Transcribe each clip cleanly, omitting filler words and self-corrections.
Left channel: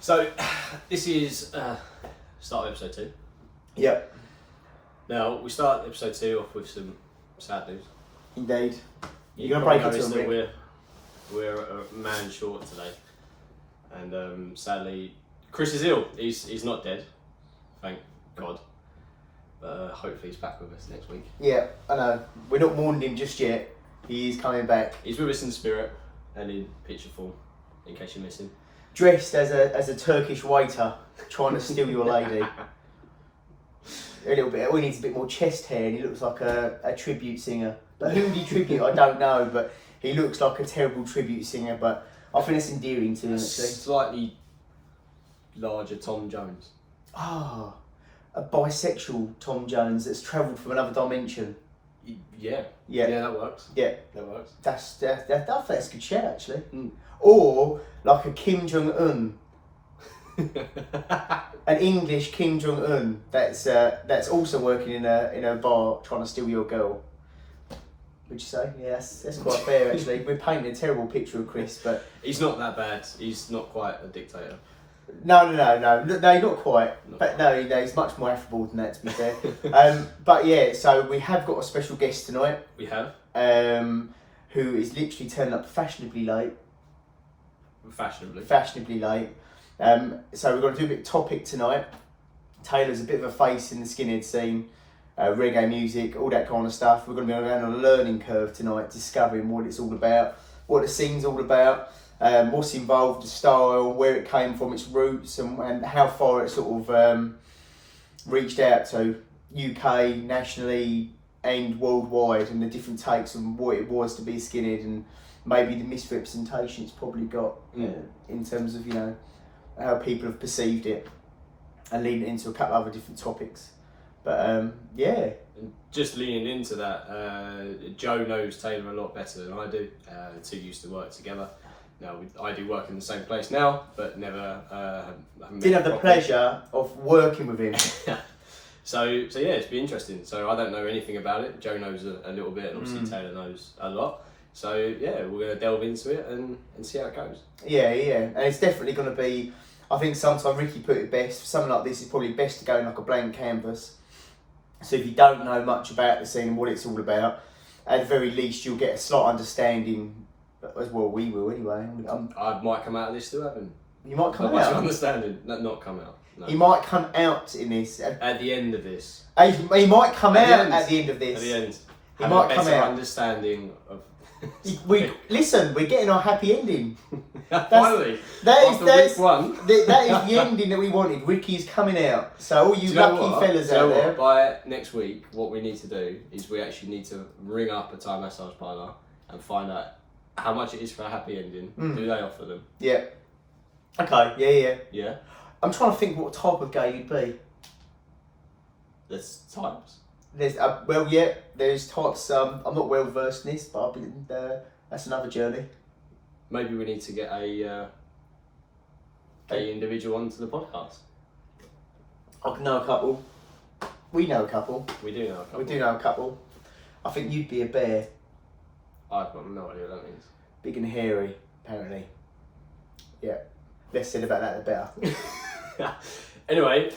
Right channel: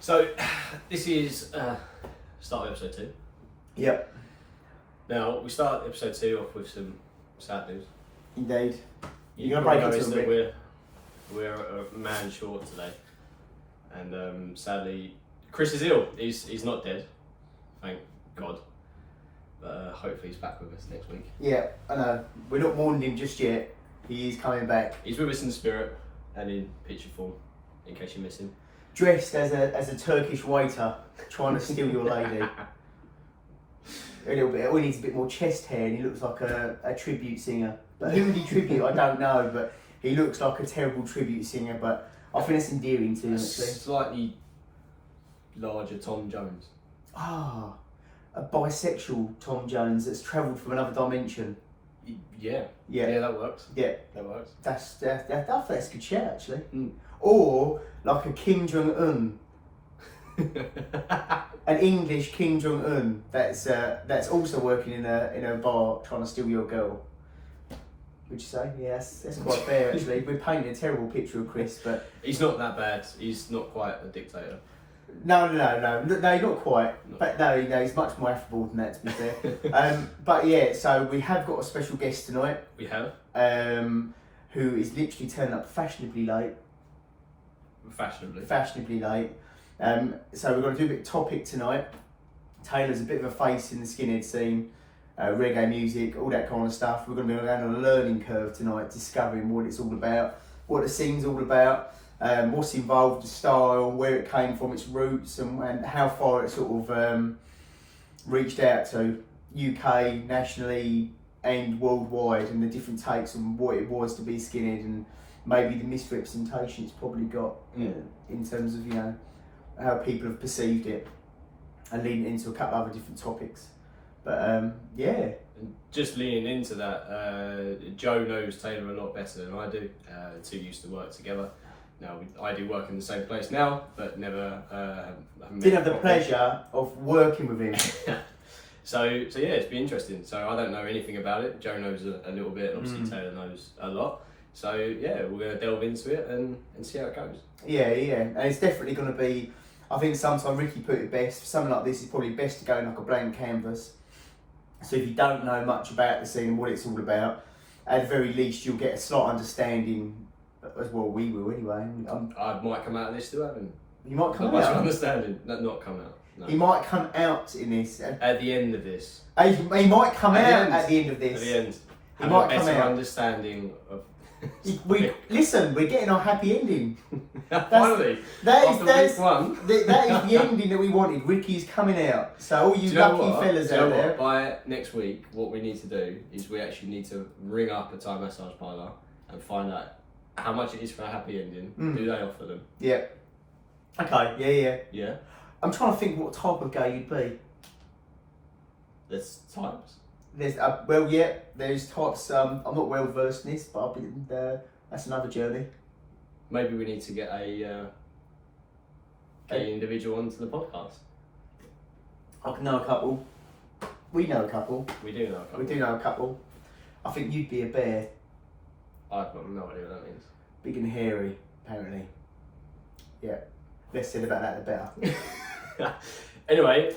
So, this is start of episode 2. Yep. Now, we start episode 2 off with some sad news. Indeed. You're going to probably break it to noticed them, that we're a man short today. And sadly, Chris is ill. He's not dead, thank God. But hopefully he's back with us next week. Yeah, I know. We're not mourning him just yet. He is coming back. He's with us in spirit and in picture form, in case you miss him. Dressed as a Turkish waiter trying to steal your lady. A little bit. He needs a bit more chest hair and he looks like a tribute singer. But who would he tribute? I don't know, but he looks like a terrible tribute singer, but I think it's endearing to him, actually. Slightly larger Tom Jones. Ah, a bisexual Tom Jones that's travelled from another dimension. Yeah. Yeah. Yeah, that works. Yeah. That works. I think that's a good shout, actually. Mm. Or like a Kim Jong-un. An English Kim Jong-un that's also working in a bar trying to steal your girl. Would you say? Yes, that's quite fair actually. We're painting a terrible picture of Chris, but he's not that bad. He's not quite a dictator. No, not quite. He's much more affable than that, to be fair. But yeah, so we have got a special guest tonight. We have. Who is literally turning up fashionably late. Fashionably late. So we're going to do a bit of topic tonight. Taylor's a bit of a face in the skinhead scene, reggae music, all that kind of stuff. We're going to be going on a learning curve tonight, discovering what it's all about, what the scene's all about, what's involved, the style, where it came from, its roots, and how far it sort of reached out to UK, nationally, and worldwide, and the different takes on what it was to be skinhead, and maybe the misrepresentation it's probably got in terms of, how people have perceived it, and leading into a couple of other different topics. But yeah. And just leaning into that, Joe knows Taylor a lot better than I do. The two used to work together. Now I do work in the same place now, but never didn't have the pleasure of working with him. So yeah, it's been interesting. So I don't know anything about it. Joe knows a little bit, and obviously Taylor knows a lot. So yeah, we're going to delve into it and see how it goes. Yeah, and it's definitely going to be. I think sometimes Ricky put it best. For something like this, it's probably best to go in like a blank canvas. So if you don't know much about the scene and what it's all about, at the very least you'll get a slight understanding. As well, we will anyway. I might come out of this still having. You might come not out. much understanding. No, not come out. No. He might come out in this. At the end of this. He might come out at the end of this. At the end. He have might a better come out. understanding of. Listen, we're getting our happy ending. Finally, after week one. That is the ending that we wanted. Ricky's coming out. So all you lucky fellas out there. By next week, what we need to do is we actually need to ring up a Thai massage parlour and find out how much it is for a happy ending. Do they offer them? Yeah. Okay, yeah. Yeah? I'm trying to think what type of gay you'd be. There's types. There's there's types. I'm not well versed in this, but I've been that's another journey. Maybe we need to get a gay individual onto the podcast. I know a couple. We know a couple. We do know a couple. We do know a couple. I think you'd be a bear. I've got no idea what that means. Big and hairy, apparently. Yeah. Less said about that, the better. Anyway,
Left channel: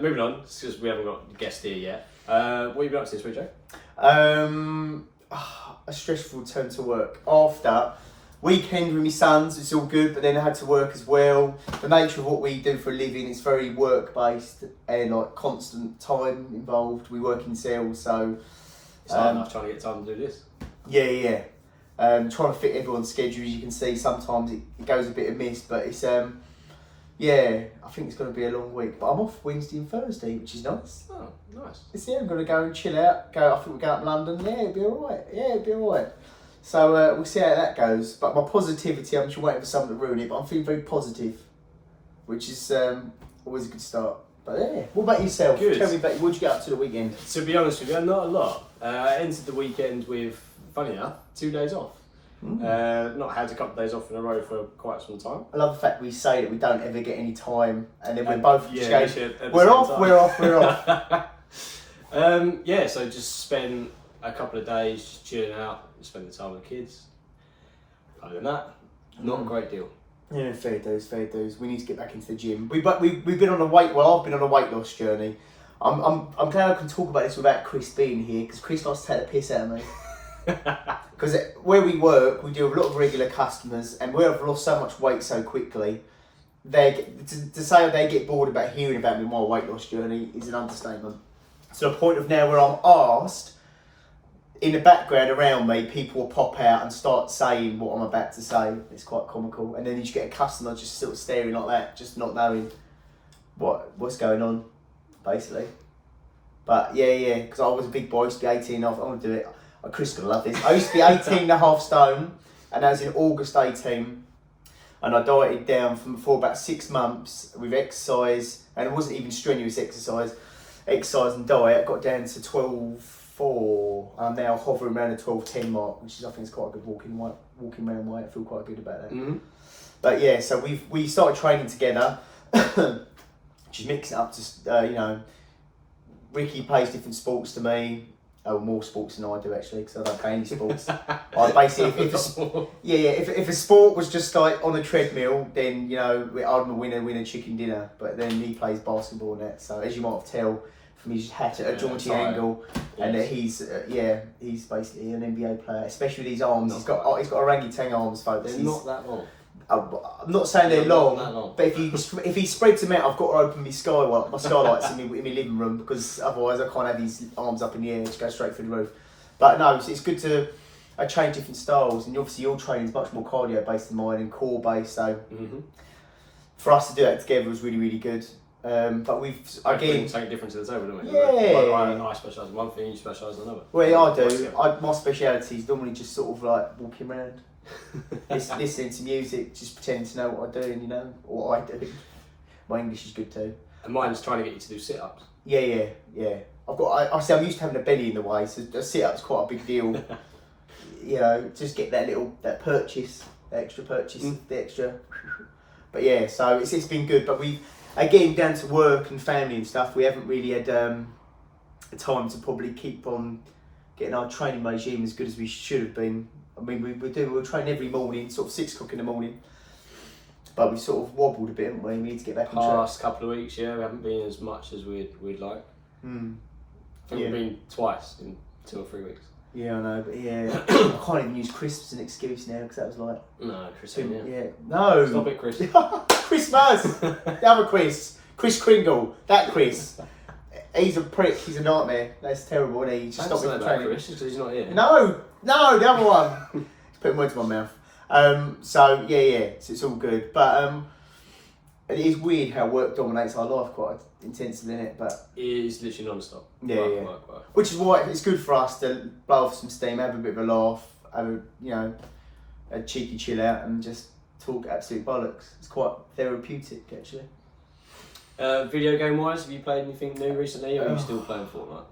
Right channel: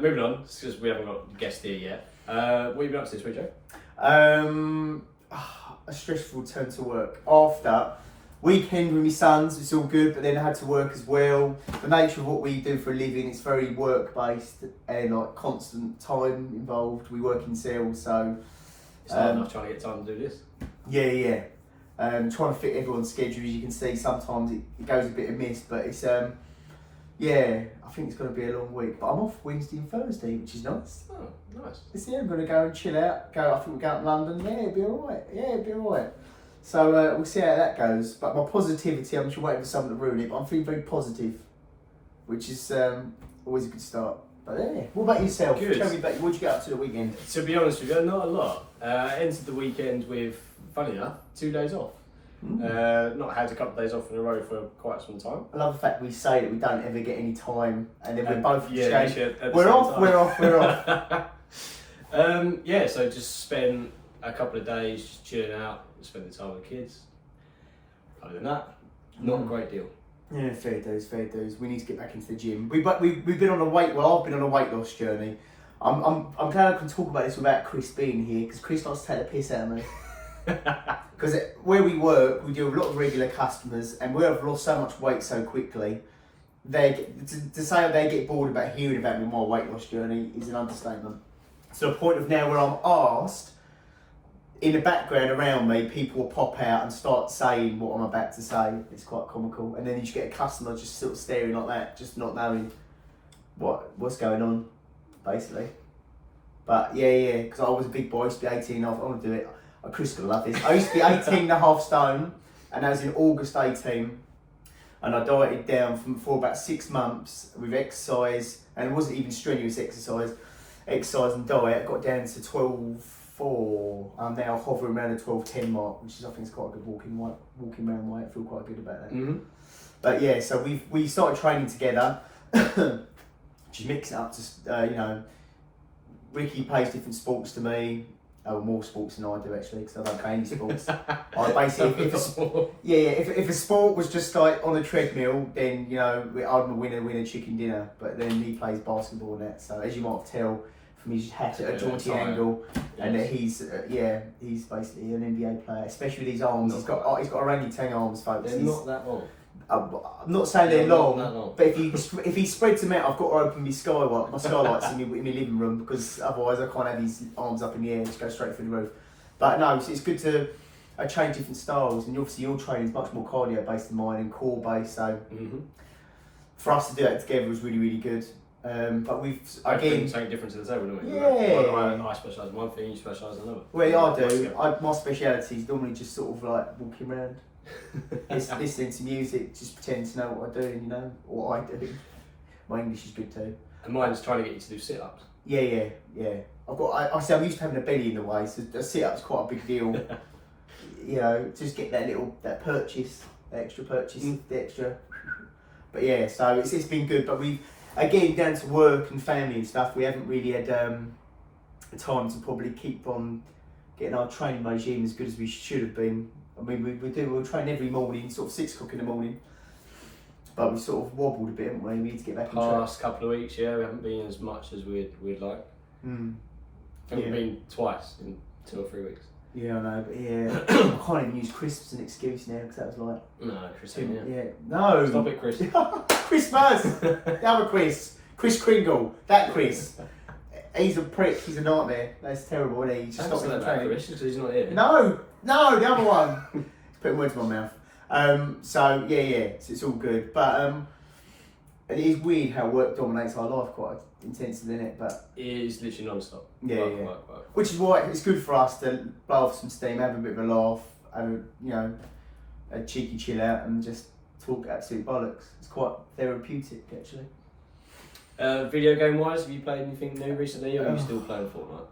moving on, because we haven't got a guest here yet. What have you been up to this week, Joe? A stressful return to work. After weekend with my sons, it's all good, but then I had to work as well. The nature of what we do for a living, it's very work based and like constant time involved. We work in sales, so it's hard enough trying to get time to do this. Yeah. Trying to fit everyone's schedule, as you can see, sometimes it goes a bit amiss, but it's I think it's going to be a long week. But I'm off Wednesday and Thursday, which is nice. Oh, nice. I'm going to go and chill out. I think we'll go up London. Yeah, it'll be alright. So we'll see how that goes. But my positivity, I'm just waiting for someone to ruin it, but I'm feeling very positive, which is always a good start. But yeah, what about yourself? Good. Tell me about what did you get up to the weekend? To be honest with you, not a lot. I entered the weekend with, funny enough, 2 days off. Not had a couple of days off in a row for quite some time. I love the fact we say that we don't ever get any time, and then we're both just going, we're off. So just spent a couple of days just chilling out, spending time with the kids. Other than that, not a great deal. Yeah, fair dues. We need to get back into the gym. We've been on a weight. Well, I've been on a weight loss journey. I'm glad I can talk about this without Chris being here, because Chris likes to take the piss out of me. Because where we work, we do a lot of regular customers, and we have lost so much weight so quickly. To say they get bored about hearing about me my weight loss journey is an understatement. To the point of now where I'm asked, in the background around me, people will pop out and start saying what I'm about to say. It's quite comical, and then you just get a customer just sort of staring like that, just not knowing what's going on, basically. But yeah, because I was a big boy, I used to be 18. I want to do it. Chris gonna love this. I used to be 18.5 stone, and that was in August 18. And I dieted down for about 6 months with exercise, and it wasn't even strenuous exercise and diet. I got down to 12.4. I'm now hovering around the 12.10 mark, which is, I think, is quite a good walking around weight. I feel quite good about that. Mm-hmm. But yeah, so we started training together, just mixing it up to Ricky plays different sports to me. Oh, more sports than I do, actually, because I don't play any sports. I basically, if a sport was just like on a treadmill, then I'd win a chicken dinner. But then he plays basketball and that, so as you might have tell from his hat at a jaunty angle, and that he's basically an NBA player, especially with his arms. He's got orangutan arms, folks. They're not that long. I'm not saying they're Not long, that long. but if he spreads them out, I've got to open my skylights in my living room, because otherwise I can't have his arms up in the air, just go straight through the roof. But no, it's good to change different styles, and obviously your training is much more cardio based than mine and core based. So for us to do that together was really, really good. But we've bring something different to the table, don't we? Yeah. I specialise in one thing, you specialise in another. Well, yeah, I do. My speciality is normally just sort of like walking around. Listening to music, just pretending to know what I do, and what I do. My English is good too. And mine's trying to get you to do sit-ups. Yeah. I'm used to having a belly in the way, so a sit-up's quite a big deal. Just get that extra purchase, the extra. But yeah, so it's been good. But we, again, down to work and family and stuff, we haven't really had time to probably keep on getting our training regime as good as we should have been. I mean, we'll train every morning, sort of 6 o'clock in the morning. But we've sort of wobbled a bit, haven't we? We need to get back on track. Past couple of weeks, we haven't been as much as we'd like. I think we've been twice in 2 or 3 weeks. Yeah, I know, but yeah, I can't even use crisps as an excuse now, because that was like... No, Chris, No! Stop it, Chris. Christmas! The other Chris Kringle, that Chris. He's a prick, he's a nightmare. That's terrible, isn't he? He's just stopping the training. Chris, because he's not here. No, the other one. He's putting words in my mouth. So it's all good. But it is weird how work dominates our life quite intensely, isn't it? But it is literally non-stop. Work. Which is why it's good for us to blow off some steam, have a bit of a laugh, have a cheeky chill out, and just talk absolute bollocks. It's quite therapeutic, actually. Video game wise, have you played anything new recently, or are you still playing Fortnite?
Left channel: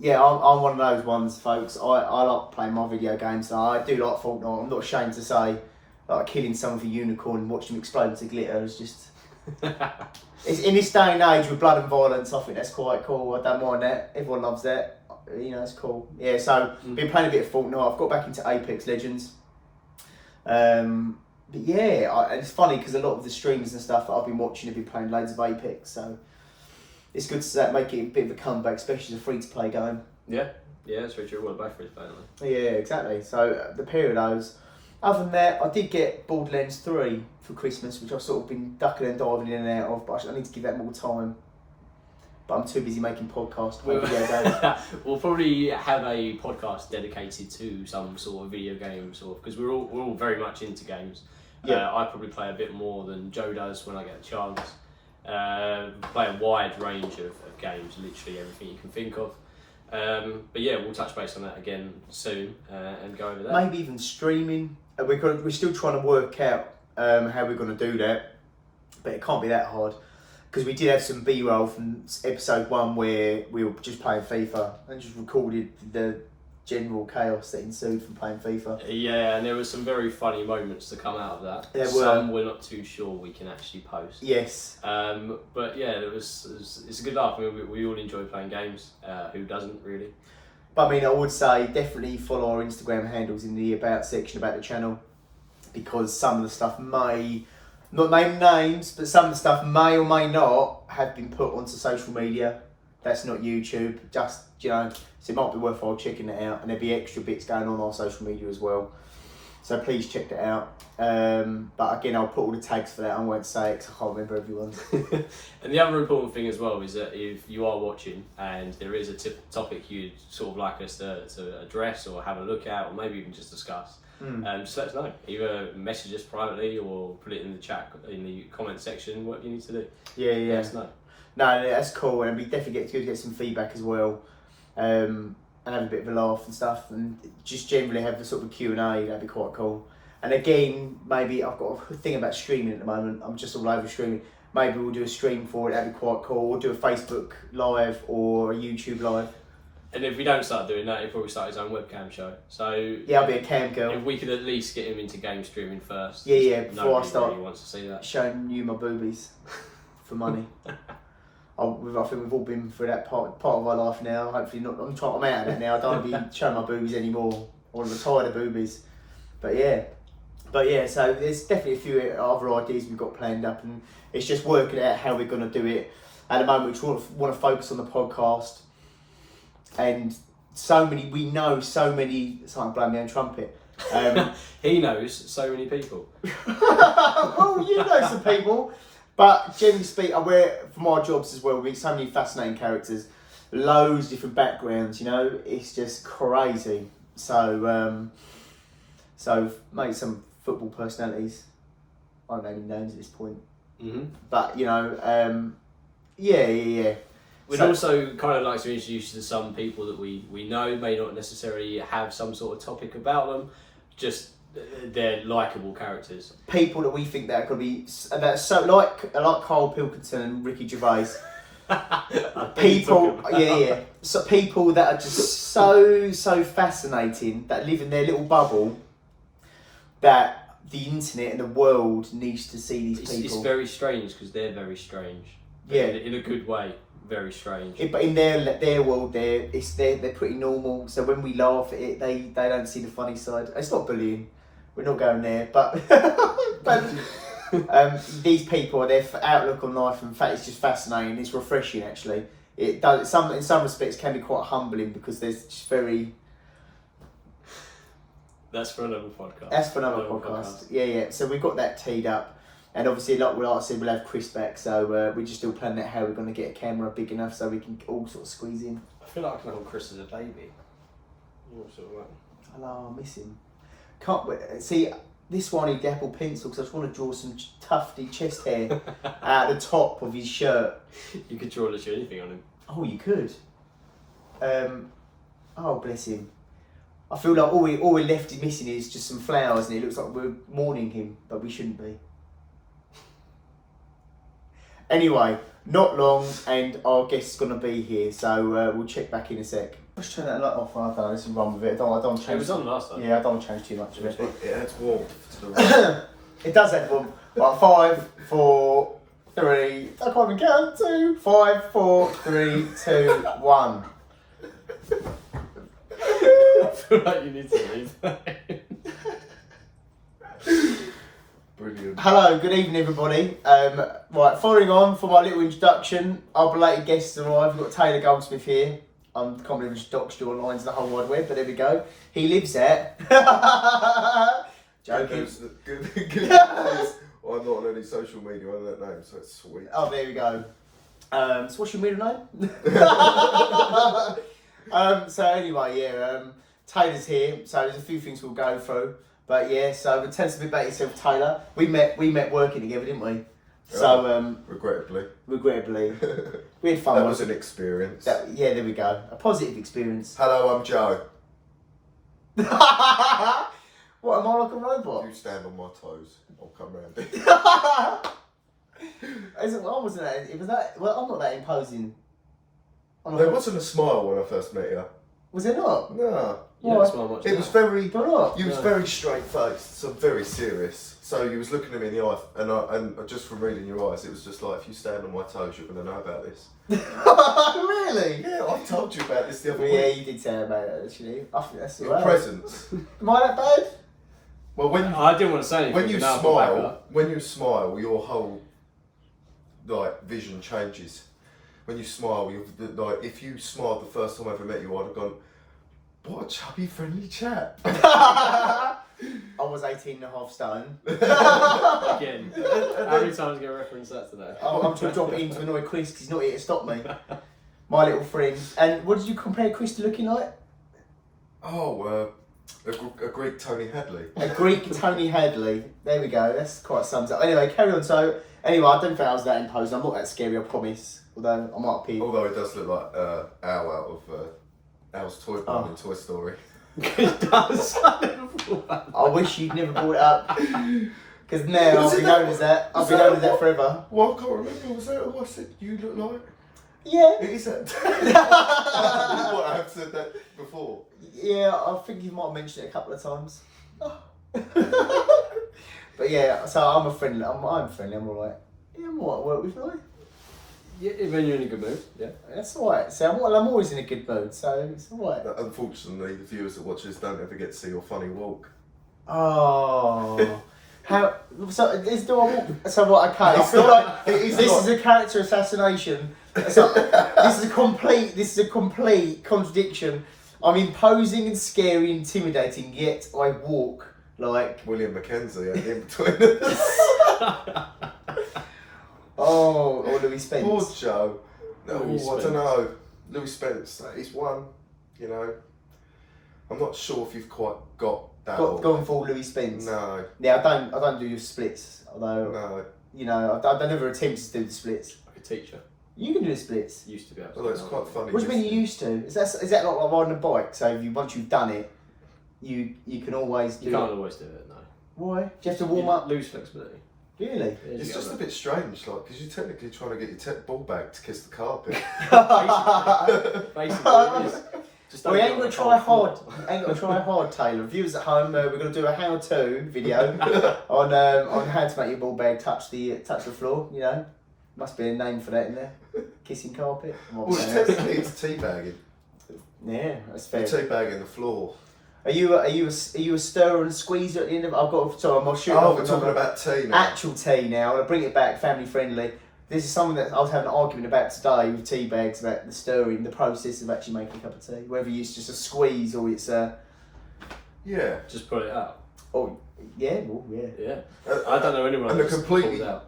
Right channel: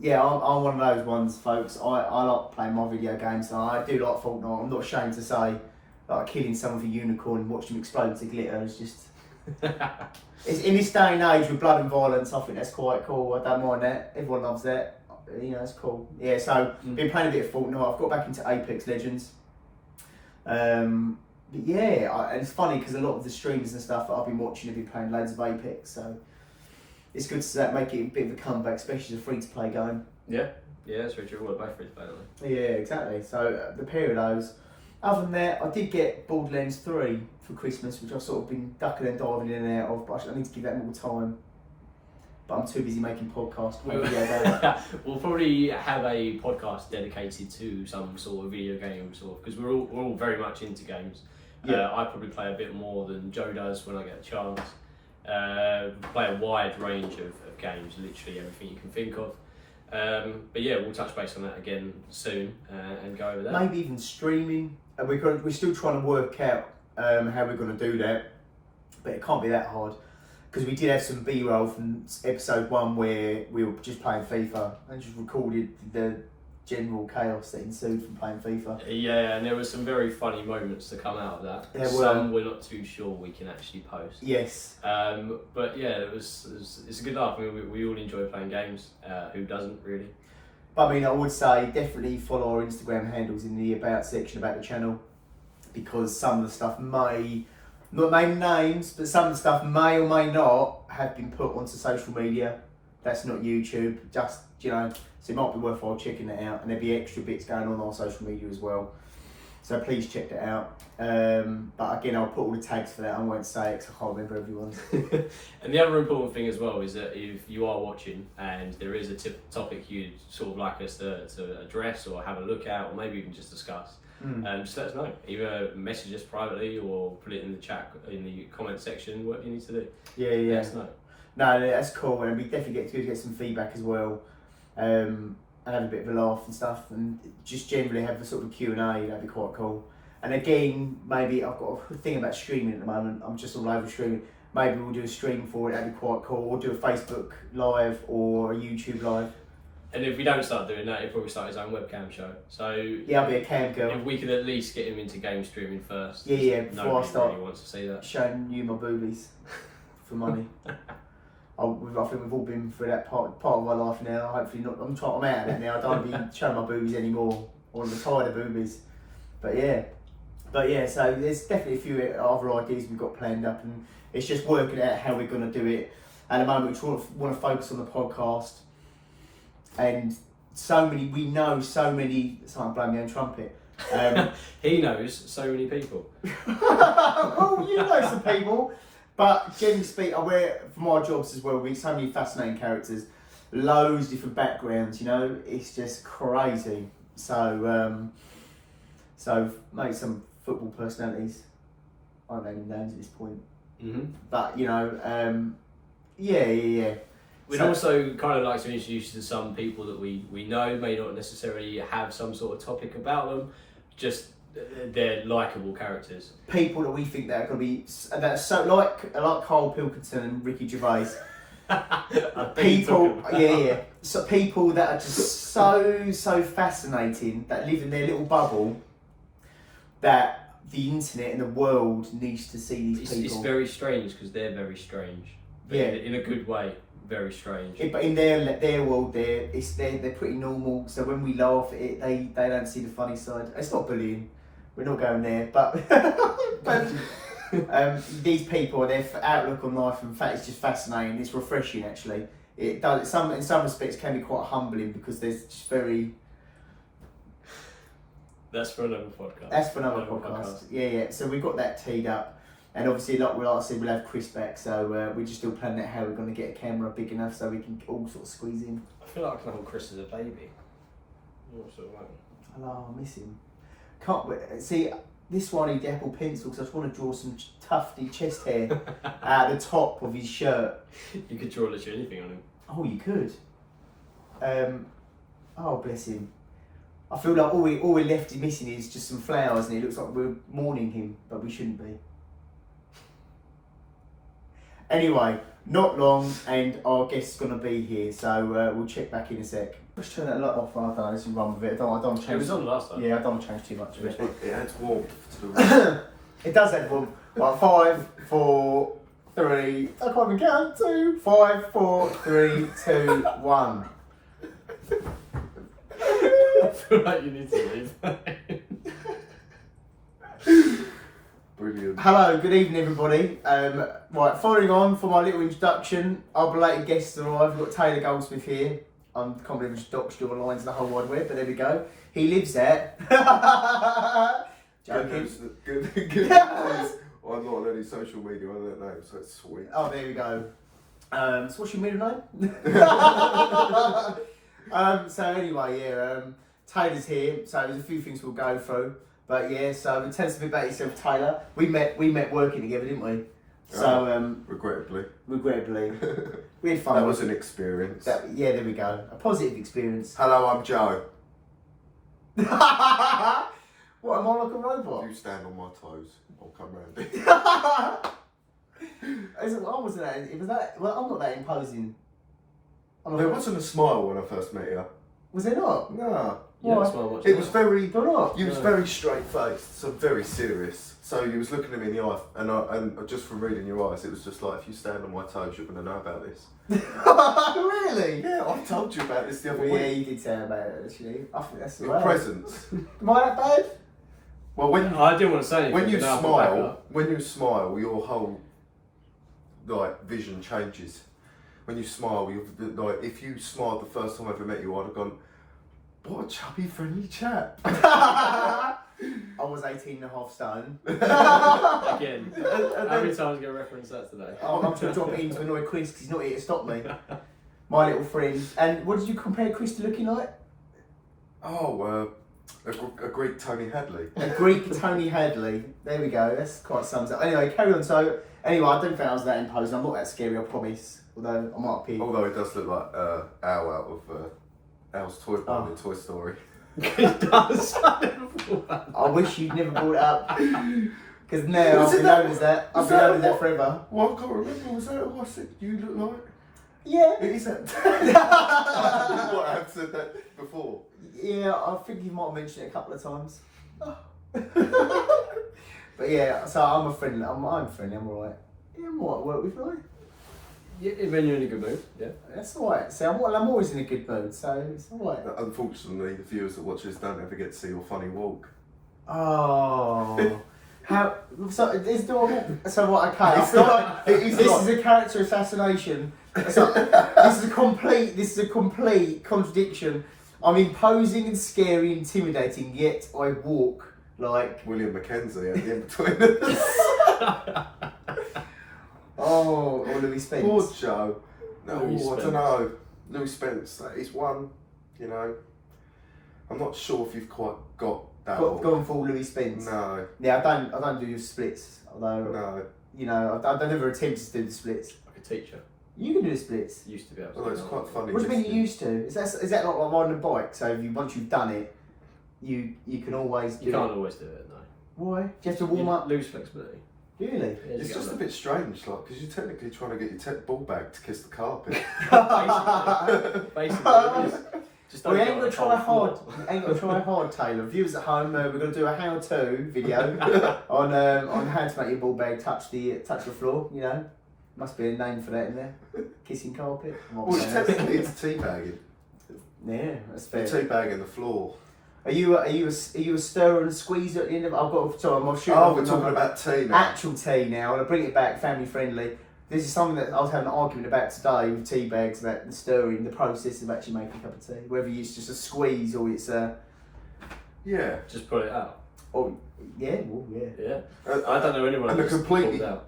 Yeah, I'm one of those ones, folks. I like playing my video games. And I do like Fortnite. I'm not ashamed to say, like, killing someone with a unicorn and watching them explode into glitter is just... It's, in this day and age with blood and violence, I think that's quite cool. I don't mind that. Everyone loves that. It's cool. Yeah, so been playing a bit of Fortnite. I've got back into Apex Legends. But yeah, and it's funny because a lot of the streams and stuff that I've been watching have been playing loads of Apex, so it's good to make it a bit of a comeback, especially as a free-to-play game. Yeah, that's very true. Well, both free-to-play, aren't they? Yeah, exactly. So the pair of those. Other than that, I did get Borderlands 3 for Christmas, which I've sort of been ducking and diving in and out of, but I need to give that more time. But I'm too busy making podcasts. We'll probably have a podcast dedicated to some sort of video game, because we're all very much into games. Yeah. I probably play a bit more than Joe does when I get a chance. Play a wide range of games, literally everything you can think of. But yeah, we'll touch base on that again soon and go over that. Maybe even streaming. We're still trying to work out how we're going to do that, but it can't be that hard. Because we did have some B-roll from episode 1 where we were just playing FIFA and just recorded the general chaos that ensued from playing FIFA. Yeah, and there were some very funny moments to come out of that. There were. Some we're not too sure we can actually post. Yes. But yeah, it's a good laugh. I mean, we all enjoy playing games. Who doesn't, really? But I mean, I would say definitely follow our Instagram handles in the About section about the channel. because some of the stuff may, not name names, but some of the stuff may or may not have been put onto social media. That's not YouTube, just, you know, so it might be worthwhile checking it out, and there'll be extra bits going on our social media as well. So please check that out. But again, I'll put all the tags for that. I won't say it because I can't remember everyone's. And the other important thing as well is that if you are watching and there is a topic you'd sort of like us to address or have a look at, or maybe even just discuss, just let us know. Either message us privately or put it in the chat, in the comment section, what you need to do. Yeah. Let us know. No, that's cool, and we definitely get some feedback as well, and have a bit of a laugh and stuff, and just generally have a sort of a Q&A. That'd be quite cool. And again, maybe I've got a thing about streaming at the moment. I'm just all over streaming. Maybe we'll do a stream for it. That'd be quite cool. We'll do a Facebook live or a YouTube live. And if we don't start doing that, he'll probably start his own webcam show. So yeah, I'll be a cam girl. If we could at least get him into game streaming first. Yeah. Before I start really wants to see that. Showing you my boobies for money. I think we've all been through that part of our life now. Hopefully not. I'm out of that now. I don't want to be showing my boobies anymore. I want to retire the boobies. But yeah. So there's definitely a few other ideas we've got planned up, and it's just working out how we're going to do it. At the moment, we want to focus on the podcast, and we know so many. Sorry, I'm blowing my own trumpet. He knows so many people. Well, you know some people. But generally speaking, from our jobs as well, we meet so many fascinating characters, loads of different backgrounds, you know, it's just crazy. So maybe some football personalities, I don't know any names at this point. Mm-hmm. But, you know, yeah. We'd also kind of like to introduce you to some people that we know may not necessarily have some sort of topic about them, just they're likeable characters. People that we think that could be that's so like Carl Pilkington and Ricky Gervais. People, yeah. So people that are just so fascinating, that live in their little bubble, that the internet and the world needs to see these people. It's very strange because they're very strange. Yeah, in a good way. Very strange. But in their world, they're pretty normal. So when we laugh at it, they don't see the funny side. It's not bullying. We're not going there, but these people, their outlook on life, in fact, it's just fascinating. It's refreshing, actually. It does. In some respects, can be quite humbling because there's just very. That's for another podcast. That's for another podcast. Yeah. So we've got that teed up, and obviously, like I said, we'll have Chris back. So we're just still planning out how we're going to get a camera big enough so we can all sort of squeeze in. I feel like I can call Chris as a baby. Hello, I miss him. Can't wait. See, this one need the Apple Pencil because I just want to draw some tufty chest hair at the top of his shirt. You could draw literally anything on him. Oh, you could. Oh, bless him. I feel like all we're left missing is just some flowers, and it looks like we're mourning him, but we shouldn't be. Anyway, not long, and our guest's going to be here, so we'll check back in a sec. Let's turn that light off, I don't know, let's run with it. I don't change. It was on last time. Yeah, I don't want to change too much of it. It adds warmth to the room. It does add warmth. Right, 5, 4, 3, I can't even count. 2, 5, 4, 3, 2, 1. I feel like you need to leave. Brilliant. Hello, good evening everybody. Right, following on from our little introduction, our belated guests arrived. We've got Taylor Goldsmith here. I can't believe I just doxed your lines the whole wide web, but there we go. He lives at... Joking. Good news. I'm not on any social media under that name, so it's sweet. Oh, there we go. So what's your middle name? So anyway, yeah, Taylor's here, so there's a few things we'll go through. But yeah, so tell us a bit about yourself, Taylor. We met working together, didn't we? So regrettably, we had fun. That was an experience. Yeah, there we go. A positive experience. Hello, I'm Joe. What, am I like a robot? You stand on my toes, I'll come round it. Well, I'm not that imposing. There wasn't a smile when I first met you. Was there not? No. You don't smile much. It was very. Do not? You was very straight faced, so very serious. So you was looking at me in the eye, and just from reading your eyes, it was just like, if you stand on my toes, you're going to know about this. Really? Yeah, I told you about this the other Yeah, week. you did say about it actually. I think that's Your right. presence. Am I that bad? Well, I didn't want to say anything. when you but now I've got back smile, up. your whole like vision changes. When you smile, like if you smiled the first time I ever met you, I'd have gone, "What a chubby, friendly chap." I was 18.5 stone. Again, how many times are you going to reference that today? I'm trying to drop it in to annoy Chris because he's not here to stop me. My little friend. And what did you compare Chris to looking like? Oh, a Greek Tony Hadley. A Greek Tony Hadley. There we go. That's quite sums up. Anyway, carry on. So, anyway, I don't think I was that imposing. I'm not that scary, I promise. Although I might be. Although it does look like Al out of Al's Toy Barn in Toy Story. It does. I wish you'd never brought it up. Because now I've been known as that. I've been known as that forever. Well, I can't remember. Was that who I said you look like? Yeah. It is that. What, I have said that before. Yeah, I think you might have mentioned it a couple of times. But yeah, so I'm friendly. I'm friendly. I'm alright. Yeah, I'm alright to work with, right? Yeah, when you're in a good mood, yeah. That's alright. So I'm always in a good mood, so it's alright. Unfortunately, the viewers that watch this don't ever get to see your funny walk. Oh. How? So is do I walk? So what? Okay. I feel like this is a character assassination. So, this is a complete contradiction. I'm imposing and scary, intimidating, yet I walk like William Mackenzie at the in between us. or Louis Spence. Poor Joe. No, Louis I Spence. don't know. Louis Spence, that is one, you know. I'm not sure if you've quite got that. Gone full Louis Spence. No. Yeah, I don't do the splits. Although No. you know, I never attempted to do the splits. Like a teacher. You can do the splits. Used to be able to. Although it's quite funny. What do you mean you used to? Is that not like riding a bike? So once you've done it, you can always do You can't it. always do it, no. Why? Do you have to warm up? Lose flexibility. Really? Yeah, It's just a bit strange, like, because you're technically trying to get your ball bag to kiss the carpet. Basically, it is. Just Well, don't you get ain't on gonna the try whole hard. floor. Ain't gonna try hard, Taylor. Viewers at home, we're gonna do a how-to video on how to make your ball bag touch the floor. You know, must be a name for that in there. Kissing carpet. Well, technically it's teabagging. Yeah, that's You're fair. teabagging the floor. Are you a stirrer and squeezer at the end of? I've got. Sorry, I'm shooting. Oh, off we're another- talking about tea now. actual tea now, and I bring it back family friendly. This is something that I was having an argument about today with tea bags about the stirring, the process of actually making a cup of tea. Whether it's just a squeeze or it's a. Yeah. Just put it out. Oh, yeah, well, yeah. Yeah. I don't know anyone And the who's completely- pulled out.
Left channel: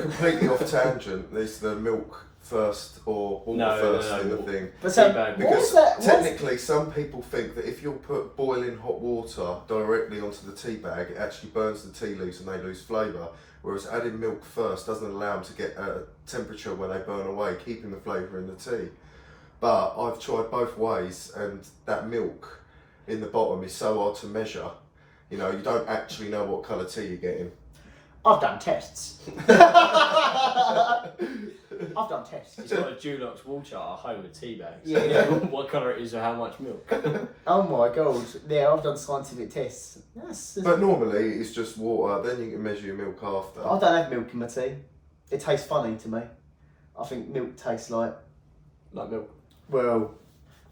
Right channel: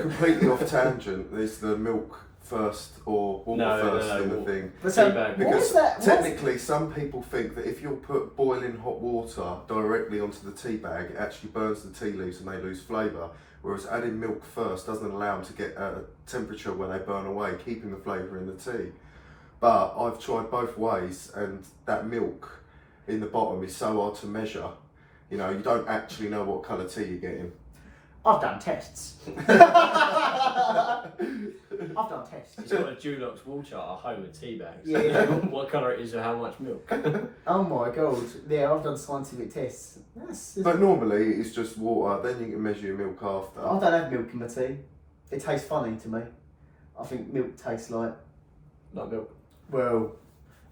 Completely off tangent. There's the milk first or water first in the thing. But so, Teabag, what Because is that? technically, some people think that if you'll put boiling hot water directly onto the tea bag, it actually burns the tea leaves and they lose flavour. Whereas adding milk first doesn't allow them to get a temperature where they burn away, keeping the flavour in the tea. But I've tried both ways, and that milk in the bottom is so hard to measure. You know, you don't actually know what colour tea you're getting. I've done tests. I've done tests. He's got a Dulux wall chart at home with tea bags. Yeah, yeah. What colour it is or how much milk. Oh my god! Yeah, I've done scientific tests. That's. But normally it's just water, then you can measure your milk after. I don't have milk in my tea. It tastes funny to me. I think milk tastes like. Like milk. Well,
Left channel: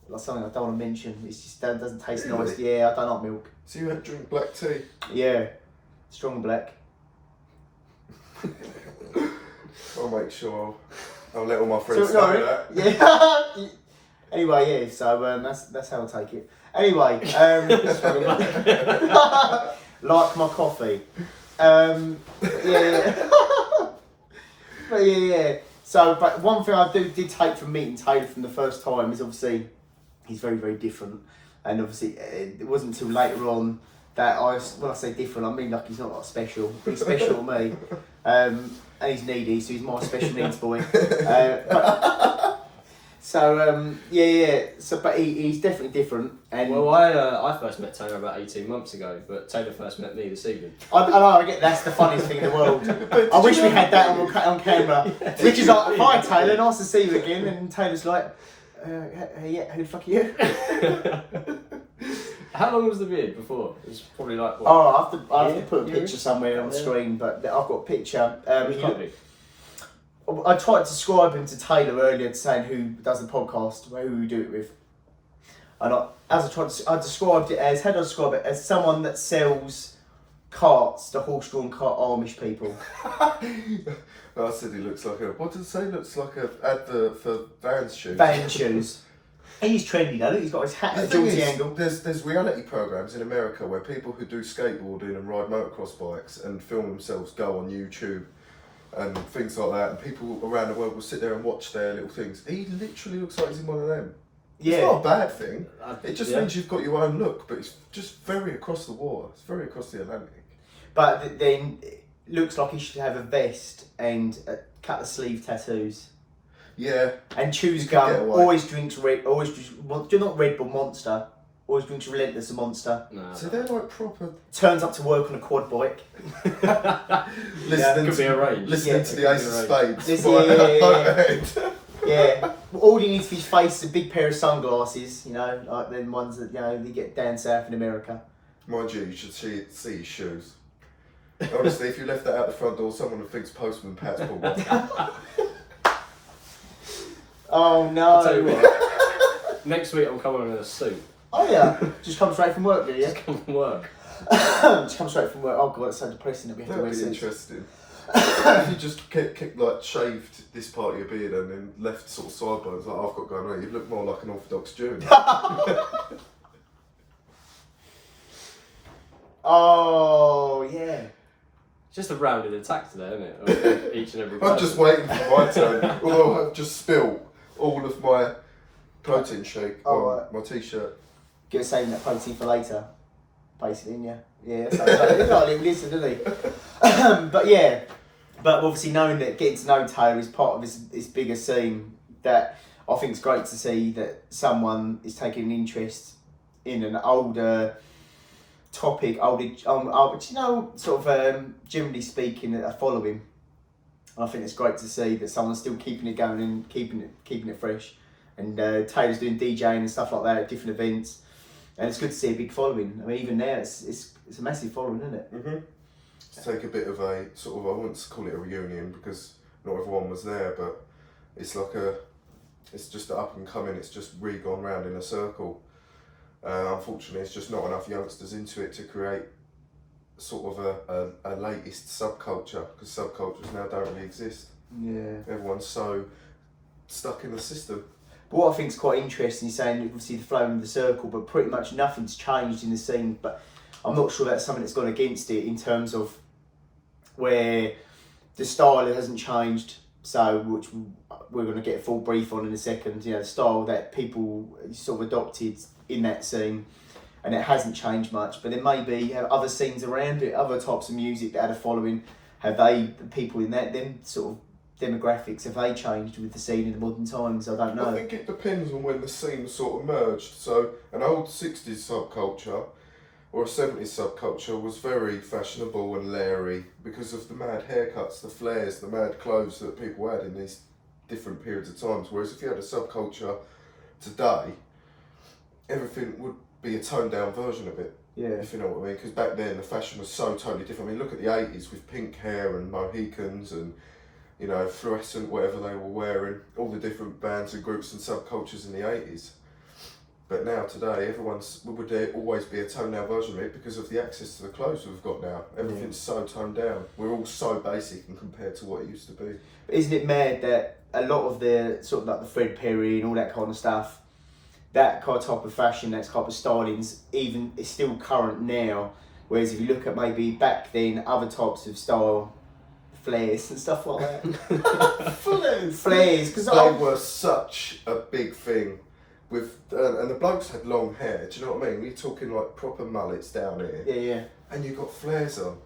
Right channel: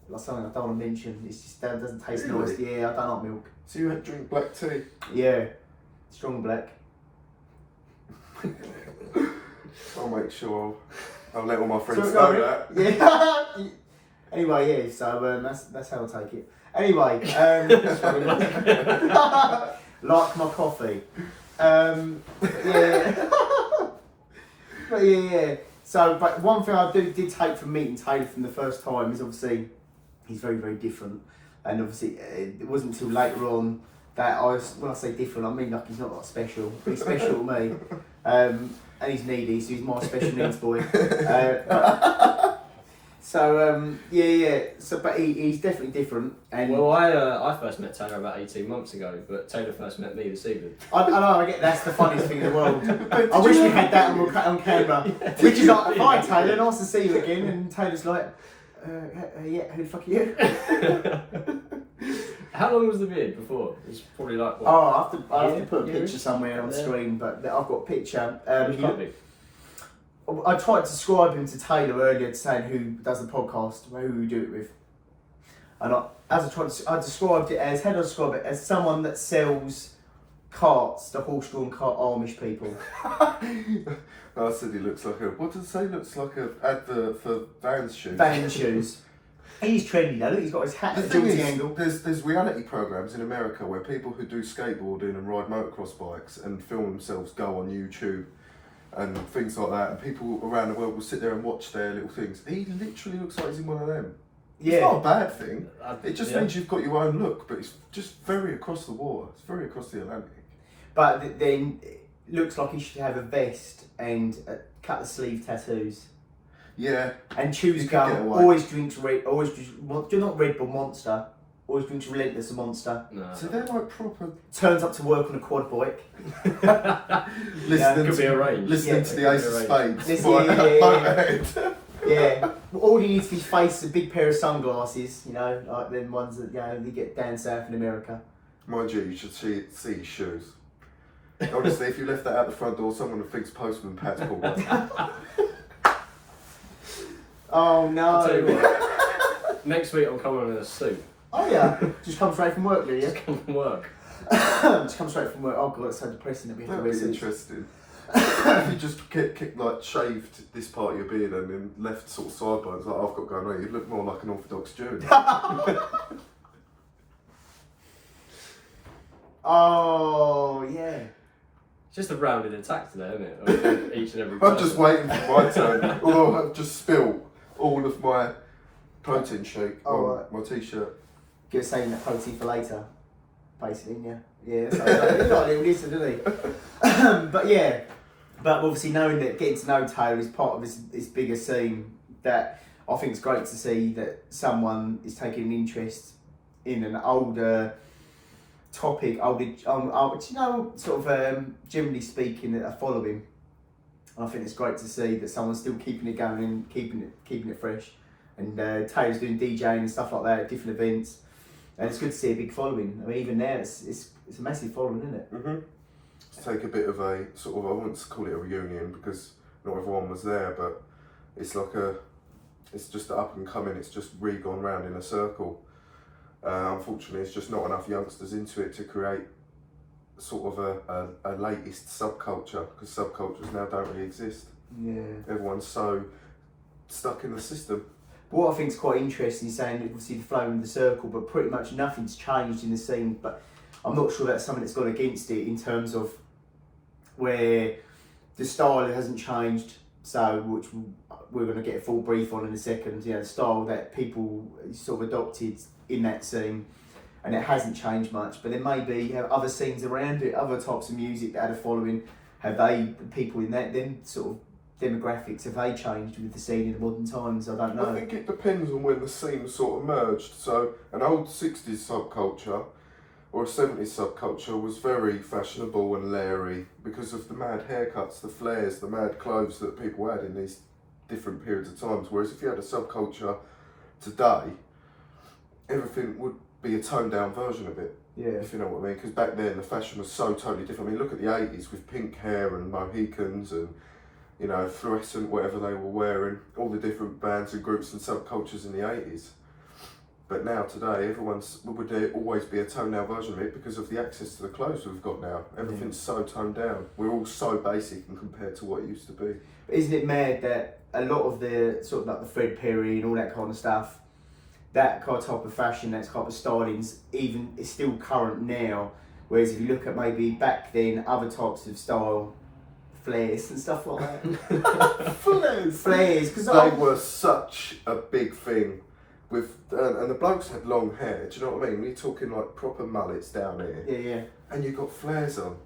like something I don't want to mention. It's just that doesn't taste Really? nice. Yeah, I don't like milk. So you drink black tea? Yeah, strong black. I'll make sure I'll let all my friends So, know that. Yeah. Anyway, yeah. So that's how I take it. Anyway, like my coffee. Yeah. But yeah. So, but one thing I did take from meeting Taylor from the first time is obviously he's very, very different, and obviously it wasn't until later on that when I say different, I mean like he's not like special, but he's special to me, and he's needy, so he's my special needs boy. Yeah. So, but he's definitely different, and Well, I first met Taylor about 18 months ago, but Taylor first met me this evening. I know, I get that's the funniest thing in the world. I wish we had that on camera. Which is like, hi Taylor, nice to see you again. And Taylor's like, yeah, who the fuck are you? How long was the vid before? It was probably like, what? Oh, I have to put a Yeah, picture somewhere on the yeah. screen, but I've got a picture. It was quite big. I tried to describe him to Taylor earlier, saying who does the podcast, who we do it with. And I described it as, how do I describe it? As someone that sells carts, the horse-drawn cart Amish people. I said he looks like a. What did it say? Looks like a advert for Vans shoes. Van shoes. He's trendy though. Look, he's got his hat The at thing Georgie is, angle. there's reality programs in America where people who do skateboarding and ride motocross bikes and film themselves go on YouTube and things like that, and people around the world will sit there and watch their little things. He literally looks like he's in one of them. Yeah. It's not a bad thing. It just Yeah. means you've got your own look, but it's just very across the water. It's very across the Atlantic. But then it looks like he should have a vest and a couple of sleeve tattoos. Yeah. And chews You could get gum, away. always drinks Red, always drinks, well, not Red Bull Monster, always drinks Relentless Monster. No. So they're like proper Turns up to work on a quad bike. listening could be to, arranged. listening Yeah, to it the could Ace be of arranged. Spades. This- Yeah, all you need for his face is a big pair of sunglasses, you know, like them ones that, you know, they get down south in America. Mind you should see his shoes. Honestly, if you left that out the front door, someone would think Postman Pat's pulled up. Oh no. I'll tell you what. Next week I'm coming in a suit. Oh yeah, just come straight from work, really, yeah? Just come from work. Just come straight from work. Oh god, it's so depressing that we have to That'd wear be suits. interesting. If you just like shaved this part of your beard and then left sort of sideburns like I've got going on, you'd look more like an Orthodox Jew. Oh yeah. It's just a rounded attack today, isn't it? Of each and every I'm person. just waiting for my turn. Although I've just spilled all of my protein shake Oh, on right. my t-shirt. Gonna save that protein for later, basically, yeah. Yeah, so he's not a little lizard, isn't he? But yeah, but obviously knowing that getting to know Taylor is part of his bigger scene, that I think it's great to see that someone is taking an interest in an older topic, but you know, sort of generally speaking, a following. I think it's great to see that someone's still keeping it going and keeping it fresh. And Taylor's doing DJing and stuff like that at different events, and it's good to see a big following. I mean, even now it's a massive following, isn't it? Mm-hmm. To take a bit of a sort of, I wouldn't call it a reunion because not everyone was there, but it's like it's just up and coming. It's just re-gone round in a circle. Unfortunately, it's just not enough youngsters into it to create sort of a latest subculture, because subcultures now don't really exist. Yeah. Everyone's so stuck in the system. But what I think is quite interesting, saying obviously the flowing of the circle, but pretty much nothing's changed in the scene. But I'm not sure that's something that's gone against it in terms of where the style hasn't changed. So, which we're going to get a full brief on in a second. You know, the style that people sort of adopted in that scene, and it hasn't changed much. But there may be other scenes around it, other types of music that had a following. Have they, the people in that, them sort of demographics, have they changed with the scene in the modern times? I don't know. I think it depends on when the scene sort of merged. So an old 60s subculture or a 70s subculture was very fashionable and leery because of the mad haircuts, the flares, the mad clothes that people had in these different periods of times. Whereas if you had a subculture today, everything would be a toned down version of it. Yeah. If you know what I mean, because back then the fashion was so totally different. I mean, look at the 80s with pink hair and Mohicans and, you know, fluorescent, whatever they were wearing, all the different bands and groups and subcultures in the 80s. But now, today, would there always be a toned down version of it because of the access to the clothes we've got now. Everything's so toned down. We're all so basic and compared to what it used to be. Isn't it mad that a lot of the sort of like the Fred Perry and all that kind of stuff, that kind of type of fashion, that type of styling's even is still current now. Whereas if you look at maybe back then, other types of style, flares and stuff like that. Flares, because They were such a big thing. With and the blokes had long hair. Do you know what I mean? We're talking like proper mullets down here. yeah. And you got flares on.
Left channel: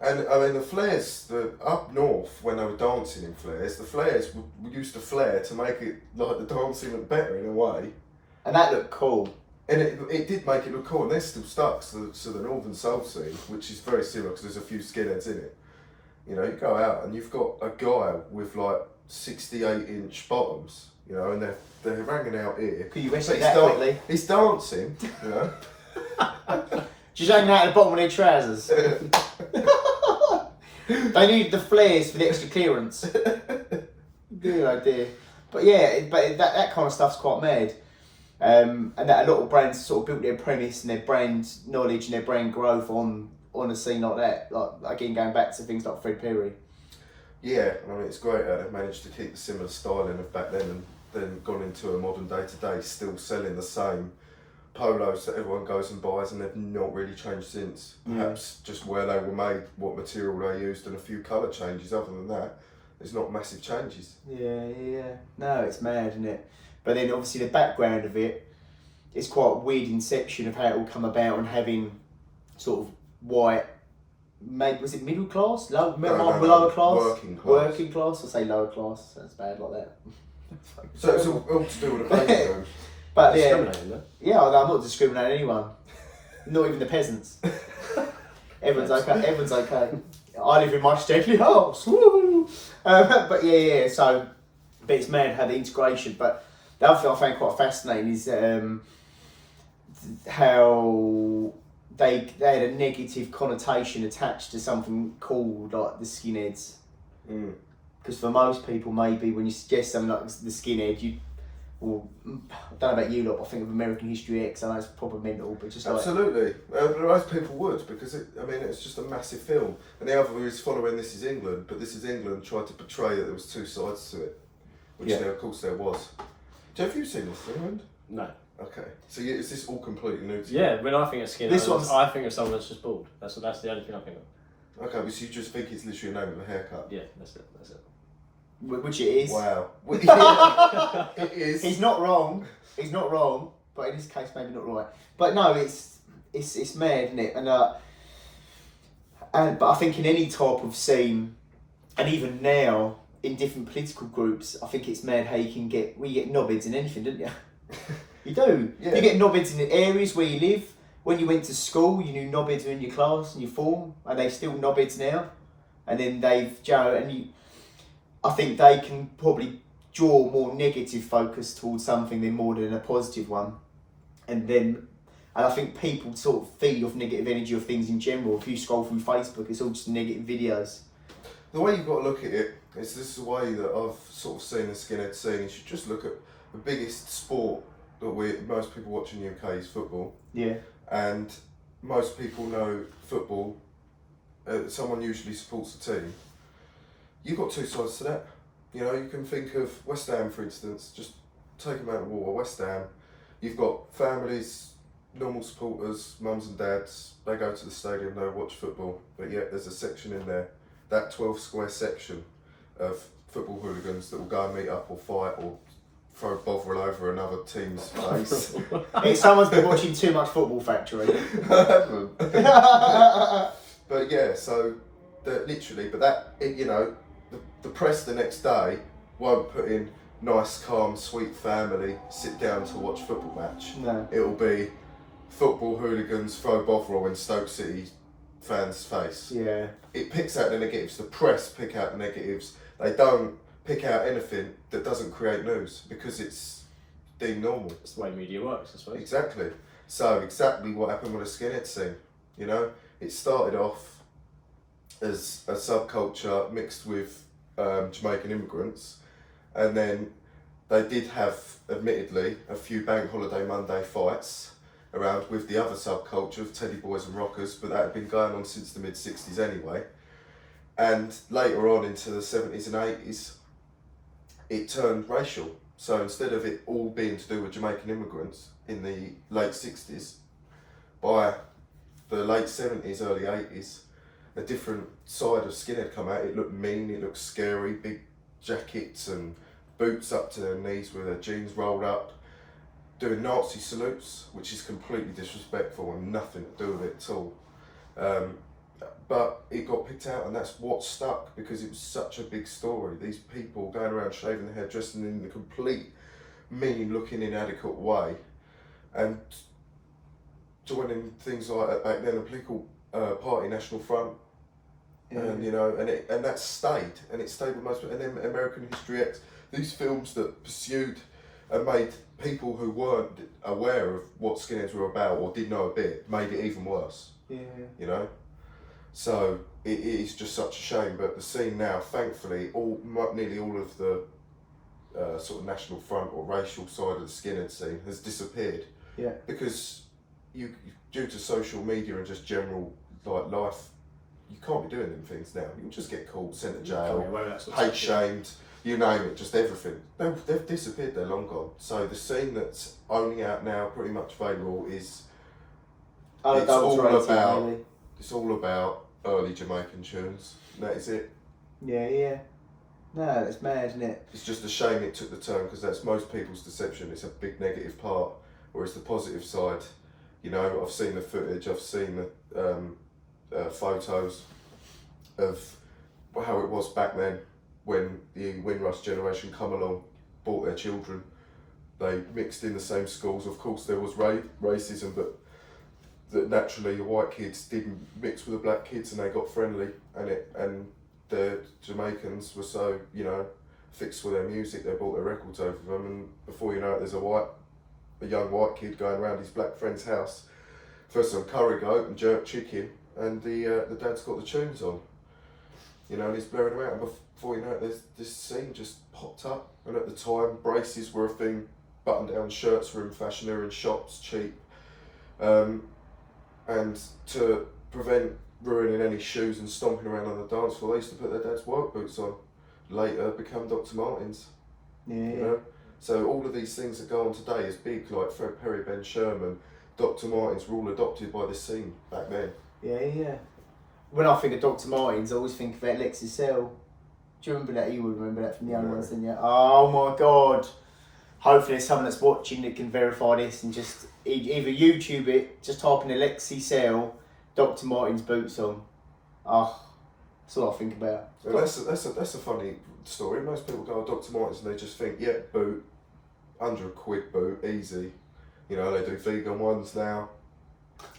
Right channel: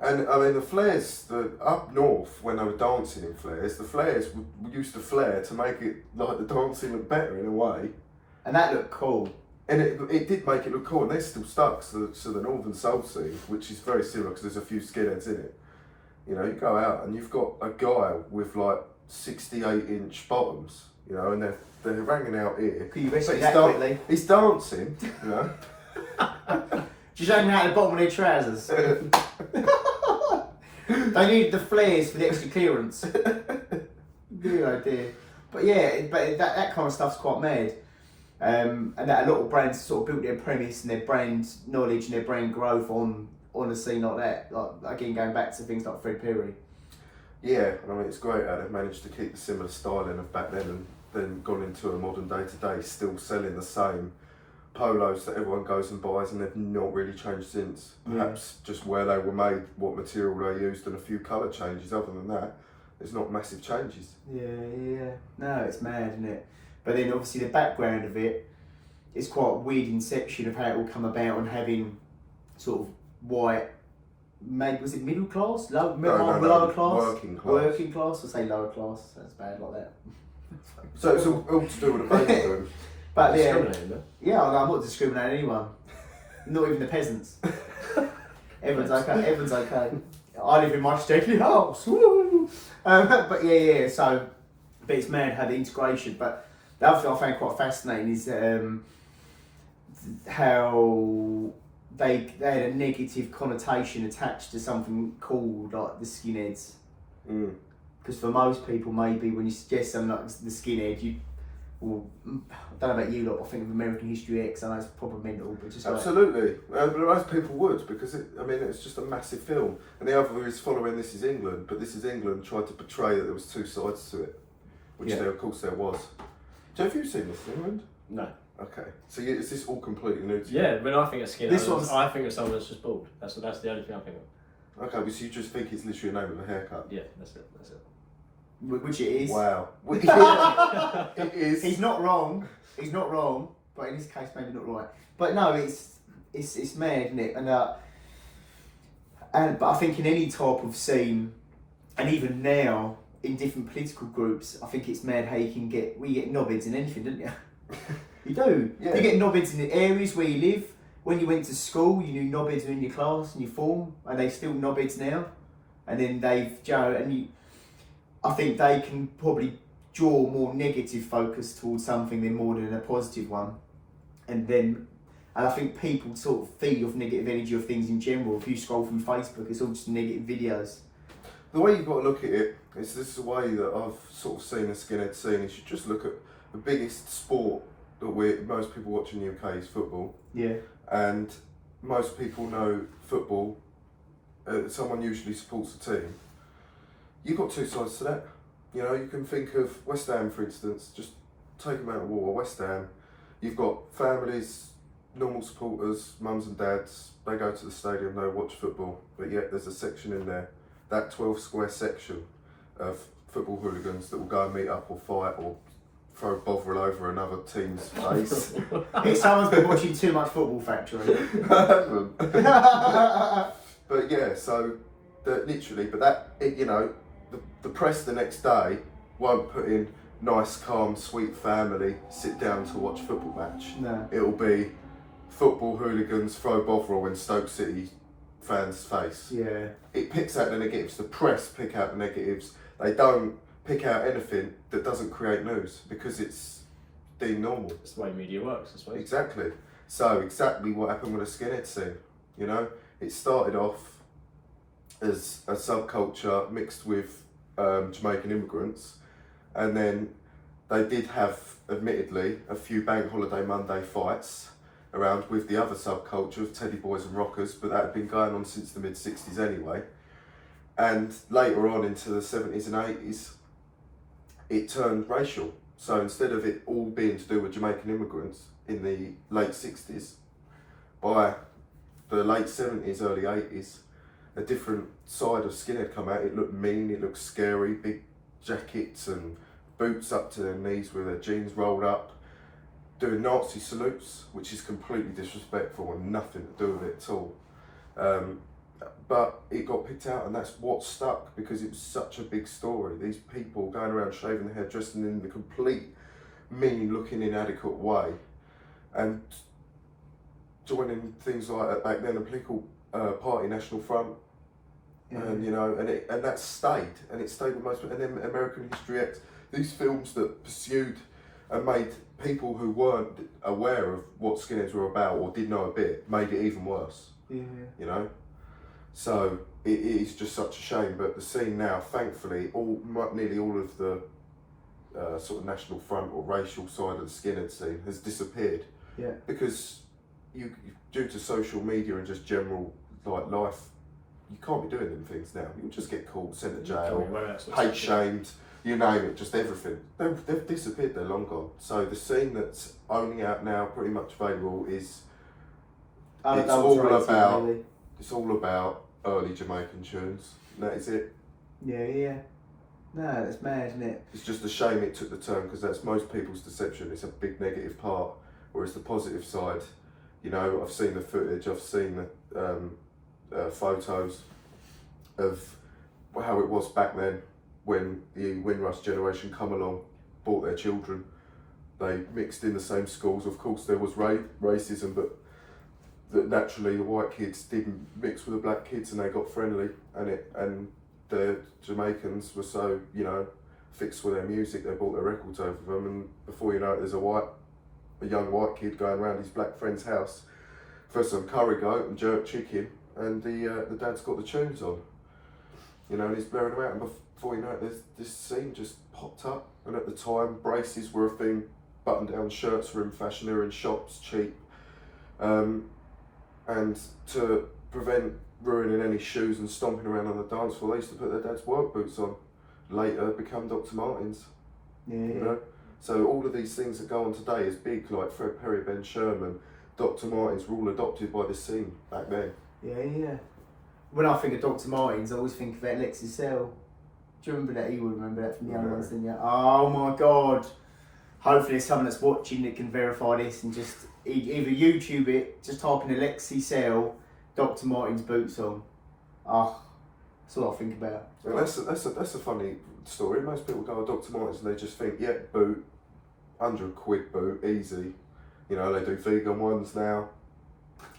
And I mean, the flares, up north when they were dancing in flares, the flares used to flare to make it like the dancing look better in a way. And that looked cool. And it did make it look cool, and they're still stuck to the northern soul scene, which is very similar because there's a few skinheads in it. You know, you go out and you've got a guy with like 68-inch bottoms, you know, and they're hanging out here. Could you rescue But that quickly? he's dancing, you know. Just hanging out at the bottom of their trousers. They need the flares for the extra clearance. Good idea. But yeah, that kind of stuff's quite mad. And that a lot of brands sort of built their premise and their brand knowledge and their brand growth on on a scene like that. Like again, going back to things like Fred Perry. Yeah, I mean, it's great how they've managed to keep the similar styling of back then and then gone into a modern day today, still selling the same polos that everyone goes and buys, and they've not really changed since. Perhaps just where they were made, what material they used, and a few colour changes. Other than that, there's not massive changes. Yeah. No, it's mad, isn't it? But then obviously the background of it, it's quite a weird inception of how it all come about, and having sort of white, maybe was it middle class? Lower class? Working class? I say lower class, that's bad like that. So it's all to do with the baby boom. But yeah, Discriminating, though. yeah, I'm not discriminating anyone. Not even the peasants. Everyone's okay. I live in my stately house. Woo! But yeah. So, but it's mad how the integration. But the other thing I found quite fascinating is how they had a negative connotation attached to something called like the skinheads. Because for most people, maybe when you suggest something like the skinhead, well, I don't know about you lot, but I think of American History X. I know it's proper mental, but just absolutely, most people would, because it's just a massive film. And the other is following This Is England, but This Is England tried to portray that there was two sides to it, which of course there was. Have you seen This Is England? No. Okay, so is this all completely new to you? Yeah, when I think of skinhead, I think of someone that's just bald. That's the only thing I think of. Okay, but so you just think it's literally a name of a haircut? Yeah, that's it. Which it is. Wow. It is. He's not wrong, but in this case maybe not right. But no, it's mad, isn't it? But I think in any type of scene, and even now in different political groups, I think it's mad how you get knobheads in anything, don't you? You do. Yeah. You get knobheads in the areas where you live. When you went to school, you knew knobheads were in your class and your form, and they're still knobheads now. And then I think they can probably draw more negative focus towards something more than a positive one. And I think people sort of feed off negative energy of things in general. If you scroll through Facebook, it's all just negative videos. The way you've got to look at it is this is the way that I've sort of seen the skinhead scene. You should just look at the biggest sport that most people watch in the UK is football. Yeah. And most people know football. Someone usually supports a team. You've got two sides to that. You know, you can think of West Ham, for instance. Just take them out of war. West Ham, you've got families, normal supporters, mums and dads. They go to the stadium, they watch football. But yet there's a section in there, that 12 square section of football hooligans that will go and meet up or fight or throw Bovril over another team's face. Someone's been watching too much Football Factory. I haven't. But yeah, so the press the next day won't put in nice, calm, sweet family sit down to watch football match. No. It'll be football hooligans throw Bovril in Stoke City fans' face. Yeah. It picks out the negatives. The press pick out the negatives. They don't pick out anything that doesn't create news because it's deemed normal. That's the way media works, I suppose. Exactly. So exactly what happened with the skinhead scene. You know, it started off as a subculture mixed with Jamaican immigrants, and then they did have, admittedly, a few Bank Holiday Monday fights around with the other subculture of Teddy Boys and Rockers, but that had been going on since the mid-60s anyway. And later on into the 70s and 80s, it turned racial. So instead of it all being to do with Jamaican immigrants in the late 60s, by the late 70s, early 80s, a different side of skinhead come out. It looked mean, it looked scary, big jackets and boots up to their knees with their jeans rolled up, doing Nazi salutes, which is completely disrespectful and nothing to do with it at all. But it got picked out, and that's what stuck because it was such a big story. These people going around shaving their hair, dressing in a complete mean-looking, inadequate way, and joining things like back then a political party, National Front, and and that stayed, and it stayed with most. And then American History X, these films that pursued and made people who weren't aware of what skinheads were about or did know a bit, made it even worse. Yeah. You know. So it is just such a shame, but the scene now, thankfully, nearly all of the sort of National Front or racial side of the skinhead scene has disappeared. Yeah. Because due to social media and just general like life, you can't be doing them things now. You'll just get caught, sent to jail, Well, hate shamed, you name it, just everything. They've disappeared, they're long gone. So the scene that's only out now, pretty much available, is it's all about early Jamaican tunes. And that is it. Yeah. No, that's mad, isn't it? It's just a shame it took the turn, because that's most people's deception. It's a big negative part, whereas the positive side, you know, I've seen the footage, I've seen the photos of how it was back then when the Windrush generation come along, brought their children. They mixed in the same schools. Of course, there was racism, but that naturally the white kids didn't mix with the black kids, and they got friendly, and the Jamaicans were so, you know, fixed with their music, they brought their records over them, and before you know it, there's a young white kid going around his black friend's house for some curry goat and jerk chicken, and the dad's got the tunes on, you know, and he's blaring them out, and before you know it, there's this scene just popped up. And at the time, braces were a thing, button-down shirts were in fashion, they were in shops, cheap, and to prevent ruining any shoes and stomping around on the dance floor, they used to put their dad's work boots on. Later become Dr. Martens. Yeah. You know? So all of these things that go on today is big, like Fred Perry, Ben Sherman, Dr. Martens were all adopted by this scene back then. Yeah. When I think of Dr. Martens, I always think of Alexis Cell. Do you remember that? You would remember that from the young ones, didn't you? Oh my God. Hopefully someone that's watching that can verify this and just either YouTube it, just type in Alexis Cell, Dr. Martens boots on. Oh, that's all I think about. Well, that's a funny story. Most people go, Dr. Martens, and they just think, yeah, boot, £100 boot, easy. You know, they do vegan ones now.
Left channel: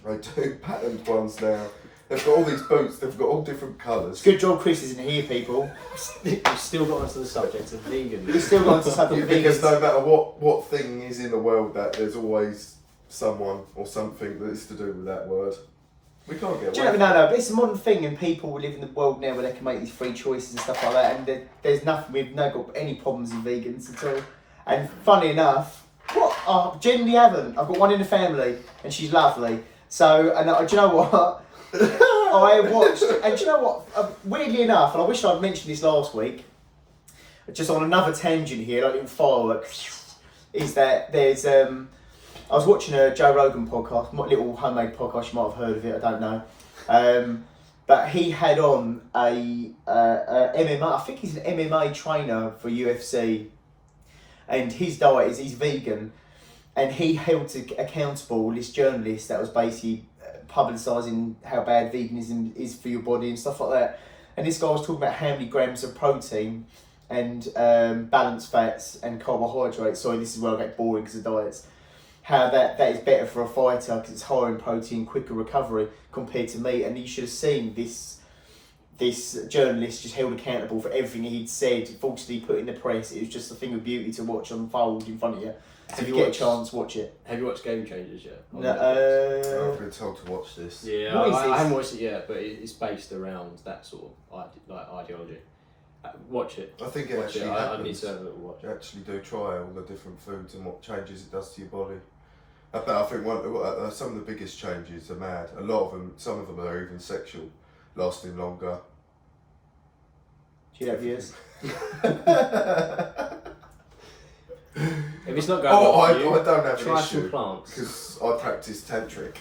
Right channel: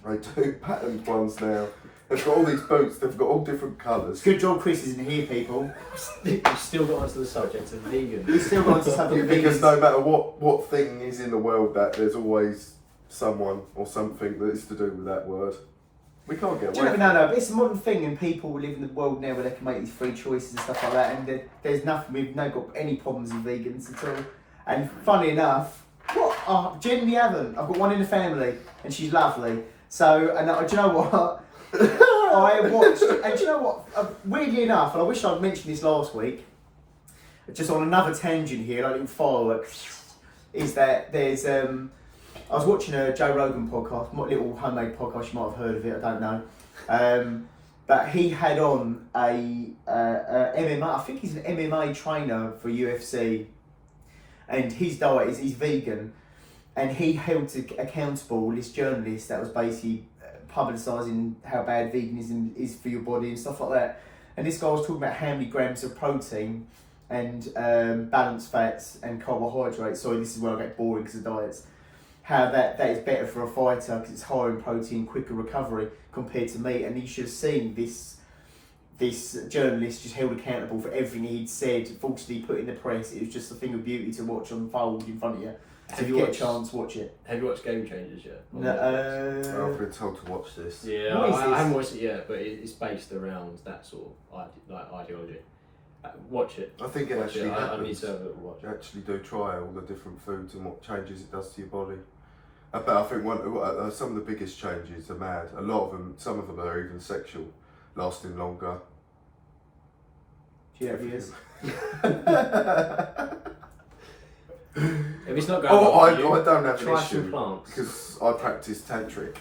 They do patterned ones now. They've got all these boots, they've got all different colours. Good job Chris isn't here, people. We've still got onto the subject of vegan. We've still got onto the subject of Because vegans. no matter what thing is in the world, that there's always someone or something that is to do with that word. We can't get away. No, but it's a modern thing, and people live in the world now where they can make these free choices and stuff like that, and there's nothing, we've not got any problems with vegans at all. And funny enough, I genuinely haven't. I've got one in the family, and she's lovely. So, and do you know what? I watched, and do you know what? Weirdly enough, and I wish I'd mentioned this last week, just on another tangent here, like in fireworks, is that there's I was watching a Joe Rogan podcast, my little homemade podcast, you might have heard of it, I don't know. But he had on a MMA, I think he's an MMA trainer for UFC, and his diet is he's vegan, and he held accountable this journalist that was basically publicising how bad veganism is for your body and stuff like that. And this guy was talking about how many grams of protein and balanced fats and carbohydrates. Sorry, this is where I get boring because of diets. How that is better for a fighter because it's higher in protein, quicker recovery compared to meat. And you should have seen this journalist just held accountable for everything he'd said, falsely put in the press. It was just a thing of beauty to watch unfold in front of you. So if you get a chance, watch it. Have you watched Game Changers yet? No, I've been told to watch this. Yeah, I haven't watched it yet, but it's based around that sort of ideology. Watch it. I think it Watch actually it. happens. I need to have a little watch. You actually do try all the different foods and what changes it does to your body. But I think some of the biggest changes are mad. A lot of them, some of them are even sexual, lasting longer. do you have yours? If it's not going Oh, well for you, I don't have an try issue some plants. because I practice tantric.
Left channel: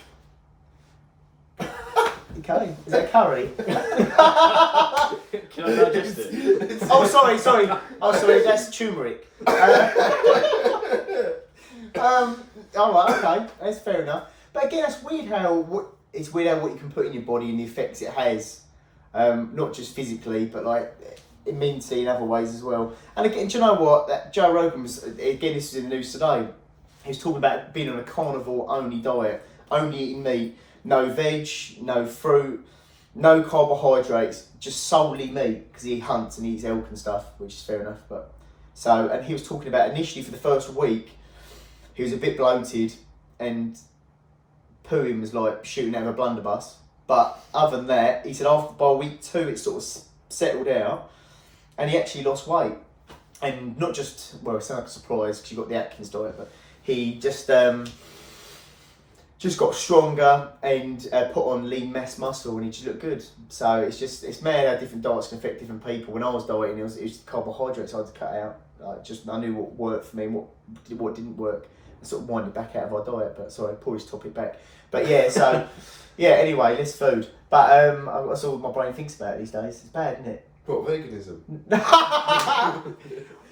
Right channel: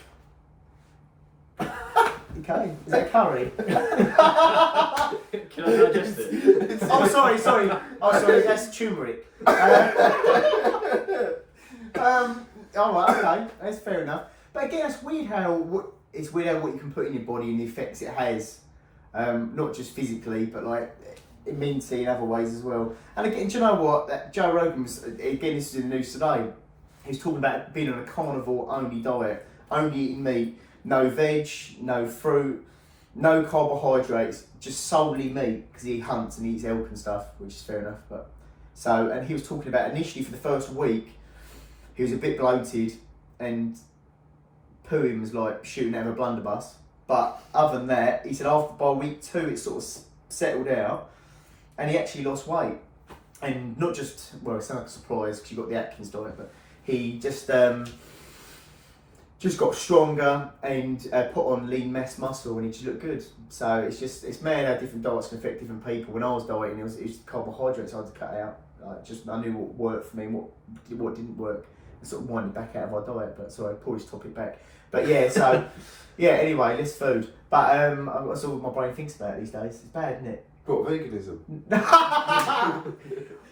Okay, is that curry? Can I digest it? Oh, sorry. Oh, sorry, that's turmeric. All right, okay, that's fair enough. But again, it's weird how what you can put in your body and the effects it has, not just physically, but like mentally in other ways as well. And again, do you know what? That Joe Rogan was, again, this is in the news today. He was talking about being on a carnivore-only diet, only eating meat, no veg, no fruit, no carbohydrates, just solely meat because he hunts and eats elk and stuff, which is fair enough. But so, and he was talking about initially for the first week, he was a bit bloated and pooing was like shooting out of a blunderbuss. But other than that, he said by week 2 it sort of settled out, and he actually lost weight. And not just, well, it sounds like a surprise because you got the Atkins diet, but he just just got stronger and put on lean mass muscle, and it just looked good. So it's mad how different diets can affect different people. When I was dieting, it was carbohydrates I had to cut out. I knew what worked for me and what didn't work. I sort of winded back out of our diet, but sorry, pull this topic back. But yeah, so yeah. Anyway, less food. But that's all my brain thinks about these days. It's bad, isn't it? What, veganism?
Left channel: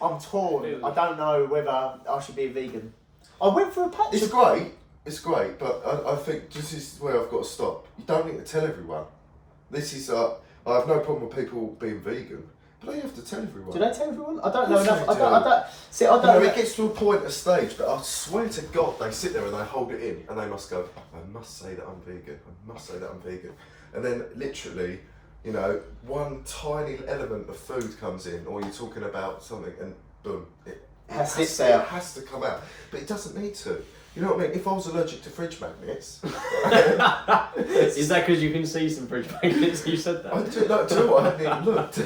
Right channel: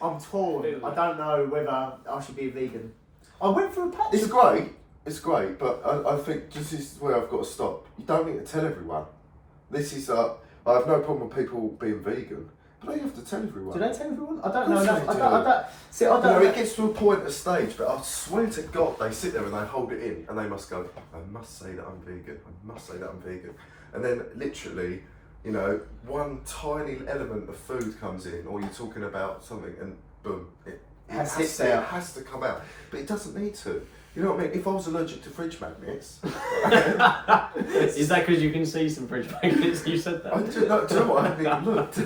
I'm torn. I don't know whether I should be a vegan. I went for a patch. It's great, but I think this is where I've got to stop. You don't need to tell everyone. This is, I have no problem with people being vegan, but don't you have to tell everyone? Do they tell everyone? I don't Of know course enough. they I don't. See, I don't. You know, it gets to a point, a stage, but I swear to God, they sit there and they hold it in, and they must go, I must say that I'm vegan, I must say that I'm vegan. And then literally, you know, one tiny element of food comes in, or you're talking about something, and boom, it has to come out. But it doesn't need to. You know what I mean? If I was allergic to fridge magnets... Is that because you can see some fridge magnets? You said that. do you know what? I haven't even looked.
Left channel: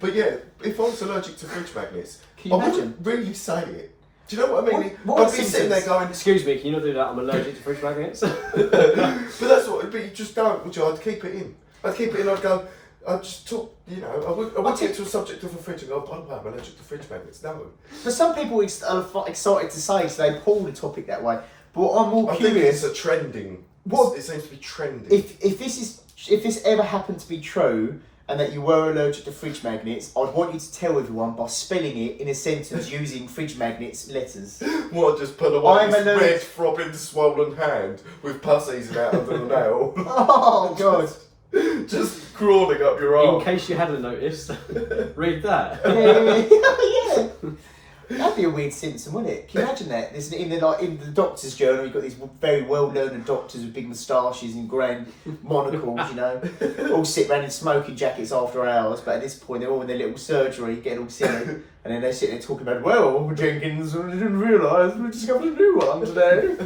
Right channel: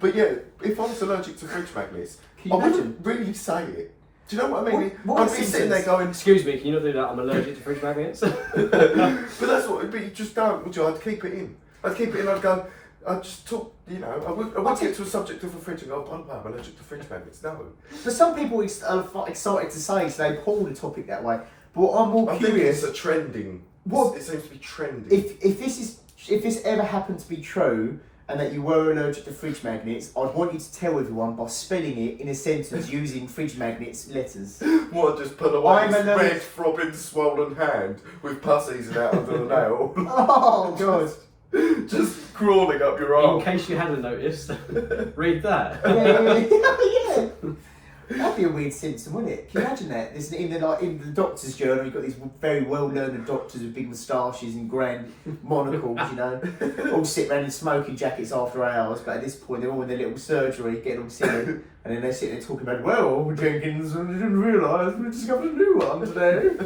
But yeah, if I was allergic to fridge magnets, Can you I imagine? wouldn't really say it. Do you know what I mean? What I'd be sitting there going... Excuse me, can you not do that? I'm allergic to fridge magnets. But that's what... But you just don't, would you? I'd keep it in. I'd go... I'd just talk, you know, I wouldn't get to a subject of a fridge and go, by the way, I'm allergic to fridge magnets. No. But some people are excited to say, so they pull the topic that way. But I'm more curious. I think it's a trending. What- It seems to be trending. If this ever happened to be true, and that you were allergic to fridge magnets, I'd want you to tell everyone by spelling it in a sentence using fridge magnets letters. What, just put away this red, throbbing, swollen hand with pus easing out under the nail? Oh, God. Just crawling up your arm. In case you hadn't noticed, read that. Yeah. That'd be a weird symptom, wouldn't it? Can you imagine that? There's in the doctor's journal, you've got these very well-learned doctors with big moustaches and grand monocles, you know, all sit around in smoking jackets after hours. But at this point, they're all in their little surgery, getting all silly, and then they sit there talking about, well, Jenkins, I didn't realise we discovered a new one today.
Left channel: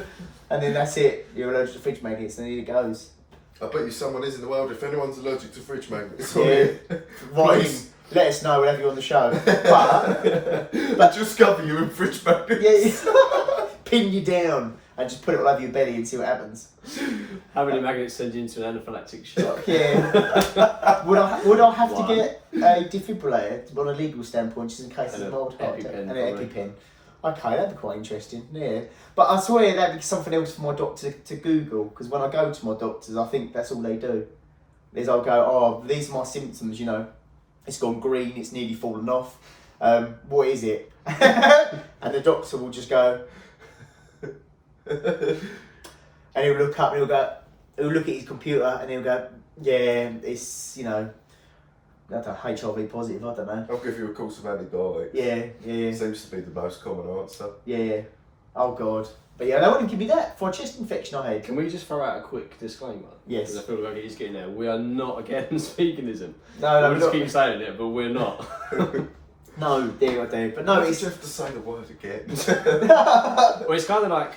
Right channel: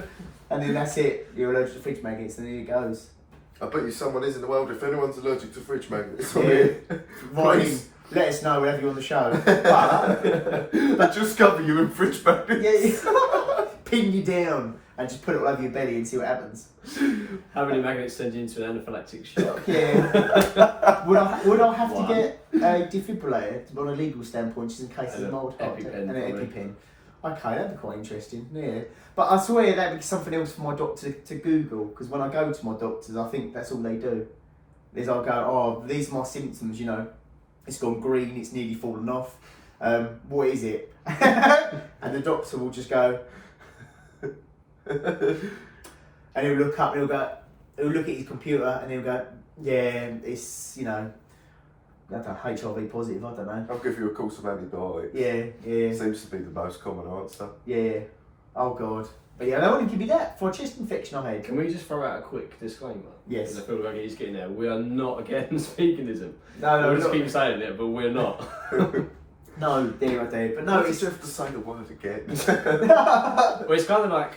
And then that's it. You're allergic to fridge magnets, and here it goes. I bet you someone is in the world. If anyone's allergic to fridge magnets, Yeah. Right in. please. Let us know, we'll have you on the show. But Just cover you in fridge magnets. yeah, pin you down and just put it all over your belly and see what happens. How many magnets send you into an anaphylactic shock? Yeah. Would I have One. to get a defibrillator on a legal standpoint, just in case And of a mild heart attack? EpiPen, And an probably. EpiPen. Okay, that'd be quite interesting. Yeah. But I swear that'd be something else for my doctor to Google, because when I go to my doctors, I think that's all they do. Is I'll go, oh, these are my symptoms, you know. It's gone green, it's nearly fallen off. What is it? And the doctor will just go, and he'll look up and he'll look at his computer and he'll go, yeah, it's, you know, I don't know, HIV positive, I don't know. I'll give you a course of antibiotics. Yeah. Seems to be the most common answer. Yeah. Oh, God. But yeah, they wouldn't give me that for a chest infection I had. Can we just throw out a quick disclaimer? Yes. Because I feel like he's getting there. We are not against veganism. No, We'll just not. keep saying it, but we're not. No, dear, I do. But no, Why did it's... you have to say the word again? Well, it's kind of like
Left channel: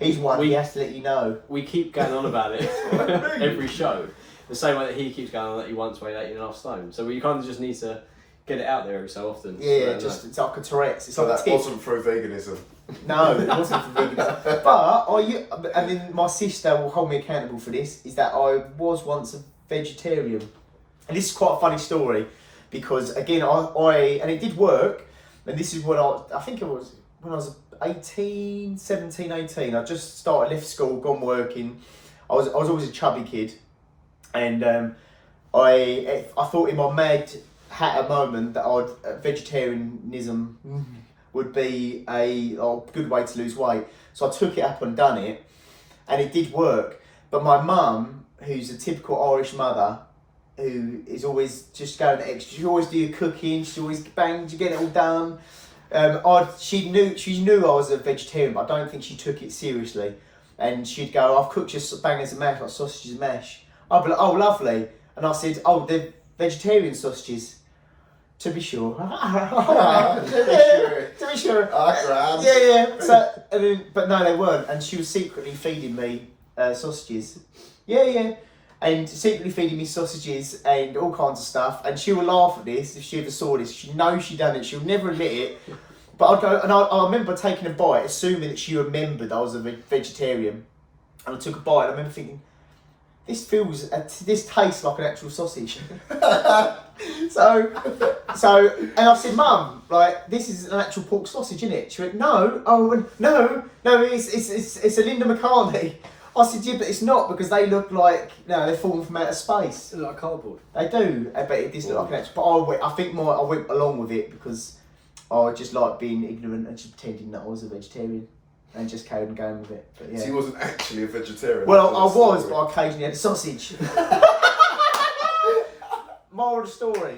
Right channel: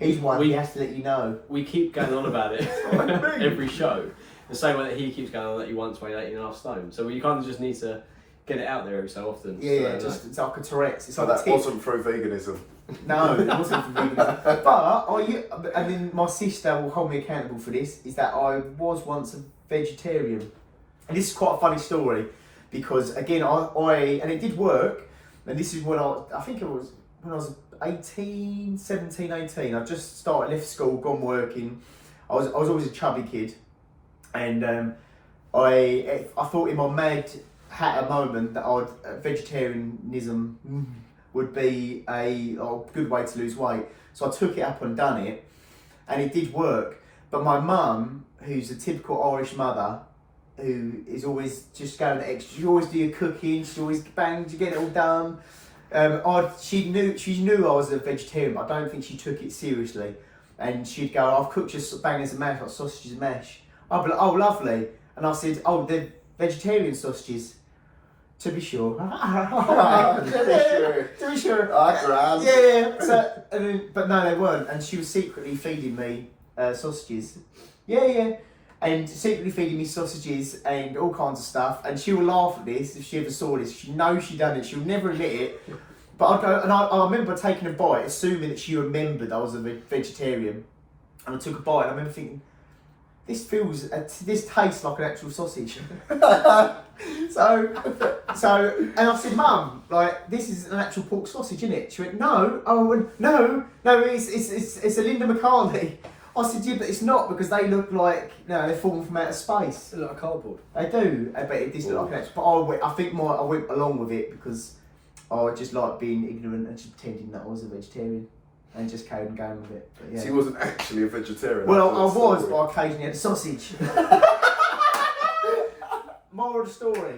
He's one, we he has to let you know. we keep going on about it every show. The same way that he keeps going on that he once weighed 18.5 stone. So you kind of just need to get it out there every so often. Yeah, so, just it's like a Tourette's. It's So like a that tick. wasn't through veganism. No, it wasn't for veganism. But and then my sister will hold me accountable for this, is that I was once a vegetarian. And this is quite a funny story, because again, I and it did work, and this is when I think it was when I was 17, 18. I just started, left school, gone working. I was always a chubby kid, and I thought in my mad hatter moment that vegetarianism would be a good way to lose weight. So I took it up and done it, and it did work. But my mum, who's a typical Irish mother, who is always just going extra, she always do your cooking, she always bangs, you get it all done. She knew I was a vegetarian, but I don't think she took it seriously. And she'd go, I've cooked your bangers and mash, like sausages and mash. I'd be like, oh, lovely. And I said, oh, they're vegetarian sausages. To be sure. To be sure. Grand. Yeah. So, and then, but no, they weren't. And she was secretly feeding me sausages. Yeah. And secretly feeding me sausages and all kinds of stuff. And she would laugh at this if she ever saw this. She knows she done it. She'll never admit it. But I'd go, and I remember taking a bite, assuming that she remembered I was a vegetarian. and I took a bite, and I remember thinking, this tastes like an actual sausage. so, and I said, Mum, like, this is an actual pork sausage, isn't it? She went, no. I went, no, it's a Linda McCartney. I said, yeah, but it's not, because they look like, they're falling from outer space. They look like cardboard. They do, but it does look like an actual. But I think I went along with it because I just like being ignorant and just pretending that I was a vegetarian. And just carried on going with it. But yeah. So he wasn't actually a vegetarian. Well, I was, but I occasionally had a sausage. Moral of the story.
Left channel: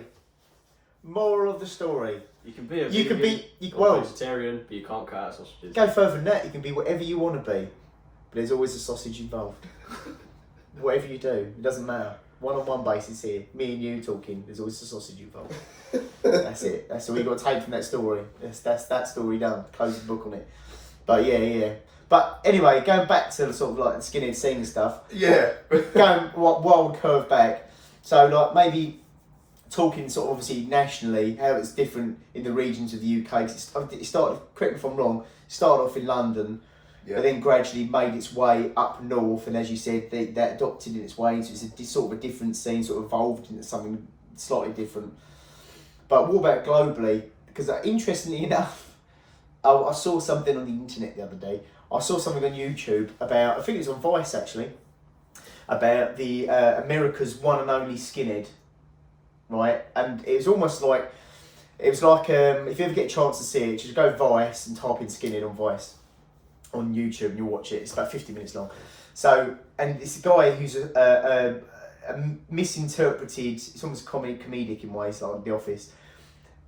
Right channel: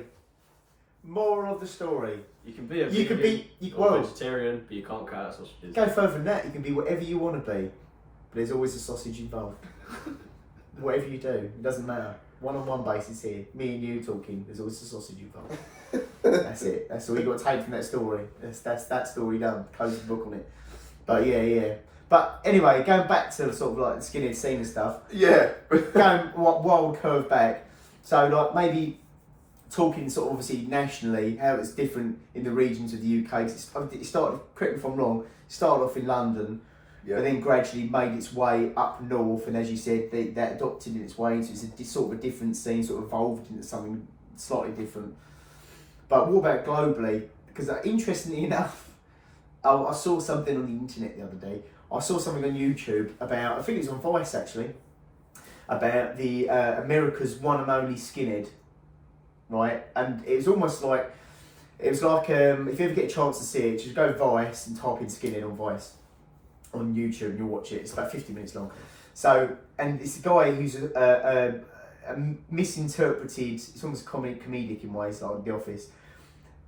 Moral of the story. You can be a vegetarian, but you can't cut out sausages. Go further than that. You can be whatever you want to be, but there's always a sausage involved. Whatever you do, it doesn't matter. One-on-one basis here. Me and you talking. There's always a sausage involved. That's it. That's all you got to take from that story. That's that story done. Close the book on it. But yeah. But anyway, going back to the sort of like the skinhead scene and stuff. Yeah. Going wild curve back. So like maybe talking sort of obviously nationally, how it's different in the regions of the UK. It started, correct me if I'm wrong, started off in London, but then gradually made its way up north. And as you said, that adopted in its way into it's sort of a different scene, sort of evolved into something slightly different. But what about globally? Because interestingly enough, I saw something on the internet the other day. I saw something on YouTube about, I think it was on Vice actually, about the America's one and only skinhead, right? And it was almost like, if you ever get a chance to see it, just go Vice and type in skinhead on Vice on YouTube and you'll watch it. It's about 50 minutes long. So, and it's a guy who's a misinterpreted, it's almost comedic in ways, like The Office,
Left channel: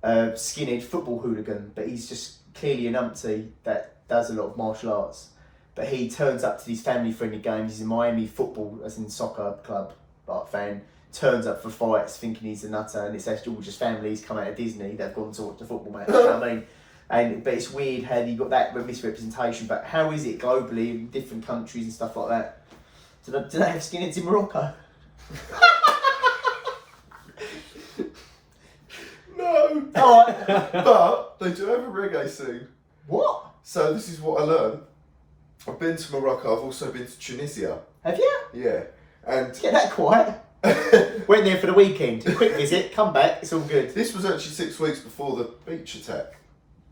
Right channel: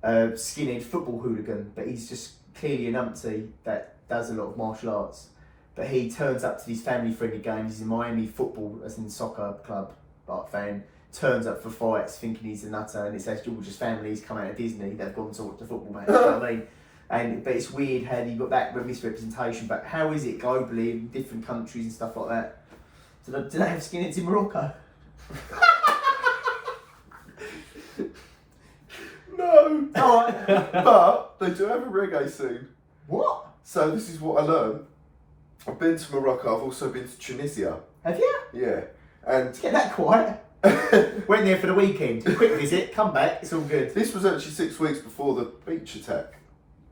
skinhead football hooligan, but he's just clearly a numpty that does a lot of martial arts, but he turns up to these family-friendly games. He's a Miami football, as in soccer club, like fan. Turns up for fights, thinking he's a nutter, and it's actually all just families come out of Disney that've gone to watch the football match. You know what I mean? But it's weird how you got that misrepresentation. But how is it globally in different countries and stuff like that? Do they have skinheads in Morocco? No. Alright. But they do have a reggae scene. What? So this is what I learned. I've been to Morocco. I've also been to Tunisia. Have you? Yeah. And Get that quiet. Went there for the weekend. A quick visit, come back, it's all good. this was actually 6 weeks before the beach attack.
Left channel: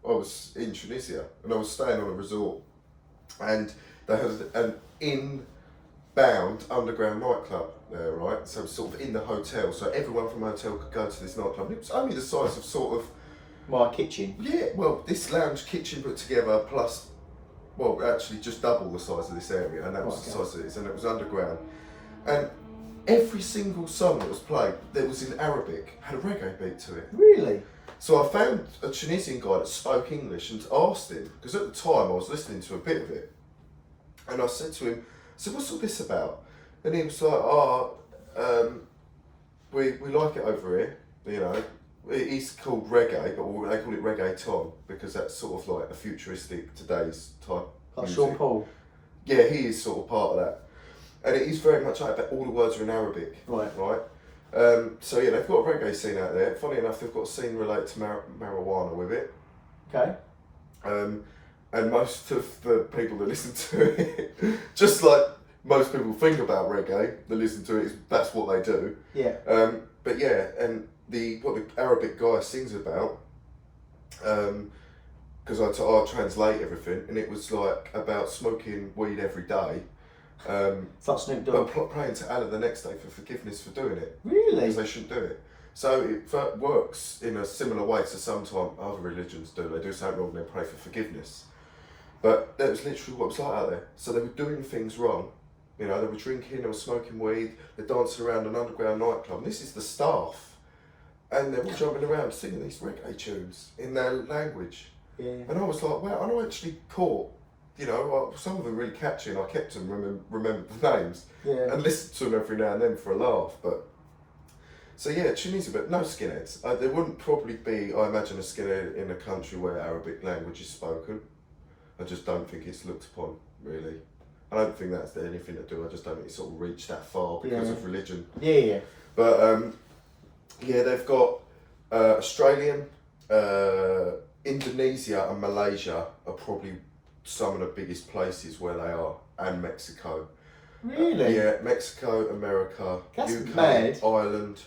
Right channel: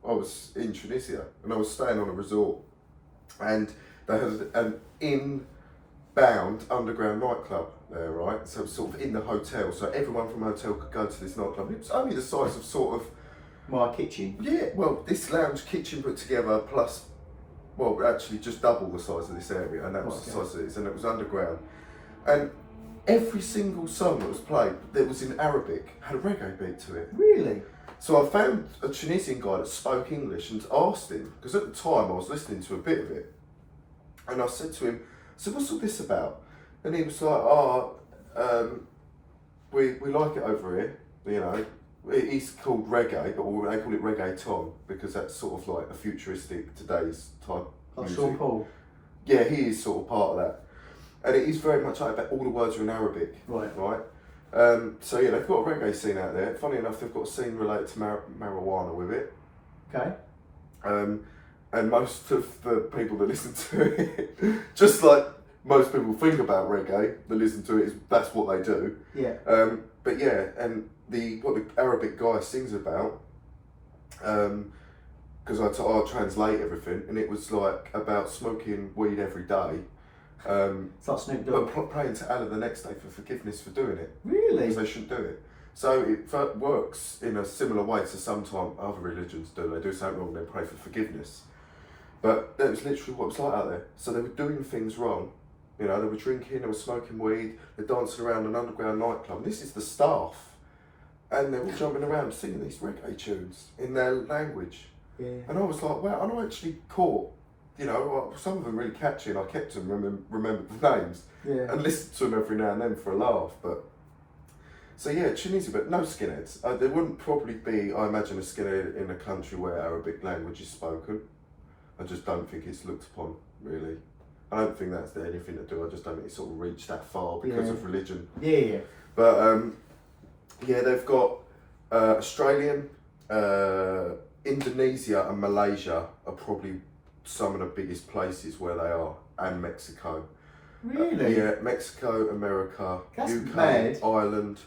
I was in Tunisia and I was staying on a resort, and they had an inbound underground nightclub there, right? So it was sort of in the hotel, so everyone from the hotel could go to this nightclub. It was only the size of sort of My kitchen. Yeah, well, this lounge kitchen put together plus, well, actually just double the size of this area, and that was the size of this, and it was underground. And every single song that was played, that was in Arabic, had a reggae beat to it. Really? So I found a Tunisian guy that spoke English and asked him, because at the time I was listening to a bit of it, and I said to him, so what's all this about? And he was like, we like it over here, you know. It's called reggae, but they call it reggaeton because that's sort of like a futuristic today's type Like music. Sean Paul? Yeah, he is sort of part of that. And it is very much like that, all the words are in Arabic. Right. So yeah, they've got a reggae scene out there. Funny enough, they've got a scene related to marijuana with it. Okay. And most of the people that listen to it, just like most people think about reggae, that listen to it, that's what they do. Yeah. But yeah, and what the Arabic guy sings about, because I translate everything, and it was like about smoking weed every day. It's like Snoop Dogg. But praying to Allah the next day for forgiveness for doing it. Really? Because they shouldn't do it. So it works in a similar way to sometimes other religions do. They do something wrong and they pray for forgiveness. But that was literally what it was like out there. So they were doing things wrong. You know, they were drinking, they were smoking weed, they're dancing around an underground nightclub. And this is the staff. And they're all jumping around singing these reggae tunes in their language. Yeah. And I was like, wow, and I actually caught, you know, some of them really catchy, and I kept them, remembered the names, and listened to them every now and then for a laugh. But so yeah, Tunisia, but no skinheads. There wouldn't probably be, I imagine, a skinhead in a country where Arabic language is spoken. I just don't think it's looked upon, really. I don't think that's anything to do. I just don't think it's sort of reached that far because of religion. Yeah. But yeah, they've got Australian, Indonesia and Malaysia are probably some of the biggest places where they are, and Mexico. Really? Yeah, Mexico, America, That's UK, mad. Ireland,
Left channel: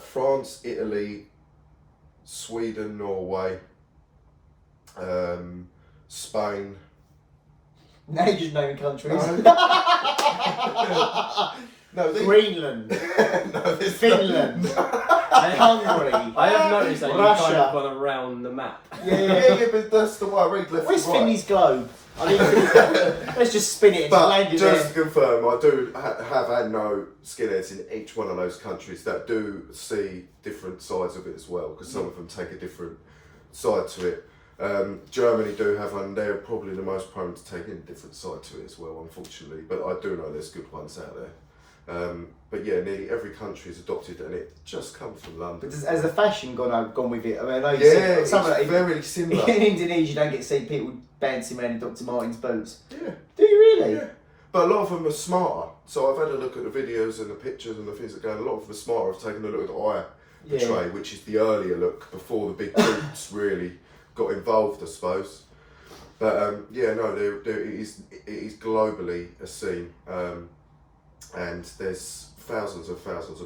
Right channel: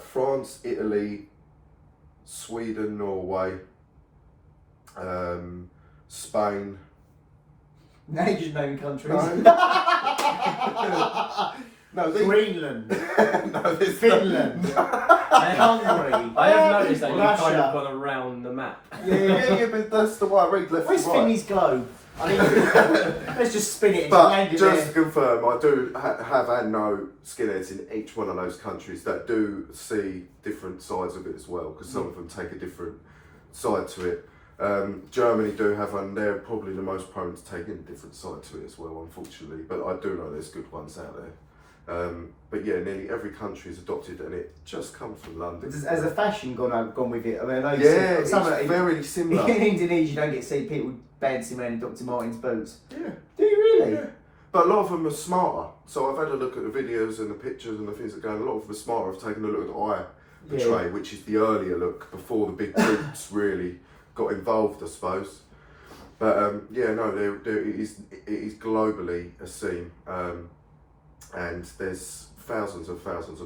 France, Italy, Sweden, Norway, Spain. Now you're just naming countries. No, these... Greenland, no, there's Finland, Hungary. I have noticed that you've kind Russia. of gone around the map. yeah, but that's the way I read left Where's and right. Finley's globe? I mean, let's just spin it and land But it just there. to confirm, I do have had no skinheads in each one of those countries that do see different sides of it as well, because some of them take a different side to it. Germany do have one, they're probably the most prone to taking a different side to it as well, unfortunately, but I do know there's good ones out there. But yeah, nearly every country is adopted, and it just comes from London. But has the fashion gone with it? I mean, I know you Yeah, see it's some of it, very similar. in Indonesia, you don't get to see people bouncing around in Dr. Martens boots. Yeah. Do you really? Yeah. But a lot of them are smarter. So I've had a look at the videos and the pictures and the things that go. And a lot of them are smarter. I've taken a look at the eye portray, which is the earlier look before the big boots really got involved, I suppose. But yeah, no, it is globally a scene, and there's thousands of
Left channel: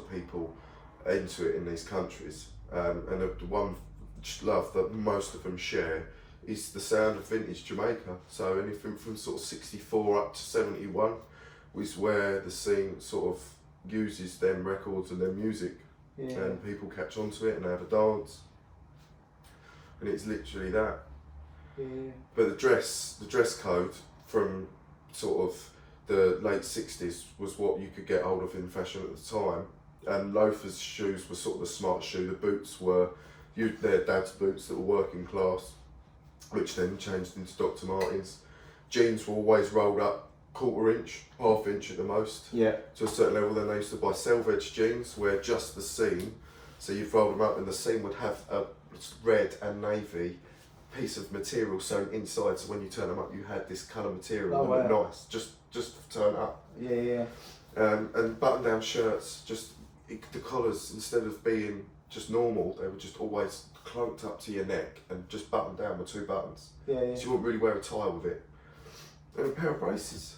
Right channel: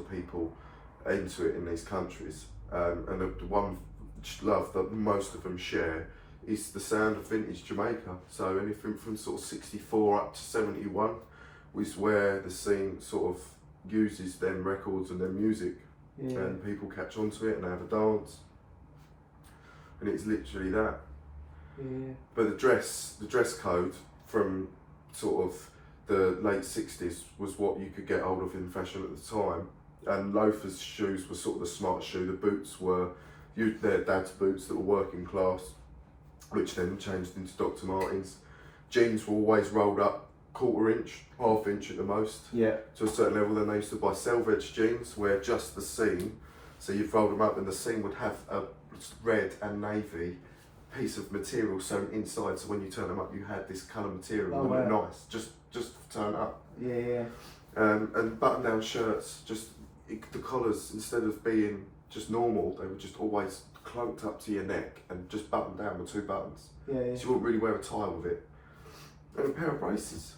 people into it in these countries. And the one love that most of them share is the sound of vintage Jamaica. So anything from sort of 64 up to 71 was where the scene sort of uses them records and their music, and people catch on to it and they have a dance. And it's literally that. Yeah. But the dress code from sort of the late 60s was what you could get hold of in fashion at the time. And loafers shoes were sort of the smart shoe. The boots were their dad's boots that were working class, which then changed into Dr. Martens. Jeans were always rolled up, quarter-inch, half-inch at the most, Yeah. to a certain level. Then they used to buy selvedge jeans, where just the seam, so you'd fold them up and the seam would have a red and navy piece of material sewn inside, so when you turn them up you had this colour material. Oh, and wow. nice, just turn up. Yeah. And button-down shirts, the collars, instead of being just normal, they were just always clunked up to your neck and just buttoned down with 2 buttons. Yeah. So you wouldn't really wear a tie with it. And a pair of braces.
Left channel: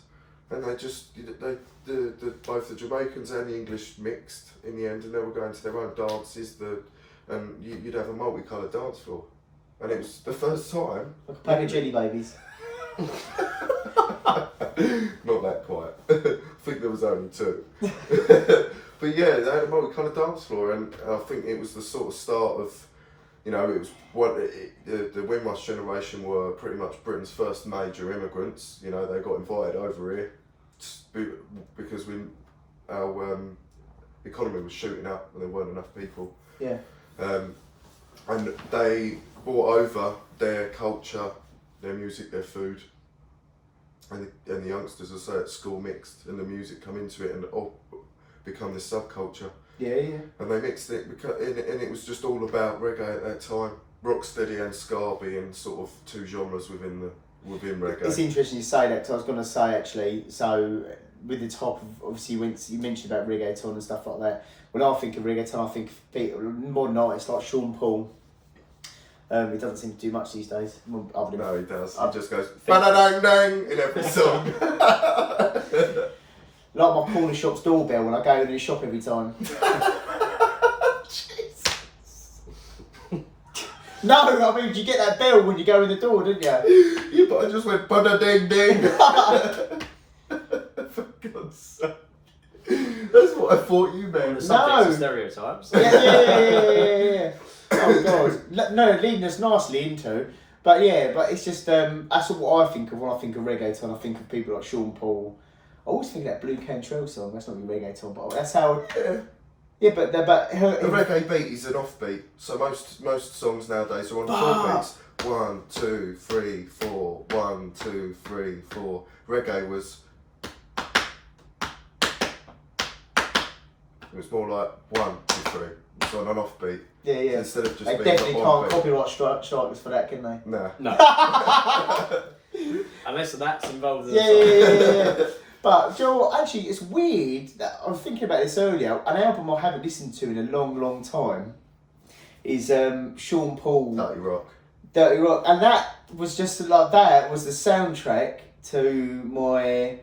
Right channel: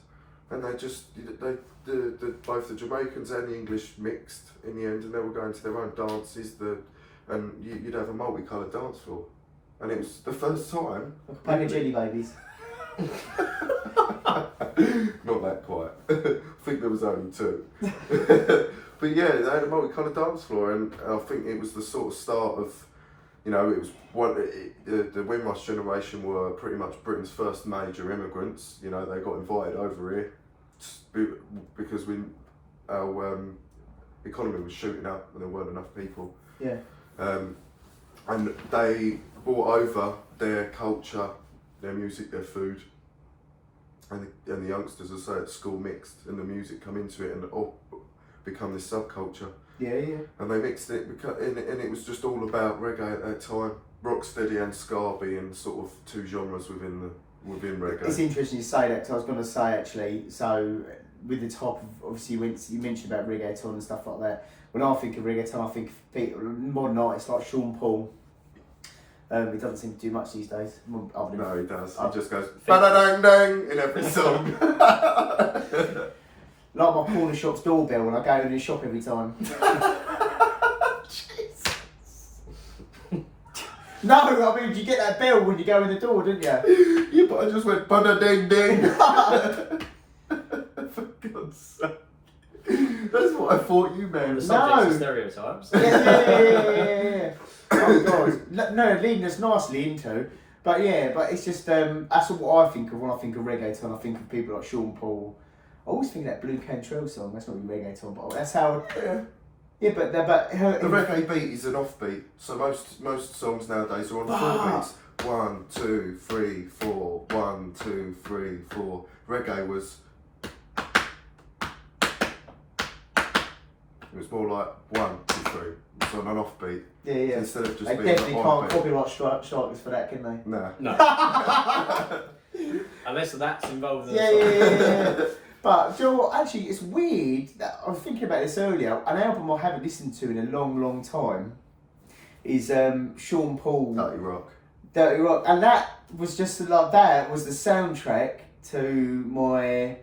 And both the Jamaicans and the English mixed in the end, and they were going to their own dances, and you'd have a multicoloured dance floor. And it was the first time. Like a pack of jelly babies. Not that quiet. I think there was only 2. But yeah, they had a multicoloured dance floor, and I think it was the sort of start of, it was the Windrush generation were pretty much Britain's first major immigrants. They got invited over here because our economy was shooting up and there weren't enough people. Yeah. And they brought over their culture, their music, their food, and the youngsters, as I say, at school mixed, and the music come into it and become this subculture. Yeah. And they mixed it, and it was just all about reggae at that time. Rocksteady and ska being sort of 2 genres within reggae. It's interesting you say that, because I was going to say actually, so with the top of, obviously you mentioned about reggaeton and stuff like that. When I think of reggaeton, I think of people, modern artists like Sean Paul. He doesn't seem to do much these days. Other than No, he does. He just goes Think- ba-da-dang-dang in every song. like my corner shop's doorbell when I go in the shop every time. No, I mean, you get that bell when you go in the door, didn't you? Yeah, but I just went ba-da-dang-dang. For God's sake. That's what I thought you On meant. the subject No. of stereotypes. Yeah. Oh God, no, leading us nicely into, but it's just that's what I think of when I think of reggaeton. I think of people like Sean Paul. I always think of that Blue Cantrell song. That's not really reggaeton, but that's how. Yeah. But The reggae beat is an offbeat, so most songs nowadays are on 4 beats. 1, 2, 3, 4. 1, 2, 3, 4. Reggae was. It was more like 1, 2, 3. It's on an offbeat. Yeah. Instead of just They being definitely an can't on copyright strike us for that, can they? Nah. No. Unless that's involved in the Yeah. song. But do you know what? Actually, it's weird that I was thinking about this earlier. An album I haven't listened to in a long time is Sean Paul. Dirty Rock, and that was just like that was the soundtrack to my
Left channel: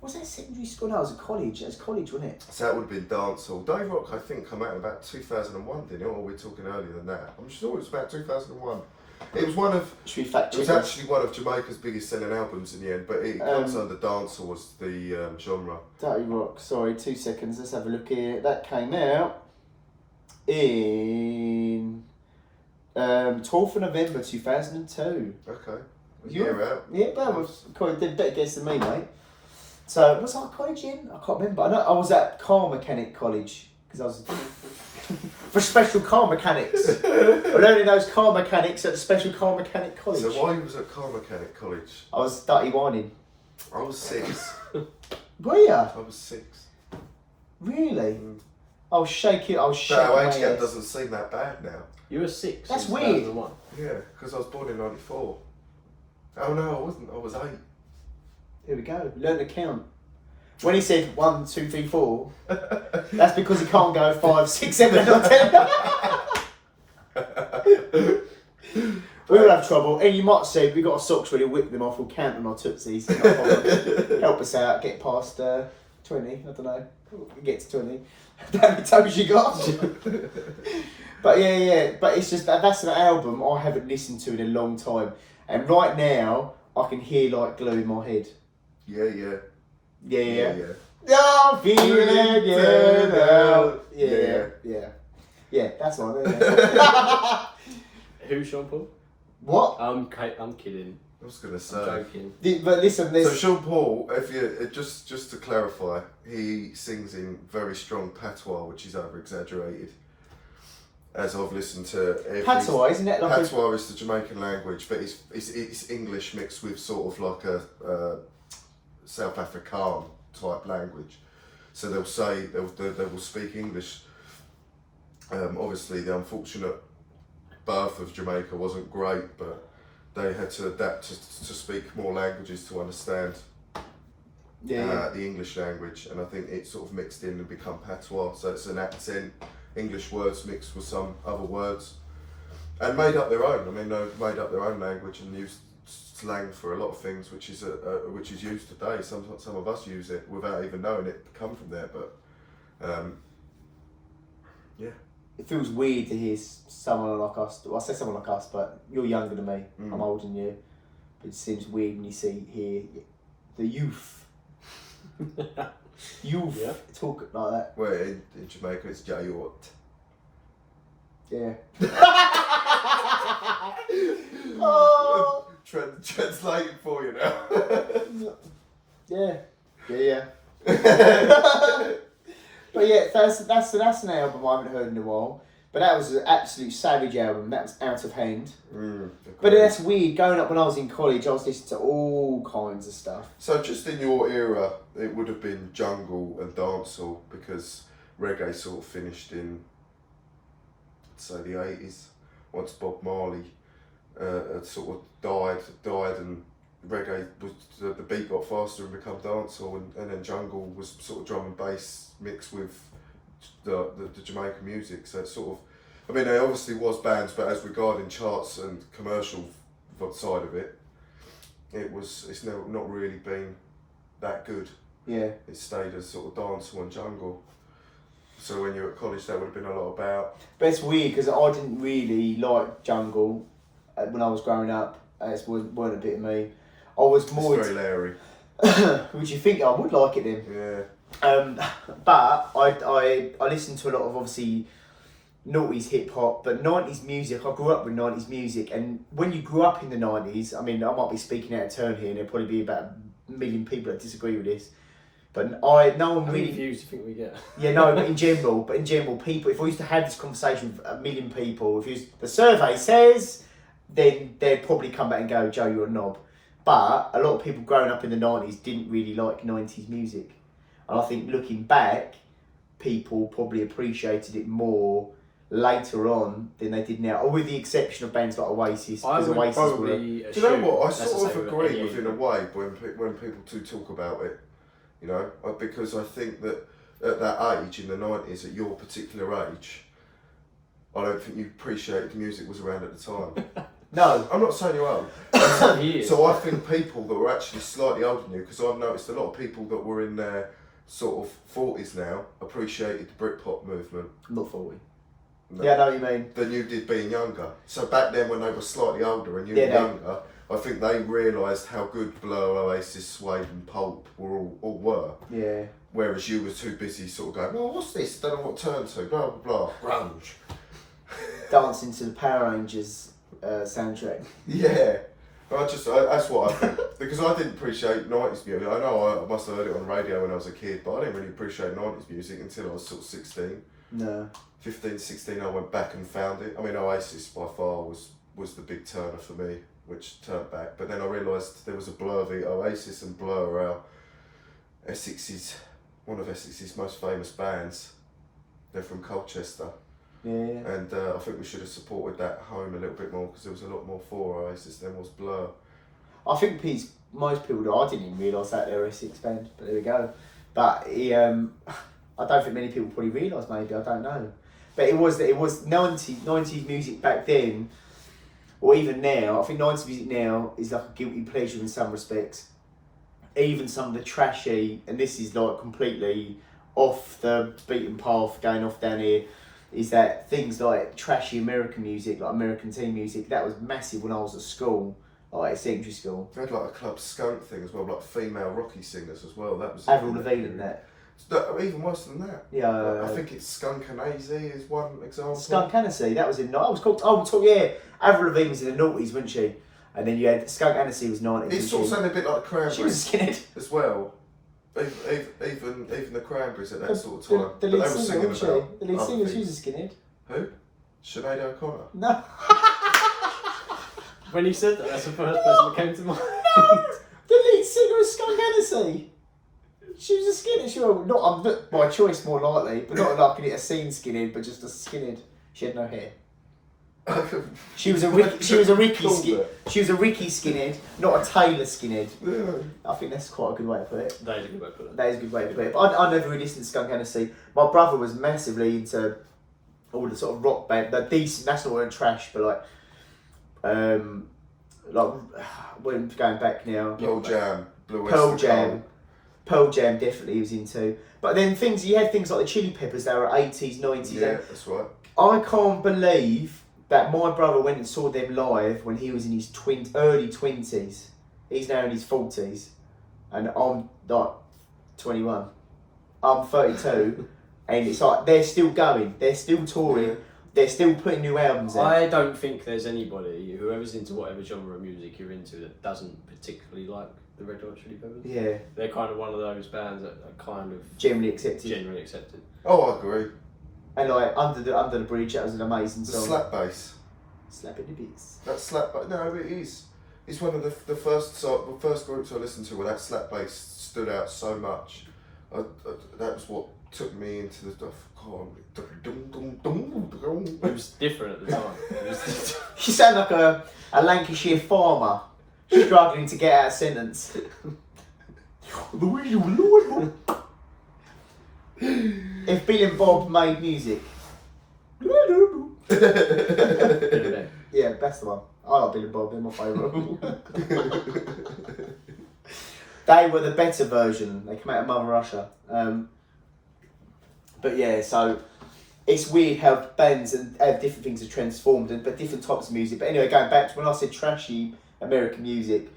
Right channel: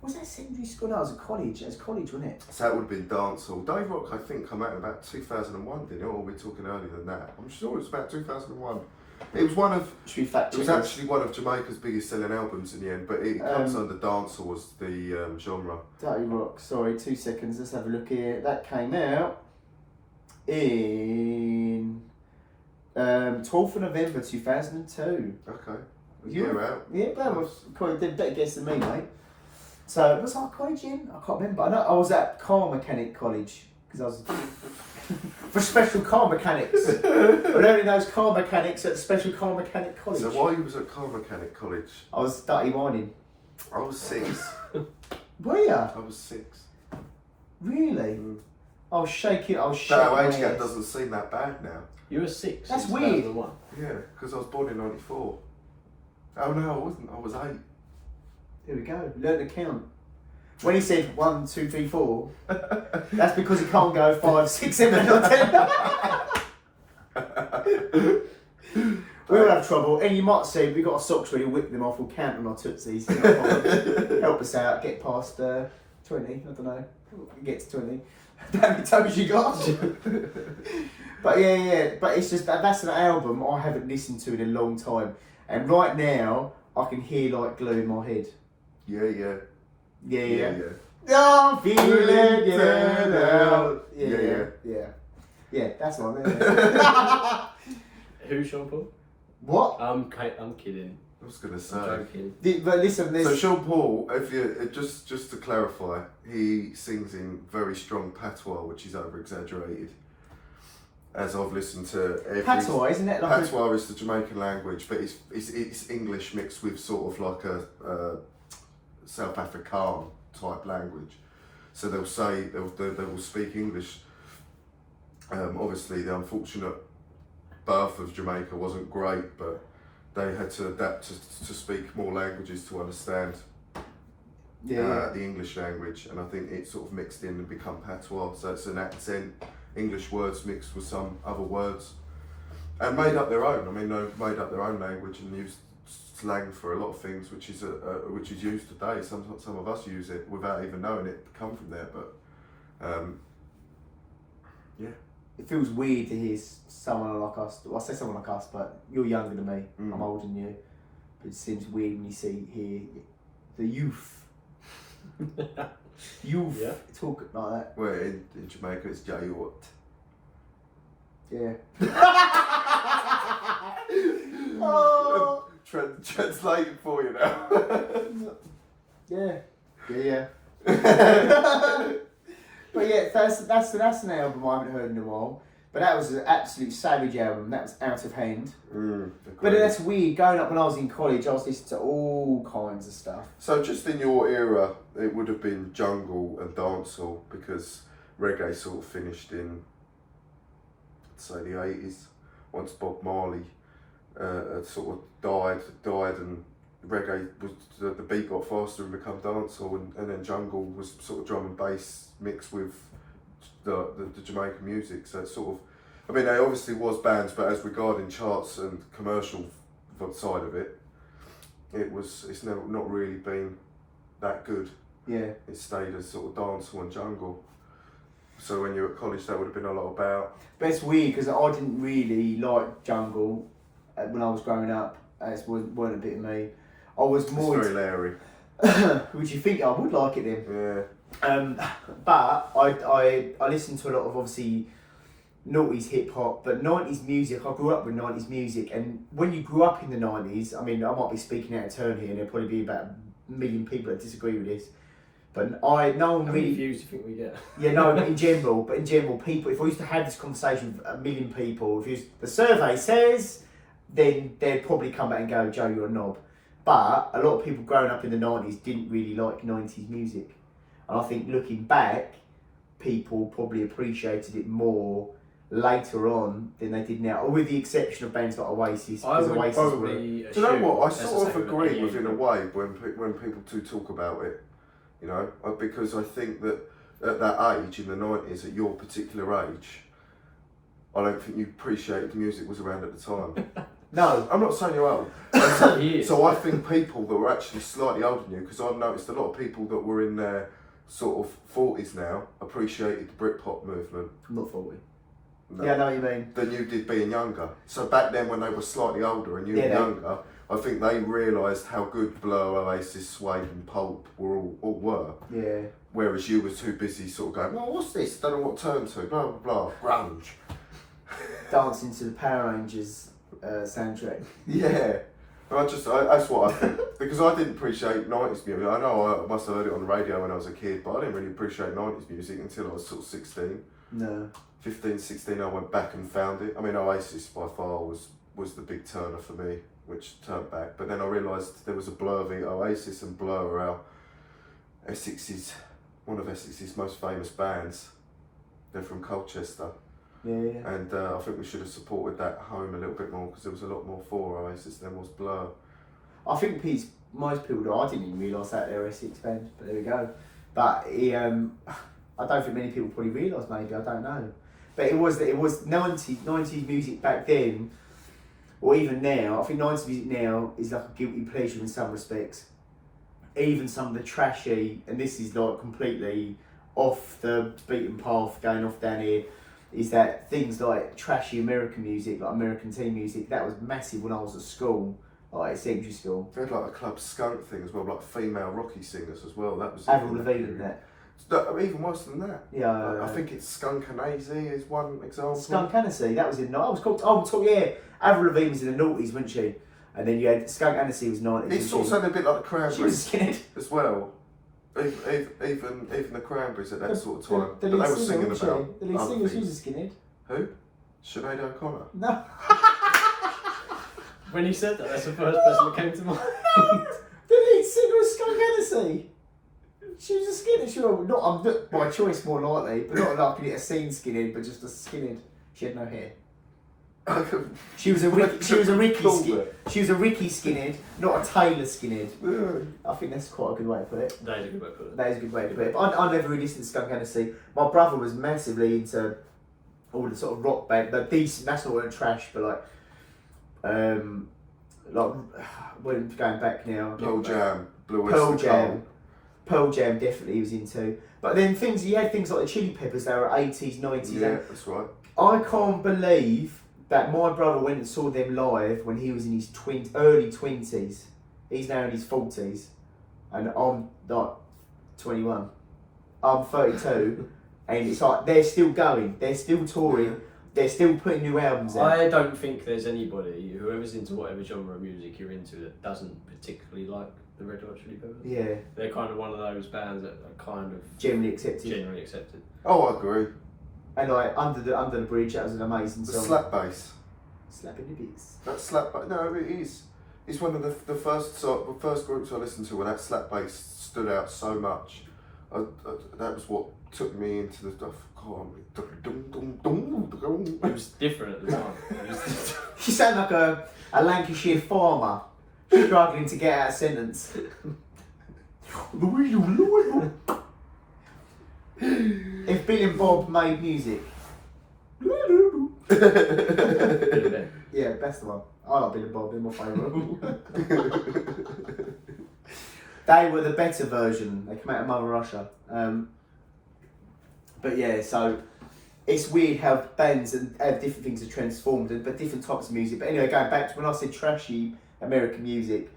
Was that secondary school? No, it was at college. It was college, wasn't it? So that would have been dancehall. Dave Rock, I think, come out in about 2001, didn't it? Or are we talking earlier than that? I'm sure it was about 2001. It was one of. Should we fact It was check this? actually one of Jamaica's biggest selling albums in the end, but it comes under dancehall as the genre. Dirty Rock. Sorry, 2 seconds. Let's have a look here. That came out in 12th of November 2002. Okay. A You- year out. Yeah, that was quite a better guess than me, mate. So, was I at college in? I can't remember. I know I was at car mechanic college because I was for special car mechanics. But only those car mechanics at the special car mechanic college. So while you was at car mechanic college, I was dirty whining. I was 6. Were ya? I was 6. Really? Mm. I was shaking. I was But shaking. our my age gap head. doesn't seem that bad now. You were 6. That's in weird. 2001. Yeah, because I was born in 94. Oh no, I wasn't. I was 8. Here we go. Learn to count. When he said 1, 2, 3, 4, that's because he can't go 5, 6, 7, 8, or 10. We will have trouble, and you might see we got our socks ready, whip them off, we'll count on our tootsies. No problem. Help us out, get past 20, I don't know. Get to 20. How many toes you got? But yeah, but it's just that's an album I haven't listened to in a long time, and right now I can hear like glue in my head. Yeah. Yeah. I'm feeling good now. Yeah, that's one. Who, Sean Paul? What? I'm kidding. I was gonna I'm say. joking. But listen, So this. Sean Paul, if you just to clarify, he sings in very strong patois, which is over exaggerated. As I've listened to every Patois, isn't it? Like patois is the Jamaican language, but it's English mixed with sort of like a South Afrikaan type language. So they'll say they will speak English. Obviously, the unfortunate birth of Jamaica wasn't great, but they had to adapt to speak more languages to understand the English language, and I think it sort of mixed in and become patois. So it's an accent, English words mixed with some other words, and made up their own. I mean, they've made up their own language and used slang for a lot of things, which is used today. Some of us use it without even knowing it come from there, but yeah. It feels weird to hear someone like us. Well, I say someone like us, but you're younger than me. Mm. I'm older than you. But it seems weird when you hear the youth Yeah. talk like that. Well, in Jamaica it's Jayot. Yeah. Oh. Translating for you now. Yeah. But yeah, that's an album I haven't heard in a while. But that was an absolute savage album. That was Out of Hand. But that's weird. Going up when I was in college, I was listening to all kinds of stuff. So just in your era, it would have been jungle and dancehall, because reggae sort of finished in, say, the 80s. Once Bob Marley had sort of died, and reggae was the beat got faster and become dancehall, and then jungle was sort of drum and bass mixed with the Jamaican music. So it's sort of, I mean, there obviously was bands, but as regarding charts and commercial side of it, it's never not really been that good. Yeah. It stayed as sort of dancehall and jungle. So when you were at college, that would have been a lot about. But it's weird because I didn't really like jungle when I was growing up. It weren't a bit of me. I was more. It's very Larry. Would you think I would like it then? Yeah. But I listened to a lot of obviously noughties hip hop, but 90s music. I grew up with 90s music, and when you grew up in the 90s, I mean, I might be speaking out of turn here, and there'll probably be about a million people that disagree with this. But no one How many really. views do you think we get? Yeah, no, but in general, people. If we used to have this conversation with a million people, the survey says, then they'd probably come back and go, Joe, you're a knob. But a lot of people growing up in the 90s didn't really like 90s music. And I think looking back, people probably appreciated it more later on than they did now, or with the exception of bands like Oasis. I Because would Oasis probably Do you know what? I that's the sort of same agree with any in a way when people do talk about it, you know, because I think that at that age in the 90s, at your particular age, I don't think you appreciated the music was around at the time. No. I'm not saying you're old. He is. So I think people that were actually slightly older than you, because I've noticed a lot of people that were in their sort of 40s now appreciated the Britpop movement. I'm not 40. No, Yeah, I know what you mean. than you did being younger. So back then when they were slightly older and you Yeah, were they- younger, I think they realised how good Blur, Oasis, Suede and Pulp all were. Yeah. Whereas you were too busy sort of going, oh, what's this? Don't know what turn to, blah, blah, blah. Grunge. Dancing to the Power Rangers soundtrack. Yeah. That's what I think. Because I didn't appreciate 90s music. I know I must have heard it on the radio when I was a kid, but I didn't really appreciate 90s music until I was sort of 16. No. 15, 16, I went back and found it. I mean, Oasis by far was the big turner for me, which turned back. But then I realised there was a Blur v Oasis, and Blur are our Essex's, one of Essex's most famous bands. They're from Colchester. Yeah. And I think we should have supported that home a little bit more, because there was a lot more for Oasis than was Blur. I think most people do. I didn't even realise that they were a Essex band, but there we go. But I don't think many people probably realise. Maybe, I don't know. But it was 90s music back then, or even now. I think 90s music now is like a guilty pleasure in some respects. Even some of the trashy, and this is like completely off the beaten path, going off down here, is that things like trashy American music, like American teen music, that was massive when I was at school, like at secondary school. They had like a Club Skunk thing as well, like female rocky singers as well. That was Avril Lavigne in that. No, even worse than that. Yeah. I think it's Skunk Anansie is one example. Skunk Anansie, that was in. I was called. Yeah. Avril Lavigne was in the noughties, wasn't she? And then you had Skunk Anansie was 90s. It sort of sounded a bit like the She Cranberries was skinhead. as well. Even the Cranberries at that sort of time. The But they lead were singer, singing wasn't about she? The lead other singer, she things. was a skinhead. Who? Sinead O'Connor. No. When you said that, that's the first person that came to mind. The lead singer was Skunk Anansie. She was a skinhead. She was not by choice, more likely, but not like a scene skinhead, but just a skinhead. She had no hair. She was a Ricky skinhead, not a Taylor skinhead. Yeah. I think that's quite a good way to put it. That is a good way to put it. That is a good way to put it. But I never really listened to Skunk Anansie. My brother was massively into all the sort of rock band, the decent. That's not weren't trash, but we're going back now. Pearl Jam, Blue Pearl Oyster Jam. Cult. Pearl Jam definitely he was into. But then you had things like the Chili Peppers. They were 80s, 90s. Yeah, that's right. I can't believe that my brother went and saw them live when he was in his early 20s. He's now in his 40s. And I'm like 21. I'm 32. And it's like, they're still going. They're still touring. They're still putting new albums out. I don't think there's anybody, whoever's into whatever genre of music you're into, that doesn't particularly like the Red Hot Chili Peppers. Yeah. They're kind of one of those bands that are kind of Generally accepted. generally accepted. Oh, I agree. And like, Under the Bridge, that was an amazing The song. slap bass. Slapping the beats. That slap bass. No, it is. It's one of the first groups I listened to where that slap bass stood out so much. That was what took me into the stuff. It was different at the time. It was You sound like a Lancashire farmer struggling to get out a sentence. If Bill and Bob made music. Yeah, that's the one. I like Bill and Bob, they're my favourite. They were the better version. They came out of Mother Russia. But yeah, so it's weird how bands and different things are transformed, but different types of music. But anyway, going back to when I said trashy American music,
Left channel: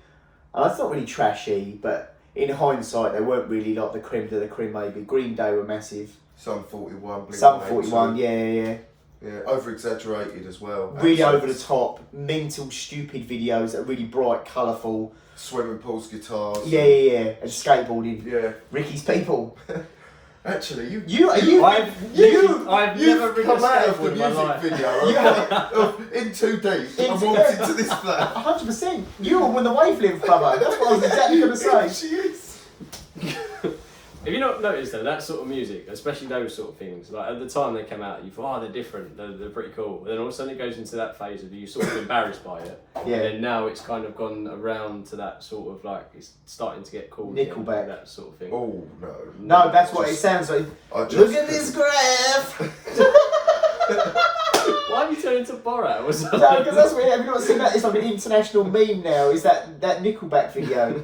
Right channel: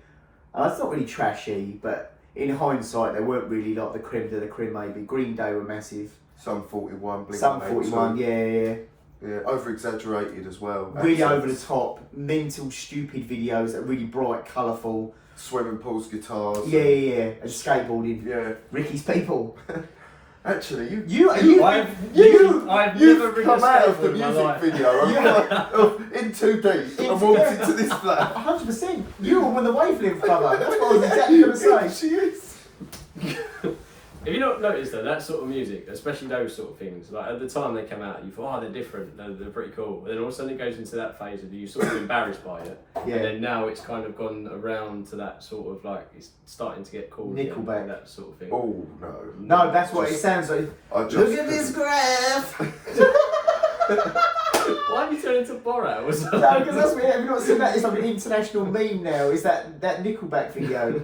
and it's not really trashy, but in hindsight, they weren't really like the creme de la creme. Maybe Green Day were massive. Some 41, Blink Some 182. 41, yeah. Yeah, over exaggerated as well. Really Accents. over the top, mental, stupid videos that are really bright, colourful. Swimming pools, guitars. Yeah. And skateboarding. Yeah. Ricky's people. Actually, I've you've never ridden come a out of the skateboard in my music life. video in 2D and walked into this flat. 100%. You were on the wavelength, brother. That's what I was exactly going to say. She is. Have you not noticed though, that sort of music, especially those sort of things, like at the time they came out, you thought, oh, they're different, they're pretty cool. Then all of a sudden it goes into that phase of you sort of embarrassed by it. Yeah. And then now it's kind of gone around to that sort of like, it's starting to get cool. Nickelback. Again, that sort of thing. Oh, no. No, that's what it sounds like. I just Look at this graph. Why have you turned into Borat? Or something? No, because that's what have you not seen that? It's like an international meme now. Is that Nickelback video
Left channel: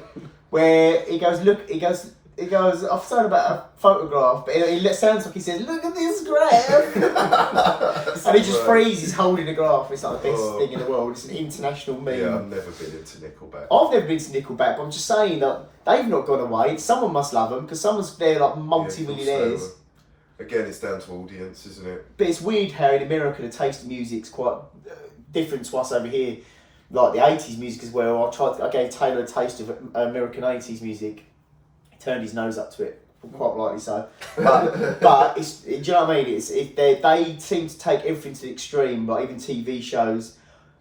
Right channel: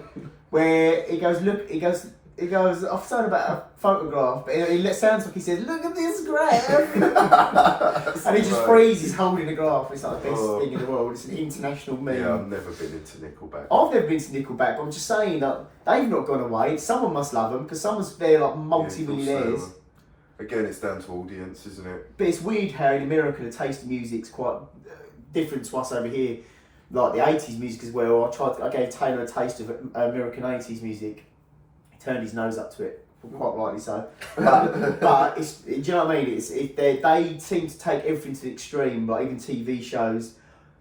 where he goes, I've thought about a photograph, but it sounds like he says, "Look at this graph," and he just freezes holding the graph. It's like the best thing in the world. It's an international meme. Yeah, I've never been into Nickelback. I've never been to Nickelback, but I'm just saying that they've not gone away. Someone must love them because someone's there like multi-millionaires. Again, it's down to audience, isn't it? But it's weird how in America the taste of music's quite different to us over here. Like the 80s music as well. I gave Taylor a taste of American 80s music. He turned his nose up to it, quite rightly so. But it's, do you know what I mean? They seem to take everything to the extreme, like even TV shows.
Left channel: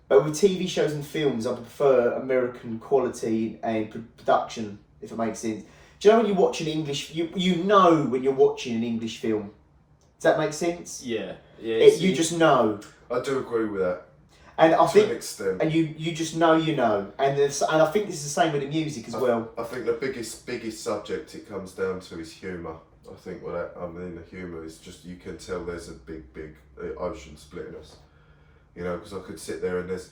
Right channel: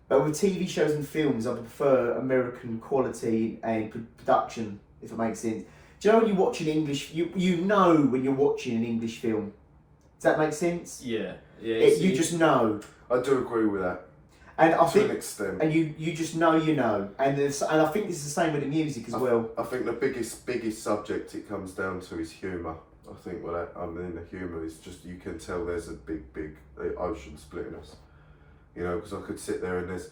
But with TV shows and films, I prefer American quality and production, if it makes sense. Do you know when you watch an English, you know when you're watching an English film? Does that make sense? Yeah. You just know. I do agree with that. And I think, to an extent. And you just know you know. And I think this is the same with the music as well. I think the biggest subject it comes down to is humour. I think the humour is just, you can tell there's a big ocean splitting us. You know, because I could sit there and there's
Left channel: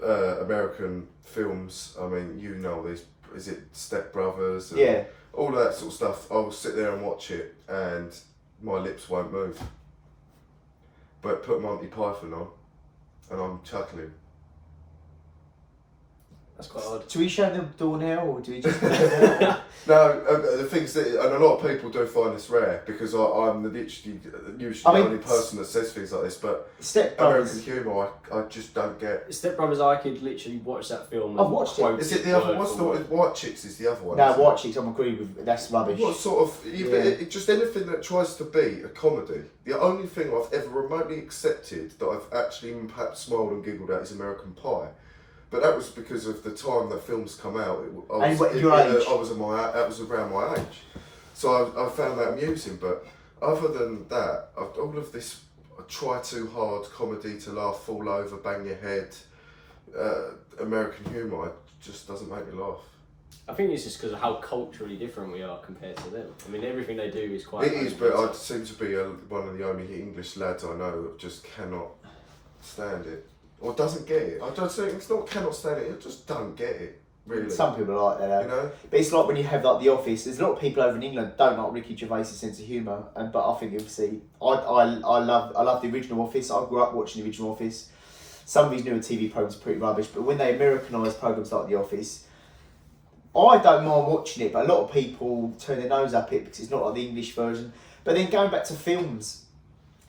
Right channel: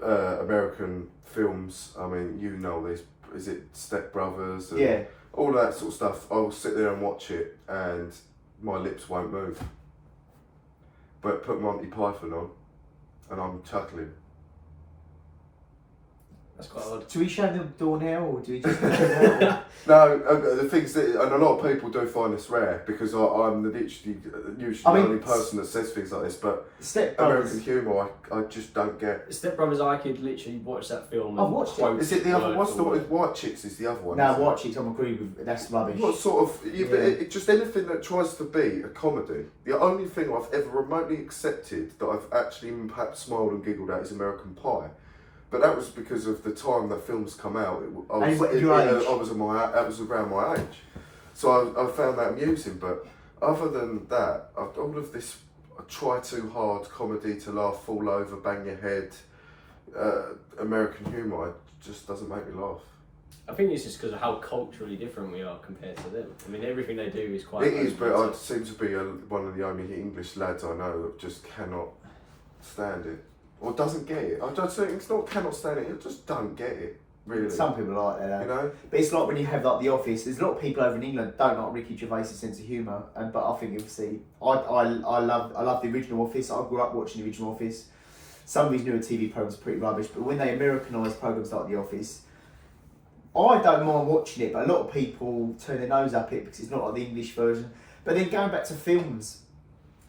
American films. I mean, you know, is it Step Brothers? And Yeah. all that sort of stuff. I'll sit there and watch it and my lips won't move. But put Monty Python on and I'm chuckling. That's quite odd. Do we show them the door now, or do we just... No, the things that, and a lot of people do find this rare because I'm usually the only person that says things like this, but Step Brothers. American humour I just don't get. Step Brothers, I could literally watch that film. I've watched it. Is it the other? What's the White Chicks? Is the other one? No, White Chicks, I'm agreeing with. That's rubbish. What sort of? It just anything that tries to be a comedy. The only thing I've ever remotely accepted that I've actually perhaps smiled and giggled at is American Pie. But that was because of the time that films come out. I was around my age, so I found that amusing. But other than that, all of this try too hard comedy to laugh, fall over, bang your head, American humour just doesn't make me laugh. I think it's just because of how culturally different we are compared to them. I mean, everything they do is quite... It is, but I seem to be one of the only English lads I know that just cannot stand it. Or doesn't get it. I don't think it's not cannot stand it, you just don't get it, really. Some people are like that, you know? But it's like when you have like The Office, there's a lot of people over in England don't like Ricky Gervais' sense of humour, but I think you'll see, I love the original Office. I grew up watching the original Office. Some of these newer TV programmes are pretty rubbish, but when they Americanise programmes like The Office, I don't mind watching it, but a lot of people turn their nose up it because it's not like the English version. But then going back to films,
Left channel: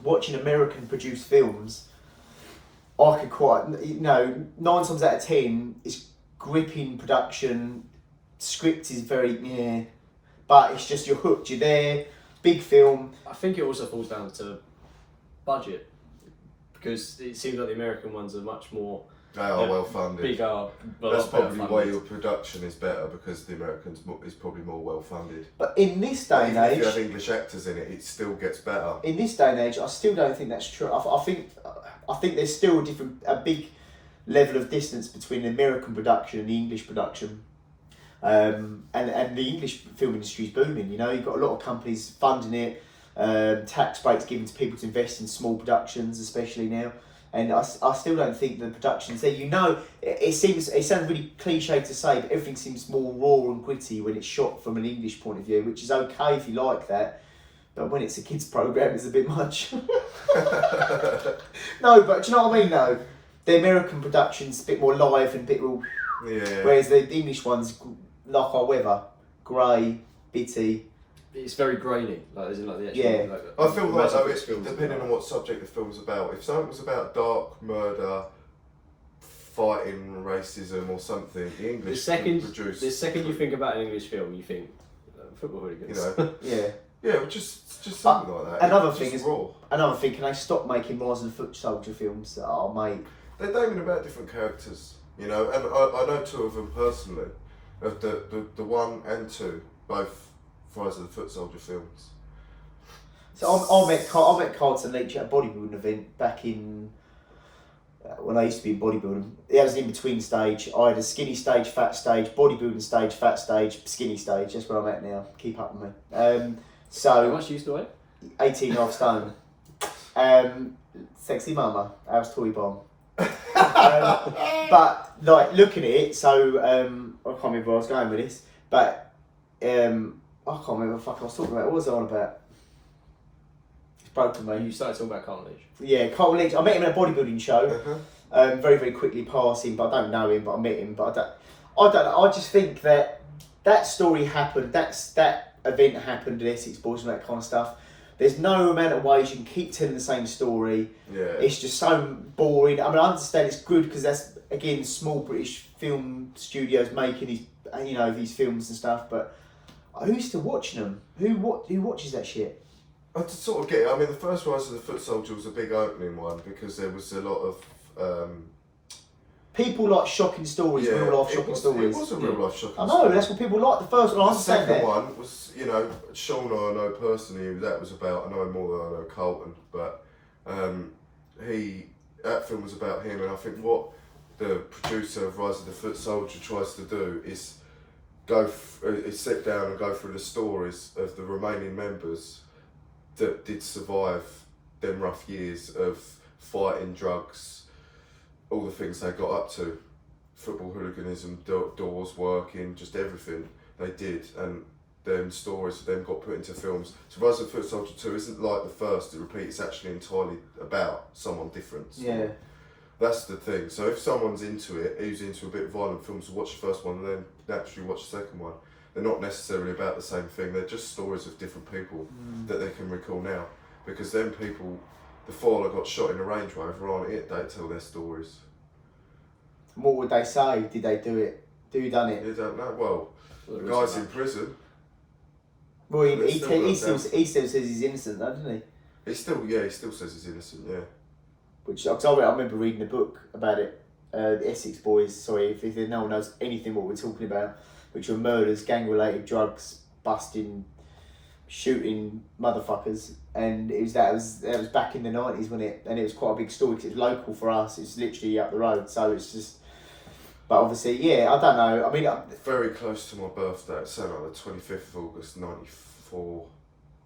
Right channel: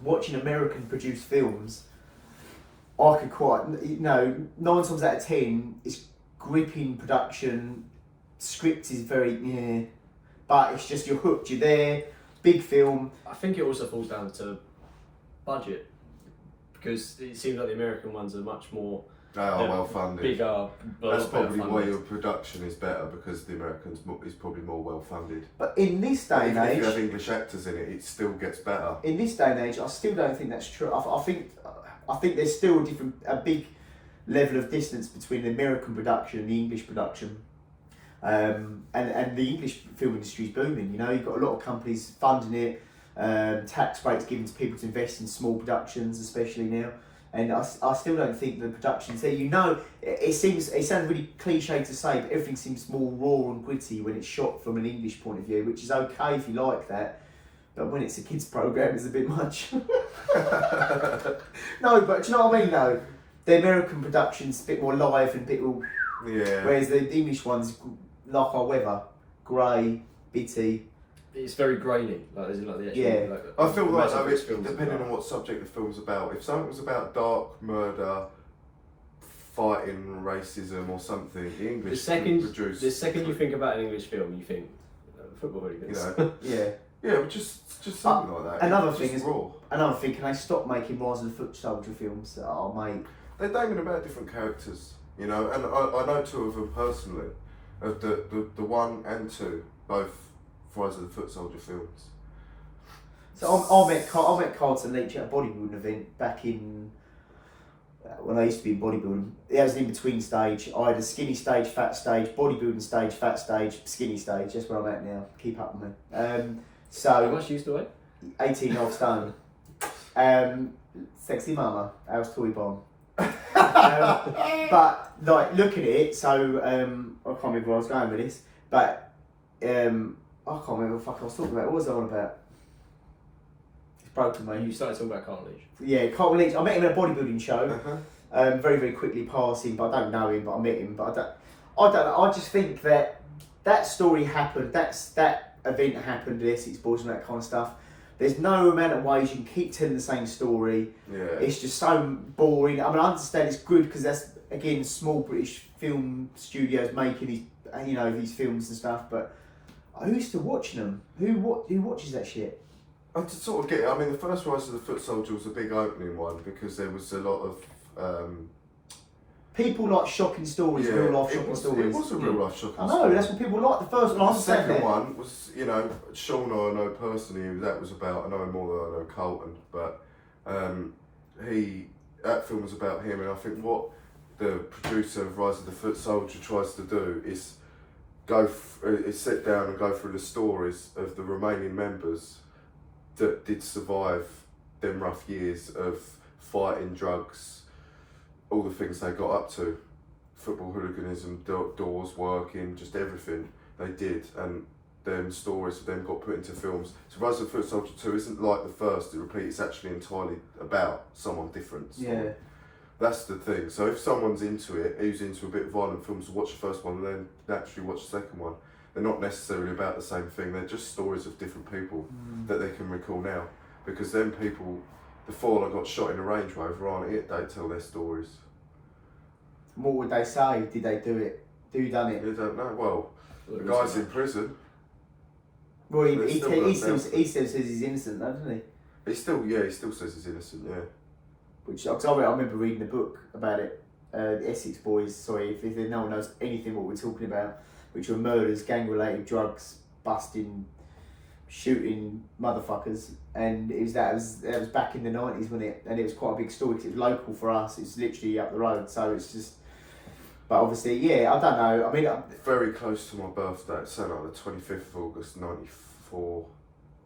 watching American produced films, I could quite, 9 times out of 10, it's gripping production, script is very, but it's just you're hooked, you're there, big film. I think it also falls down to budget, because it seems like the American ones are much more... They are well funded. Bigger, that's probably why your production is better, because the Americans is probably more well funded. But in this day and age, if you have English actors in it, it still gets better. In this day and age, I still don't think that's true. I think there's still a big level of distance between the American production and the English production. And the English film industry is booming. You know, you've got a lot of companies funding it, tax breaks given to people to invest in small productions, especially now. And I still don't think the production's there. You know, it sounds really cliche to say, but everything seems more raw and gritty when it's shot from an English point of view, which is okay if you like that. But when it's a kids' programme, it's a bit much. No, but do you know what I mean, though? The American production's a bit more live and a bit more... Yeah. Whereas the English one's like our weather. Grey, bitty. It's very grainy, like as in like the actual... Yeah. Like, I feel like though, it's depending on what subject the film's about, if something was about dark murder, fighting racism or something, the English produce... The second you think about an English film, you think football hooligans. You know? Yeah. Yeah, just something like that. Another It's thing just is, raw. another thing, can they stop making Rise of the Foot Soldier films that are made? They're naming about different characters, you know, and I know 2 of them personally, of the 1 and 2, both Rise of the Foot Soldier films. So I met Carlton Leach at a bodybuilding event back in when I used to be in bodybuilding. It was an in-between stage. I had a skinny stage, fat stage, bodybuilding stage, fat stage, skinny stage. That's where I'm at now. Keep up with me. How much you used to weigh? 18.5 stone. Sexy Mama, how's Toy Bomb? But like looking at it, so I can't remember where I was going with this, but I can't remember what the fuck I was talking about. What was I on about? It's broken, mate. You started talking about Carlton Leach. Yeah, Carlton Leach. I met him in a bodybuilding show. Uh-huh. Very, very quickly passing, but I don't know him, but I met him. But I don't know. I just think that story happened. That event happened. The Essex Boys and that kind of stuff. There's no amount of ways you can keep telling the same story. Yeah. It's just so boring. I mean, I understand it's good because that's again small British film studios making these films and stuff. But who's still watching them? Who watches that shit? I just sort of get it. I mean, the first Rise of the Foot Soldier was a big opening one because there was a lot of people like shocking stories, real life shocking stories. It was a real life shocking I know, story. that's what people like. The first one, I The second understand that. one was, Sean I know personally who that was about. I know him more than I know Carlton, but that film was about him, and I think what the producer of Rise of the Foot Soldier tries to do is sit down and go through the stories of the remaining members that did survive them rough years of fighting, drugs, all the things they got up to, football hooliganism, doors working, just everything they did, and them stories of them got put into films. So Rise of the Foot Soldier 2 isn't like the first, it repeats, it's actually entirely about someone different. So Yeah. that's the thing. So if someone's into it, who's into a bit of violent films, will watch the first one and then naturally watch the second one. They're not necessarily about the same thing, they're just stories of different people that they can recall now. Because then people, the four that got shot in a Range Rover aren't it, they tell their stories. What would they say? Did they do it? Who done it? You don't know. Well, the guy's in prison. Well, he But still says he's innocent, though, doesn't he? He still says he's innocent, yeah. Which I remember reading a book about it. The Essex Boys. Sorry, if no one knows anything what we're talking about, which were murders, gang-related drugs, busting, shooting motherfuckers, and that was back in the 90s, wasn't it? And it was quite a big story because it was local for us. It's literally up the road, so it's just. But obviously, yeah, I don't know. I mean, very close to my birthday. It's like the 25th of August, '94.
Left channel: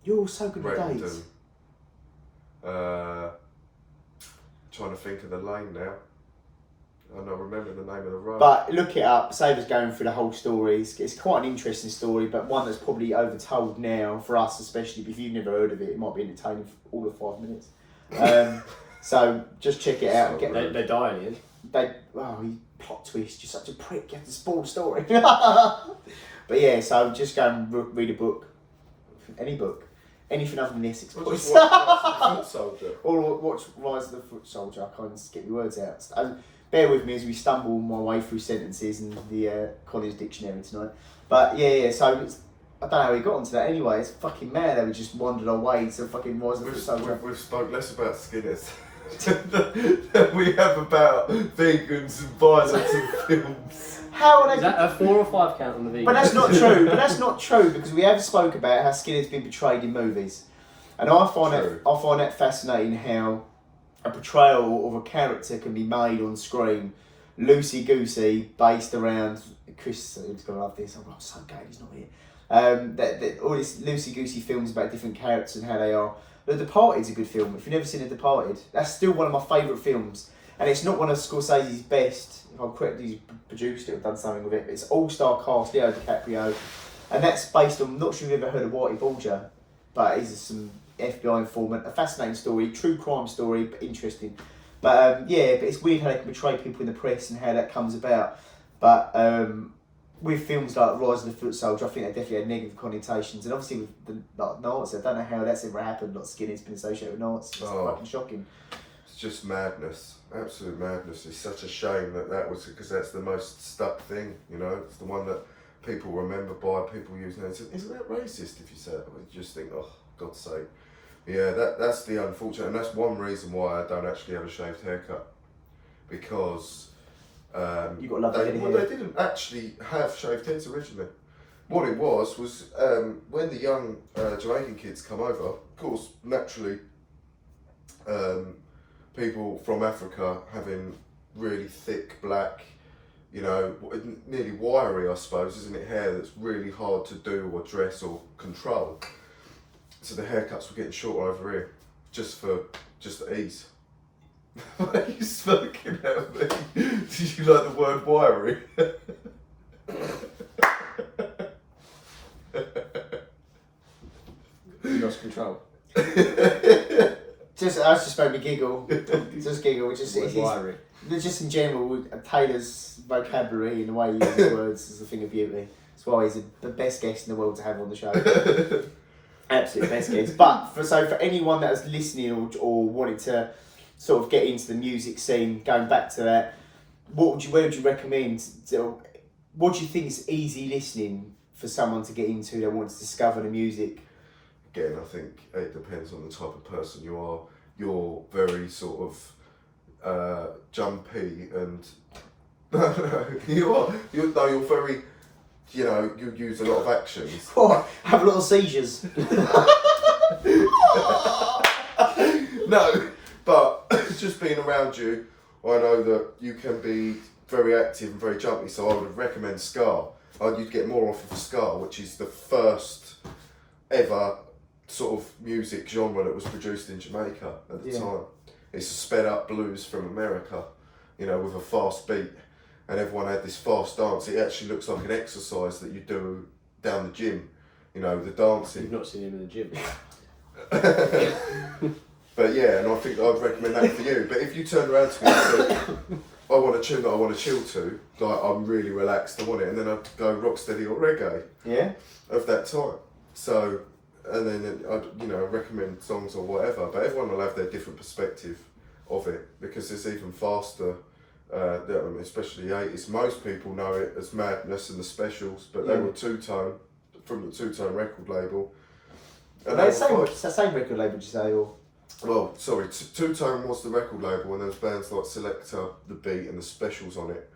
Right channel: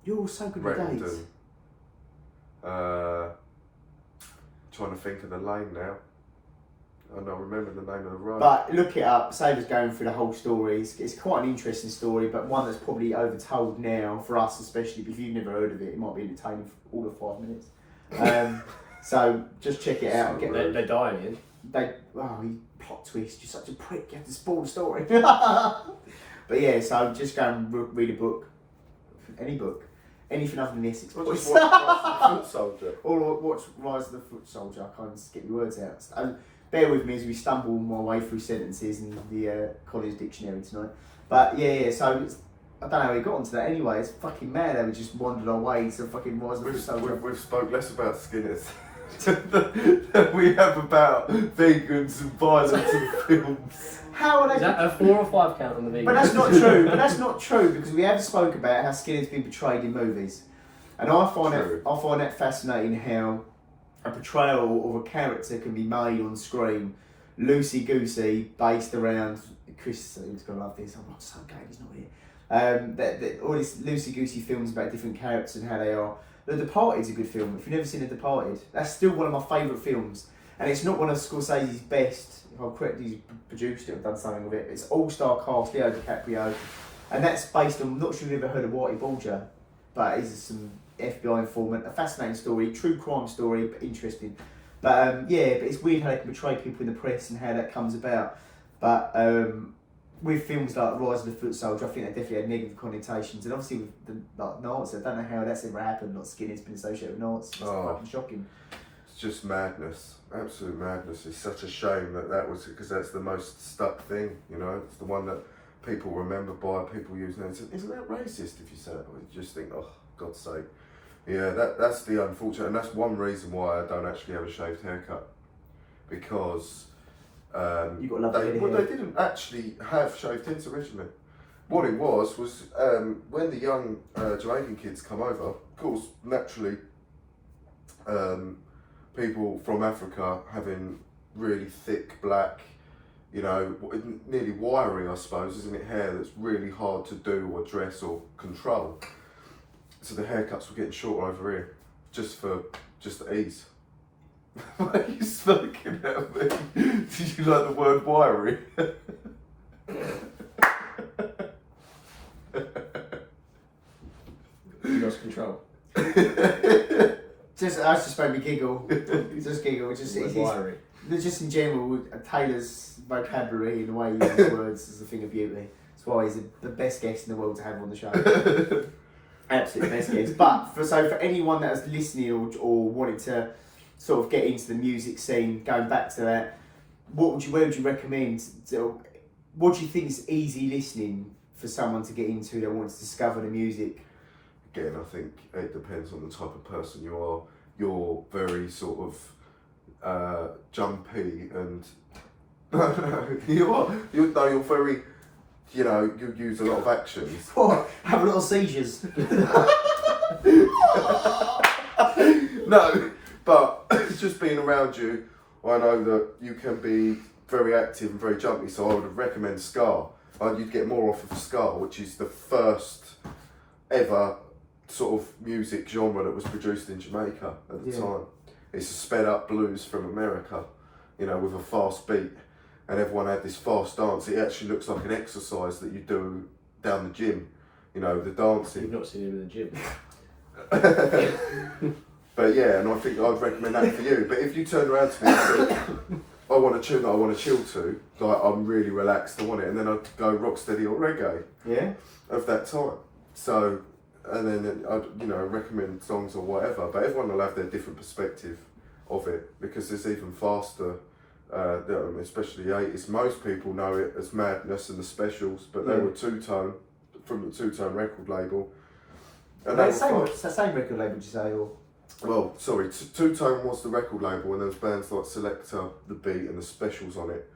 You're so good at Rettendon. dates. Trying to think of the lane now. I don't remember the name of the road. But look it up. Save us going through the whole story. It's quite an interesting story, but one that's probably overtold now for us, especially if you've never heard of it. It might be entertaining for all of 5 minutes. So just check it out. They die in the end. He plot twist. You're such a prick. You have to spoil the story. But yeah, so just go and read a book, any book, anything other than the Essex Or Boys. just watch the Foot Soldier. Or watch Rise of the Foot Soldier. I can't get the words out. Bear with me as we stumble my way through sentences in the college dictionary tonight. But yeah, so I don't know how we got onto that anyway. It's fucking mad that we just wandered our way to fucking Rise of the Foot Soldier. We've spoke less about Skinners than we have about vegans and violence in films. How are they? Is that a 4 or 5 count on the vegan? But that's not true. But that's not true because we have spoke about how Skinner's been portrayed in movies, and I find that fascinating how a portrayal of a character can be made on screen, loosey goosey, based around. Chris is gonna love this. I'm so glad he's not here. All these loosey goosey films about different characters and how they are. The Departed's a good film. If you've never seen The Departed, that's still one of my favourite films, and it's not one of Scorsese's best. If I'm correct, he's produced it or done something with it. But it's all-star cast, Leo DiCaprio, and that's based on. I'm not sure if you've ever heard of Whitey Bulger, but he's some FBI informant. A fascinating story, true crime story, but interesting. But but it's weird how they can portray people in the press and how that comes about. But with films like Rise of the Foot Soldier, I think they definitely had negative connotations, and obviously with the Nazis, I don't know how that's ever happened. Like Skinner's been associated with Nazis. It's fucking shocking. It's just madness, absolute madness. It's such a shame that was because that's the most stuck thing. It's the one that people remember by people using it. Isn't that racist if you say it? You just think, oh, God's sake. Yeah, that's the unfortunate, and that's one reason why I don't actually have a shaved haircut, because you got lovely they didn't actually have shaved heads originally. What it was when the young Jamaican kids come over, of course, naturally, people from Africa having really thick black, nearly wiry, I suppose, isn't it, hair that's really hard to do or dress or control. So the haircuts were getting shorter over here, just for ease. Why are you smirking at me? Did you like the word wiry? You lost control. Just, I just made me giggle. Just giggle. Word wiry. Just in general, Taylor's vocabulary and the way he uses words is a thing of beauty. That's why he's the best guest in the world to have on the show. Absolute best guest. But for anyone that was listening or wanted to sort of get into the music scene, going back to that, where would you recommend? What do you think is easy listening for someone to get into that wants to discover the music? Again, I think it depends on the type of person you are. You're very sort of jumpy and you're very, you use a lot of actions. What? Have little seizures. No, but just being around you, I know that you can be very active and very jumpy, so I would recommend ska. You'd get more off of ska, which is the first ever sort of music genre that was produced in Jamaica at the time. It's a sped up blues from America, with a fast beat, and everyone had this fast dance. It actually looks like an exercise that you do down the gym, the dancing. You've not seen him in the gym. But yeah, and I think I'd recommend that for you. But if you turned around to me and said, I want a tune that I want to chill to, like I'm really relaxed, I want it, and then I'd go rocksteady or reggae. Yeah. Of that time. So, and then I'd recommend songs or whatever. But everyone will have their different perspective of it because it's even faster. Especially the 80s. Most people know it as Madness and the Specials, but they were two-tone from the two-tone record label. And it's the same record label, did you say? Or? Well, sorry, Two-Tone was the record label, and there was bands like Selector, The Beat, and The Specials on it.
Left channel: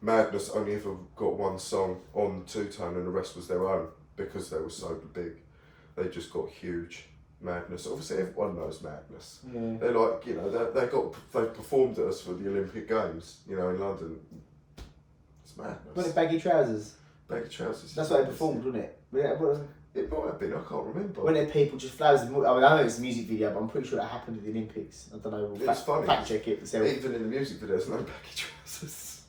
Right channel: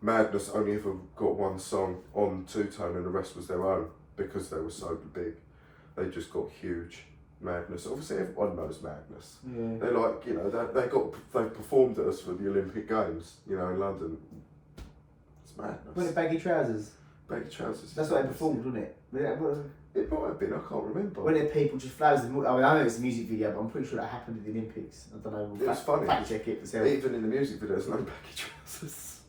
Madness only ever got one song on Two-Tone, and the rest was their own because they were so big. They just got huge. Madness, obviously everyone knows Madness. Yeah. They're like, they performed at us for the Olympic Games, in London. It's Madness. Was it Baggy Trousers? Baggy Trousers. That's what they performed, wasn't it? It might have been, I can't remember. When there people just flowers, I know it's a music video, but I'm pretty sure that happened at the Olympics. I don't know. It's funny. Fact check it yourself. Even in the music videos, no baggy trousers.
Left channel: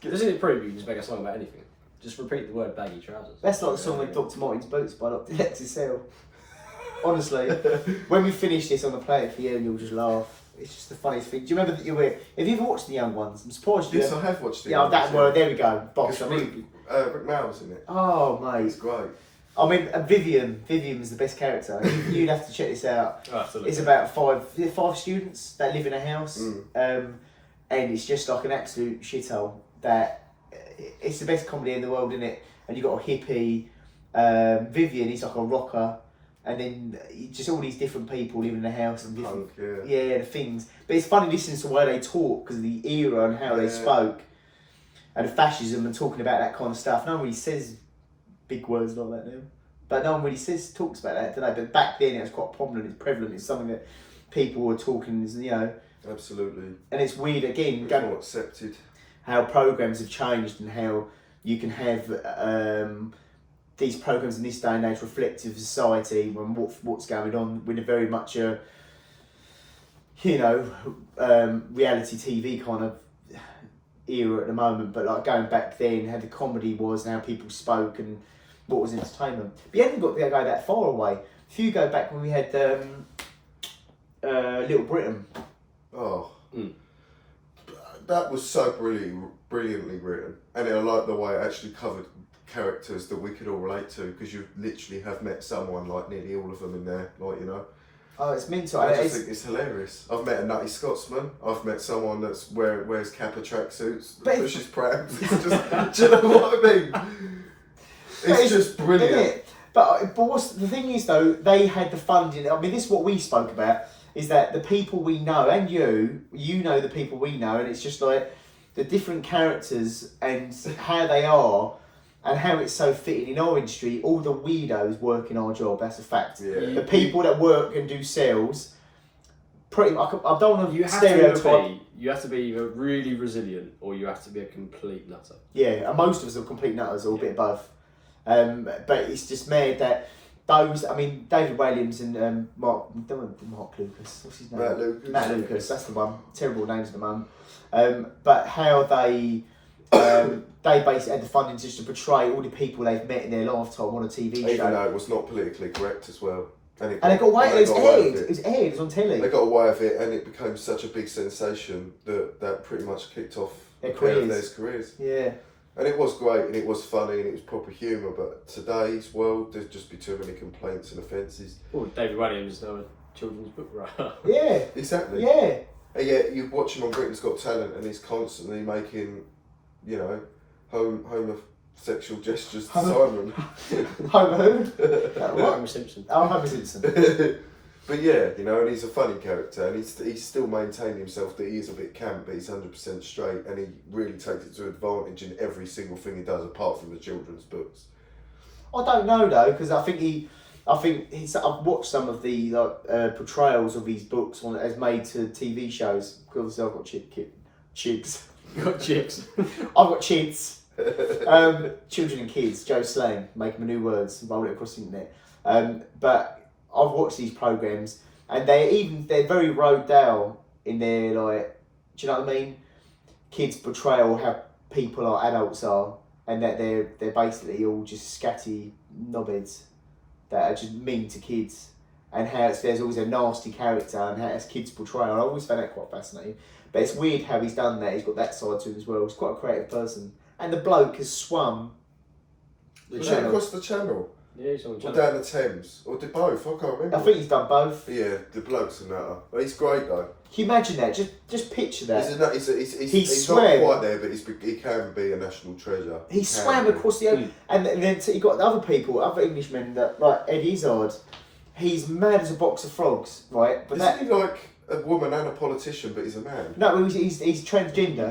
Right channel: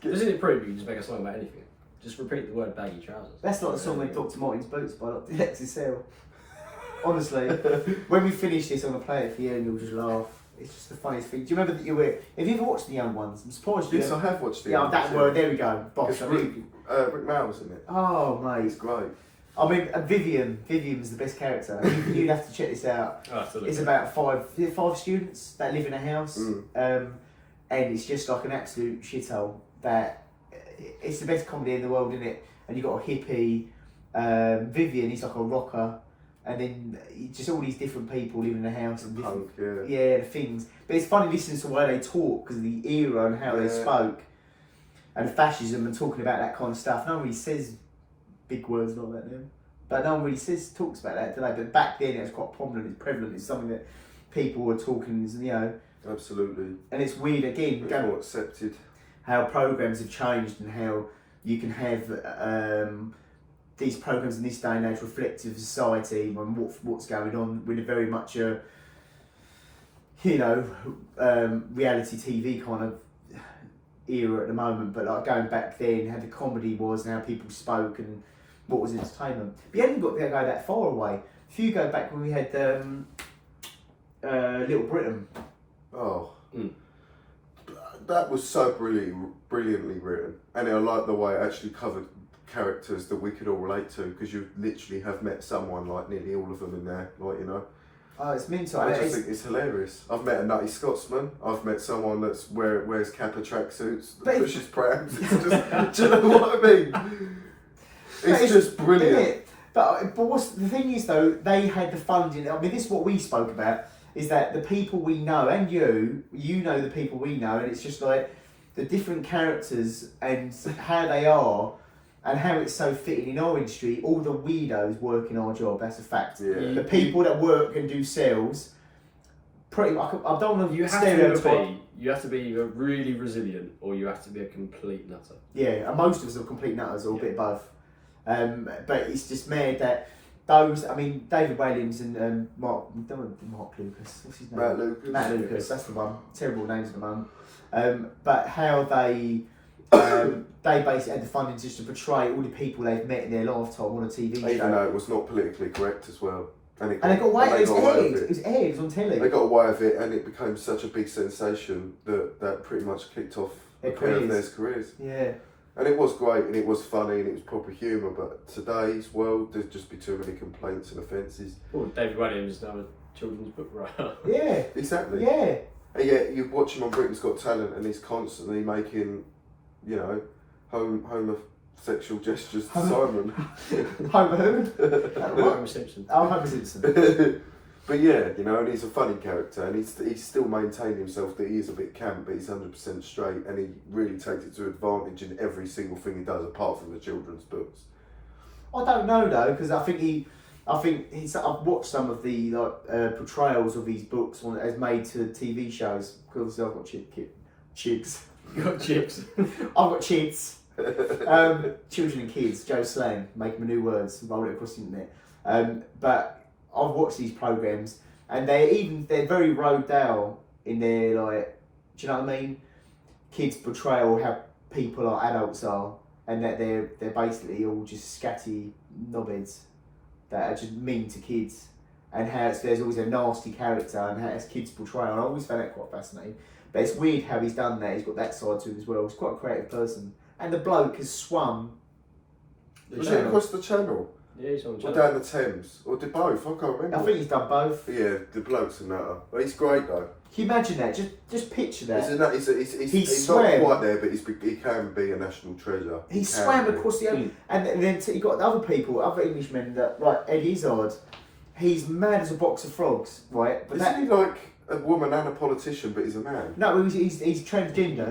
Doesn't it prove you can just make a song about anything? Just repeat the word baggy trousers. That's like the song with Dr. Martin's Boots by Dr. XSL. Honestly, when we finish this, I'm going to play it for you and you'll just laugh. It's just the funniest thing. Do you remember that you were... Have you ever watched The Young Ones? I'm surprised you... Yes, I have watched The Young Ones. That word, there we go. Bosh. Rick Mail's in it. Oh, mate. He's great. I mean, Vivian was the best character. You'd have to check this out. It's about five students that live in a house, and it's just like an absolute shithole. It's the best comedy in the world, isn't it? And you got a hippie, Vivian. He's like a rocker, and then just all these different people living in a house and different, punk, the things. But it's funny listening to the way they talk because of the era and how they spoke, and fascism and talking about that kind of stuff. No one really says big words like that now, but no one really talks about that, do they? But back then it was quite prominent, it's prevalent, it's something that people were talking, Absolutely. And it's weird again, more accepted. How programs have changed and how you can have these programs in this day and age reflective of society and what's going on with a very much a reality TV kind of era at the moment, but like going back then, how the comedy was and how people spoke and what was entertainment. But you haven't got to go that far away. If you go back when we had Little Britain. That was so brilliantly written, and I like the way it actually covered characters that we could all relate to, because you literally have met someone like nearly all of them in there, Oh, it's mental. I just think it's hilarious. I've met a nutty Scotsman. I've met someone that's wears Kappa tracksuits, pushes prams. It's just, do you know what I mean? It's just brilliant. But what's the thing is though, they had the funding. I mean, this is what we spoke about. Is that the people we know, and you know the people we know, and it's just like the different characters and how they are, and how it's so fitting in our industry. All the weirdos work in our job. That's a fact. Yeah. The people that work and do sales, pretty much. I don't want to stereotype. You have to be either really resilient or you have to be a complete nutter. Yeah, and most of us are complete nutters, or a bit of both. But it's just mad that those, I mean, David Williams and Mark Lucas, what's his name? Matt Lucas, that's the one. Terrible names at the moment. But how they basically had the funding just to portray all the people they've met in their lifetime on a TV show. Even though it was not politically correct as well. And they got away with it. It was on telly. They got away with it, and it became such a big sensation that pretty much kicked off their careers. Yeah. And it was great, and it was funny, and it was proper humour. But today's world, there'd just be too many complaints and offences. Well, David Williams is now a children's book writer. Yeah. Exactly. Yeah. And yet you watch him on Britain's Got Talent, and he's constantly making, you know, homosexual gestures to Simon. Homer Homer Simpson. Oh, Homer Simpson. But yeah, you know, and he's a funny character, and he's still maintained himself that he is a bit camp, but he's 100% straight, and he really takes it to advantage in every single thing he does, apart from the children's books. I don't know though, because I think he's. I've watched some of the portrayals of his books as made to TV shows. Because I've got chips. You got chips. I've got kids. Children and kids. Joe Slang, make them new words, roll it across the internet. But I've watched these programs, and they're very rode down in their, like, do you know what I mean? Kids portrayal how people are, adults are, and that they're basically all just scatty knobheads that are just mean to kids, and how there's always a nasty character, and how it's kids portrayal. I always found that quite fascinating. But it's weird how he's done that. He's got that side to him as well. He's quite a creative person, and the bloke has swum Was it across the channel? Yeah, he's on Or channel. down the Thames? Or did both? I can't remember. I think he's done both. Yeah, the bloke's a nutter. But he's great though. Can you imagine that? Just picture that. He's not quite there, but he can be a national treasure. He swam across the ocean, and then you got the other people, other Englishmen that like Ed Izzard. He's mad as a box of frogs, right? But Isn't he like a woman and a politician, but he's a man? No, he's transgender.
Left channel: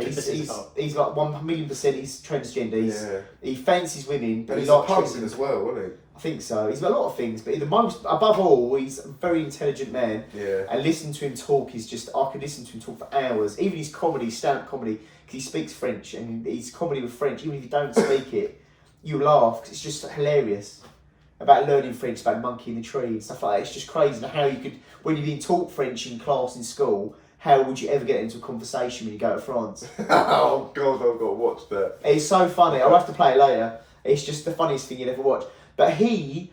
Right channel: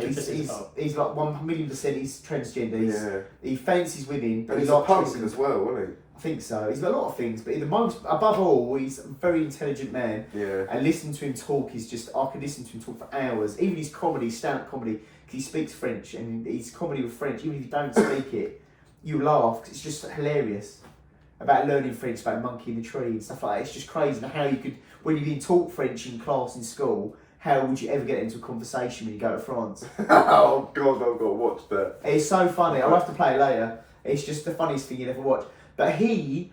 He's like 1,000,000% he's transgender. He fancies women, but And he's he a likes punk dressing. as well, isn't he? I think so. He's got a lot of things, but above all, he's a very intelligent man. Yeah. And listening to him talk is just, I could listen to him talk for hours. Even his comedy, stand-up comedy, because he speaks French, and his comedy with French, even if you don't speak it, you laugh, because it's just hilarious. About learning French, about monkey in the tree and stuff like that. It's just crazy. And how you could, when you've been taught French in class in school, how would you ever get into a conversation when you go to France? Oh God, I've got to watch that. It's so funny. I'll have to play it later. It's just the funniest thing you'll ever watch. But he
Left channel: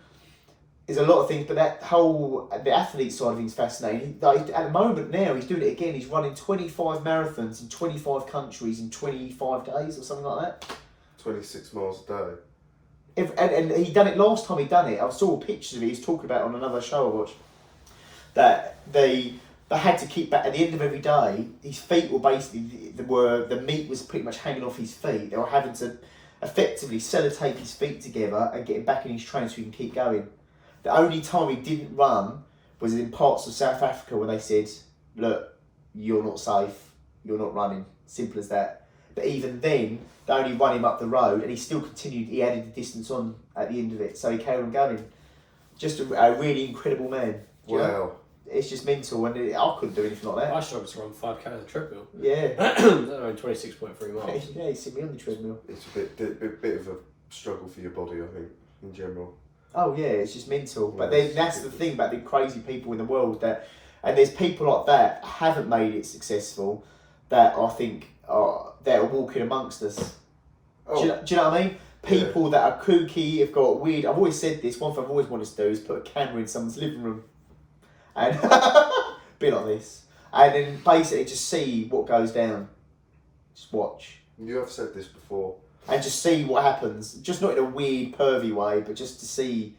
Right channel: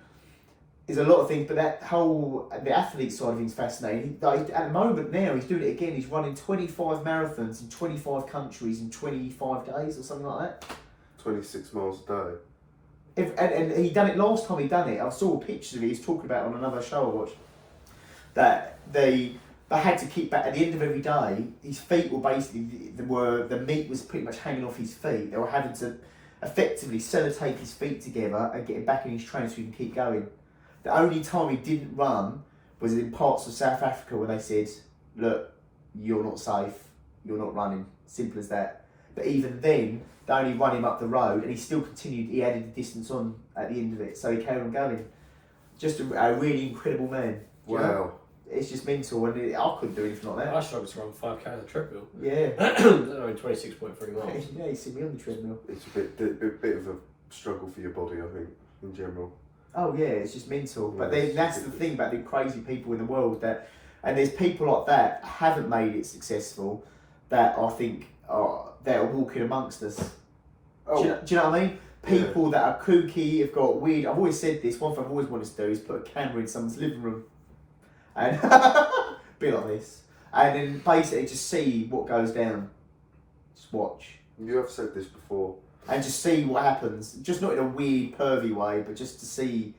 is a lot of things, but the athlete side of things is fascinating. At the moment now, he's doing it again. He's running 25 marathons in 25 countries in 25 days or something like that. 26 miles a day. And he done it last time he done it. I saw pictures of it. He's talking about it on another show I watched. That they had to keep back at the end of every day. His feet were basically the meat was pretty much hanging off his feet. They were having to effectively sellotape his feet together and get him back in his train so he can keep going. The only time he didn't run was in parts of South Africa where they said, "Look, you're not safe. You're not running. Simple as that." But even then, they only run him up the road, and he still continued. He added the distance on at the end of it, so he carried on going. Just a really incredible man. Wow. know? It's just mental, and I couldn't do anything like that. I struggled to run 5k on the treadmill. Yeah. Only 26.3 miles. Yeah, you see me on the treadmill. It's a bit of a struggle for your body, I think, in general. Oh yeah, it's just mental. Yeah, But then that's the thing about the crazy people in the world and there's people like that haven't made it successful that I think that are walking amongst us. Oh, Do you know what I mean? People that are kooky, have got weird. I've always said this. One thing I've always wanted to do is put a camera in someone's living room, and be like this, and then basically just see what goes down. Just watch. you have said this before. And just see what happens. Just not in a weird, pervy way, but just to see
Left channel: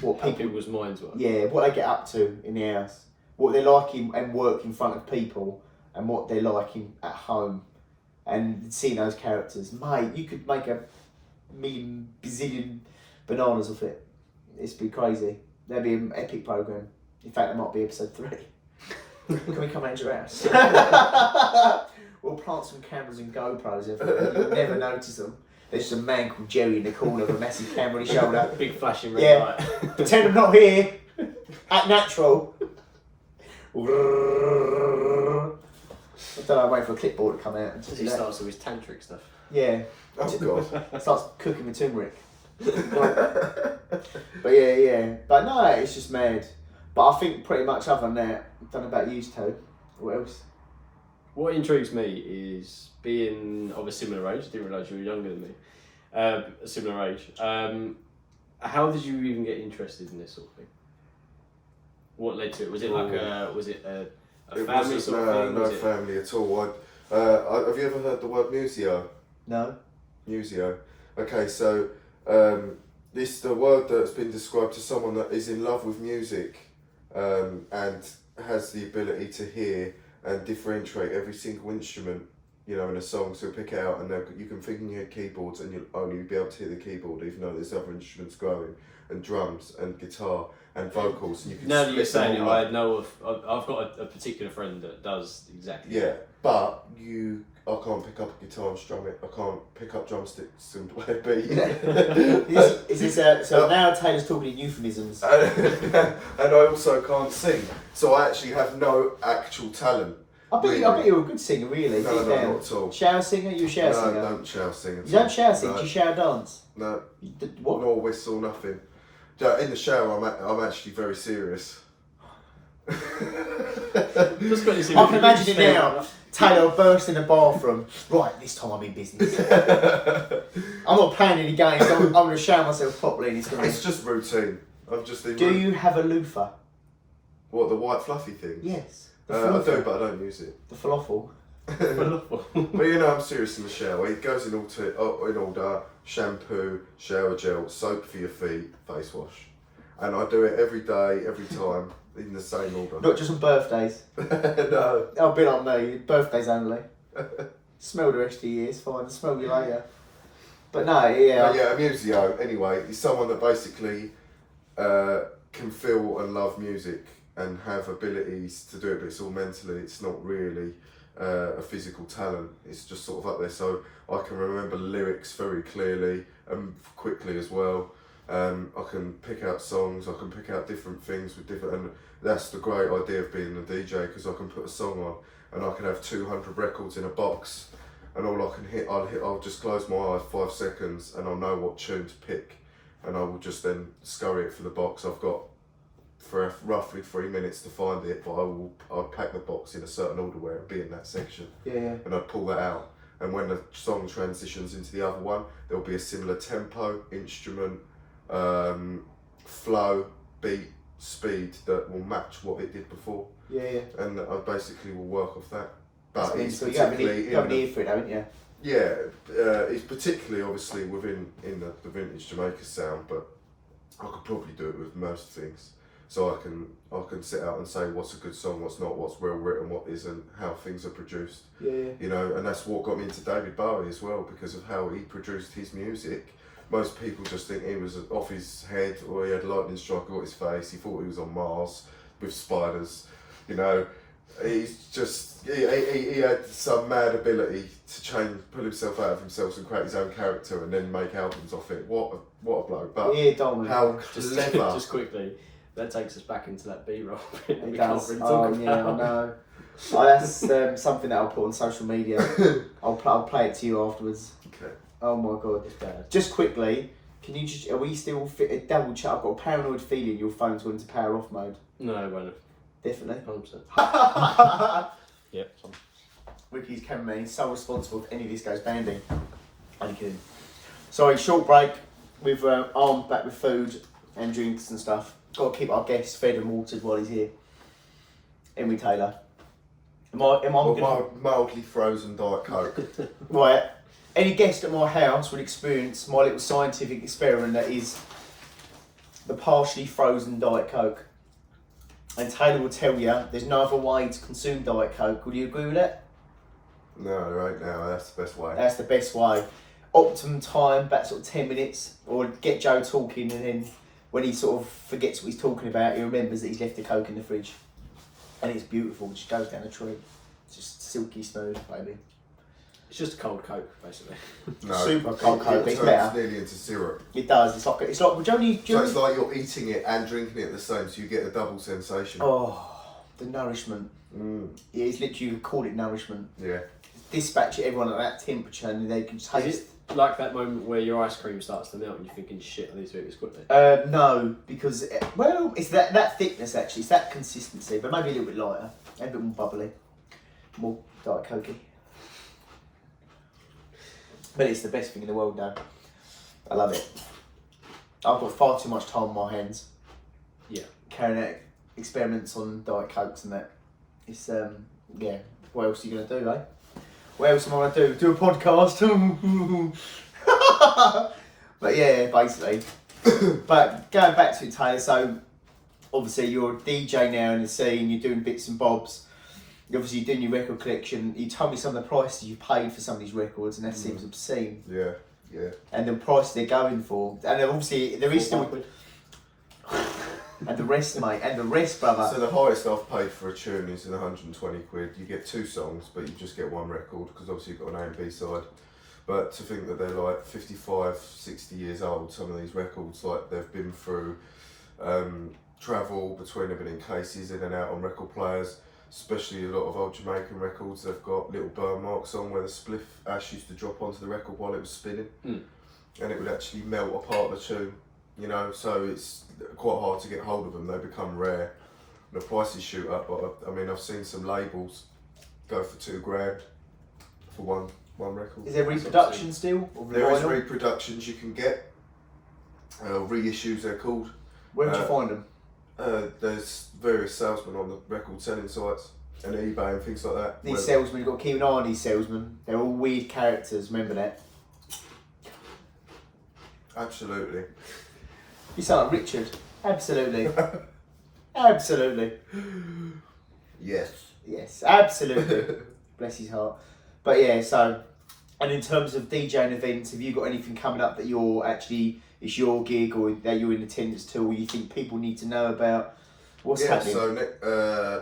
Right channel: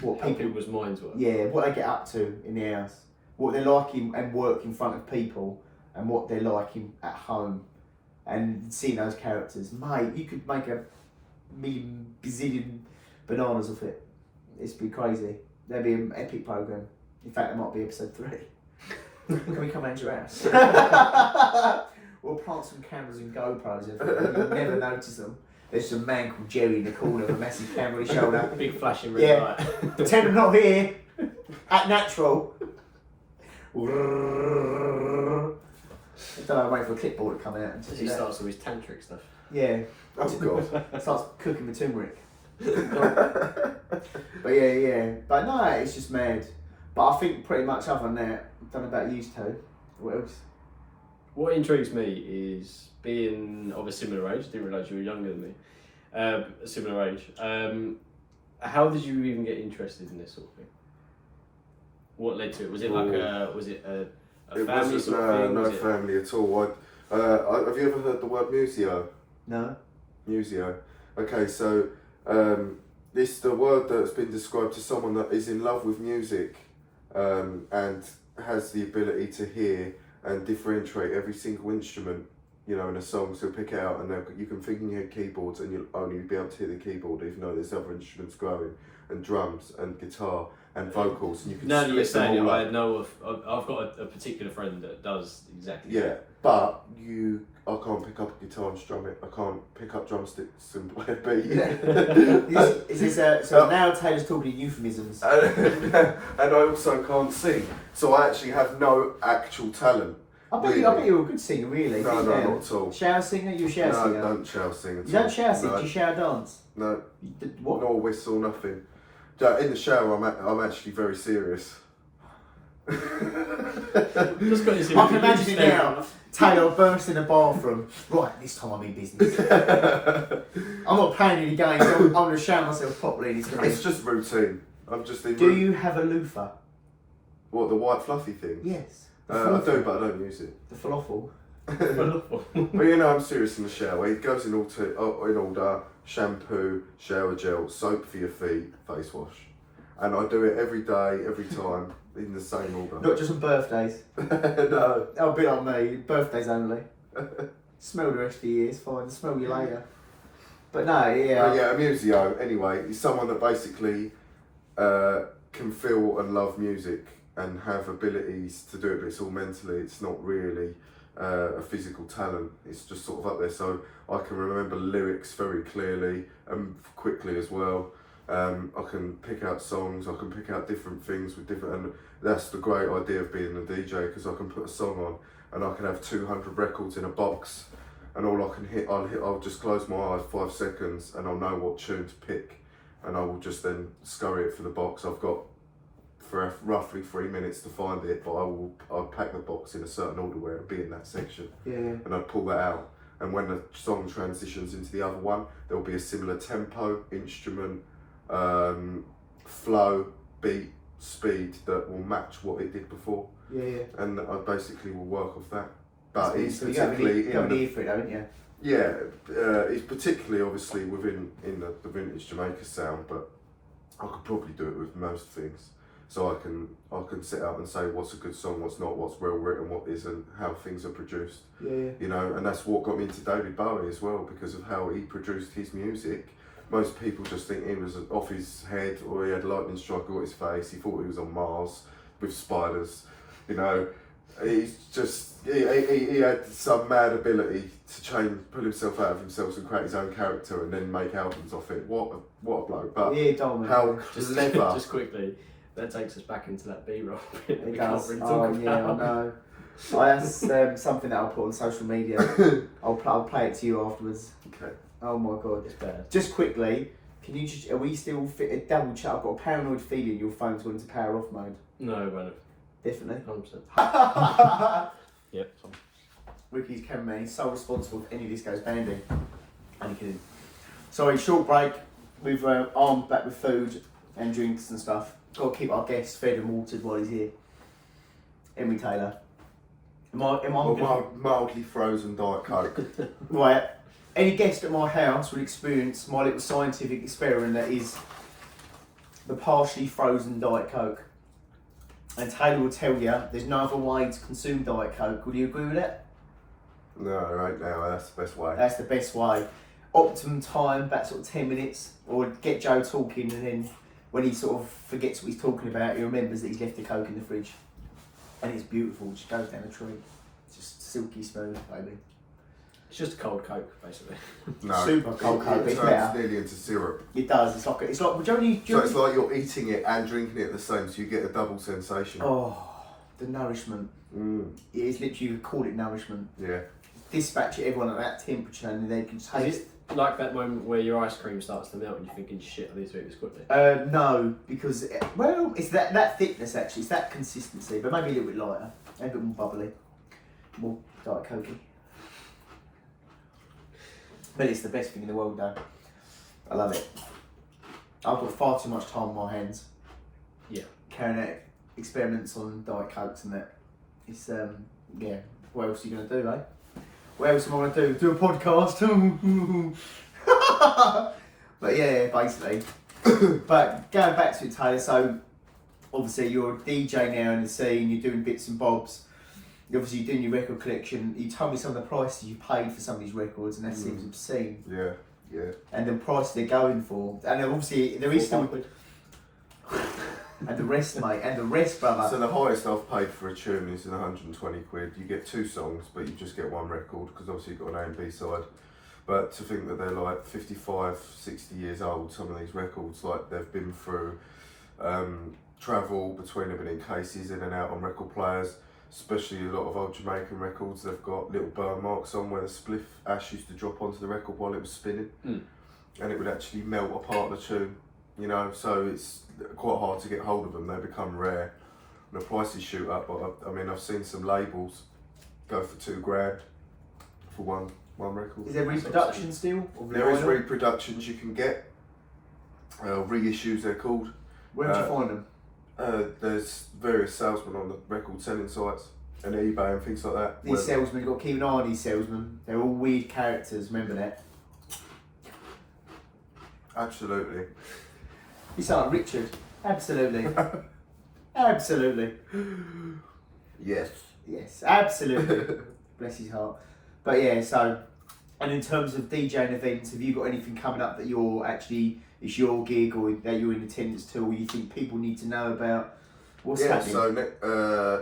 what How people's minds work. yeah, what they get up to in the house, what they're like and work in front of people, and what they're like at home, and seeing those characters. Mate, you could make a million, bazillion bananas of it. It's be crazy. That'd be an epic program. In fact, that might be episode 3. Can we come round your house? We'll plant some cameras and GoPros in front of you. You'll never notice them. There's just a man called Jerry in the corner with a massive camera on his shoulder. Big flashing red Yeah. light. Pretend I'm not here. Act natural. I don't know, I'm waiting for a clipboard to come out. And just He do that. starts with his tantric stuff. Yeah. Oh God. Starts cooking with turmeric. But yeah. But no, it's just mad. But I think pretty much other than that, I don't know about you two. What else? What intrigues me is being of a similar age. Didn't realise you were younger than me. A similar age. How did you even get interested in this sort of thing? What led to it? Was it like a family sort of thing? No family at all. Have you ever heard the word museo? No. Museo. Okay, so this is the word that's been described to someone that is in love with music and has the ability to hear and differentiate every single instrument, you know, in a song. So pick it out, and you can think in your keyboards, and you'll only be able to hear the keyboard, even though there's other instruments going, and drums and guitar and vocals. And you can now that you're split them saying it, all I up. know of. I've got a particular friend that does exactly. Yeah, that. but I can't pick up a guitar and strum it. I can't pick up drumsticks and play a beat. Is this so now Taylor's talking in euphemisms. And I also can't sing, so I actually have no actual talent. I bet you're a good singer, really. No, deep not down. at all. Shower singer? You're a shower No, singer? I don't shower sing at all. You don't shower sing? No. Do you shower dance? No, What? nor whistle, nothing. In the shower, I'm actually very serious. Just got this I can imagine it now. Taylor burst in the bathroom. Right, this time I'm in business. I'm not playing any games. I'm going to shower myself properly. And It's just routine. I'm just in. Do you have a loofah? What, the white fluffy things? Yes. The I falafel. do, but I don't use it. The falafel. But you know, I'm serious in the shower. It goes in order: shampoo, shower gel, soap for your feet, face wash, and I do it every day, every time, in the same order. Not just on birthdays. No. Oh, a bit on me. Birthdays only. Smell the rest of the year. It's fine. I'll smell you later. But no, yeah. But yeah, a museo, anyway, is someone that basically can feel and love music and have abilities to do it, but it's all mentally. It's not really a physical talent. It's just sort of up there. So I can remember lyrics very clearly and quickly as well. I can pick out songs. I can pick out different things with different, and that's the great idea of being a DJ, because I can put a song on and I can have 200 records in a box, and all I can hit, I'll just close my eyes 5 seconds and I'll know what tune to pick, and I will just then scurry it for the box. I've got for roughly 3 minutes to find it, but I'll pack the box in a certain order where it'll be in that section, and I'd pull that out. And when the song transitions into the other one, there'll be a similar tempo, instrument, flow, beat, speed that will match what it did before. And I basically will work off that. But it's so you have an particularly ear for it, haven't you? yeah, it's particularly obviously in the vintage Jamaica sound, but I could probably do it with most things. So I can sit out and say what's a good song, what's not, what's well written, what isn't, how things are produced. You know, and that's what got me into David Bowie as well, because of how he produced his music. Most people just think he was off his head, or he had lightning strike at his face. He thought he was on Mars with spiders. You know, he's just he had some mad ability to pull himself out of himself and create his own character, and then make albums off it. What a bloke! But how clever! Just quickly, that takes us back into that B-roll bit that It we does. can't really talk about. Yeah, I know. That's something that I'll put on social media. I'll play it to you afterwards. Okay. Oh my god. It's bad. Just quickly, can you are we still fit a double check? I've got a paranoid feeling your phone's going into power off mode. No, it won't have. Definitely. 100%. Yep. Ricky's cameraman, he's so responsible if any of this goes banding. Only kidding. Sorry, short break. We've armed back with food and drinks and stuff. Got to keep our guests fed and watered while he's here. Emily Taylor. Mildly frozen Diet Coke. Right. Any guest at my house would experience my little scientific experiment that is the partially frozen Diet Coke. And Taylor will tell you there's no other way to consume Diet Coke. Would you agree with that? No, right now that's the best way. That's the best way. Optimum time, about sort of 10 minutes, or get Joe talking, and then when he sort of forgets what he's talking about, he remembers that he's left the Coke in the fridge. And it's beautiful, it just goes down a tree. It's just silky smooth, baby. It's just a cold Coke, basically. No, Super cold Coke, it it's turns better. nearly into syrup. It does, it's like, would you only... So it's like you're eating it and drinking it at the same, so you get a double sensation. Oh, the nourishment. Mm. It is literally, you call it nourishment. Yeah. It's dispatch everyone at that temperature, and they can taste. Is it like that moment where your ice cream starts to melt and you're thinking, shit, I need to eat this quickly? No, because it's that thickness actually. It's that consistency, but maybe a little bit lighter, and a bit more bubbly, more Diet Cokey. But it's the best thing in the world, though. I love it. I've got far too much time on my hands. Yeah. Carrying out experiments on Diet Cokes and that. It's yeah. What else are you gonna do, eh? What else am I gonna do? Do a podcast? But yeah, basically. But going back to it, Taylor. So obviously you're a DJ now in the scene. You're doing bits and bobs. Obviously you're doing your record collection. You told me some of the prices you paid for some of these records, and that seems obscene. Yeah, yeah. And the price they're going for, and then obviously there is still. And the rest, mate, and the rest, brother. So the highest I've paid for a tune is 120 quid. You get 2 songs, but you just get 1 record, because obviously you've got an A and B side. But to think that they're like 55, 60 years old, some of these records, like they've been through travel between, they've been in cases, in and out on record players, especially a lot of old Jamaican records, they've got little burn marks on where the spliff ash used to drop onto the record while it was spinning. And it would actually melt apart the tune. You know, so it's quite hard to get hold of them. They become rare. The prices shoot up. But I mean, I've seen some labels go for $2,000 for one record. Is there reproduction still? There is reproductions you can get. Reissues they're called. Where would you find them? There's various salesmen on the record selling sites and eBay and things like that. These salesmen, you've got to keep an eye on these salesmen. They're all weird characters. Remember that. Absolutely. You sound like Richard. Absolutely. Absolutely. Yes. Yes, absolutely. Bless his heart. But yeah, so, and in terms of DJing events, have you got anything coming up that you're actually, it's your gig or that you're in attendance to, or you think people need to know about? What's happening? So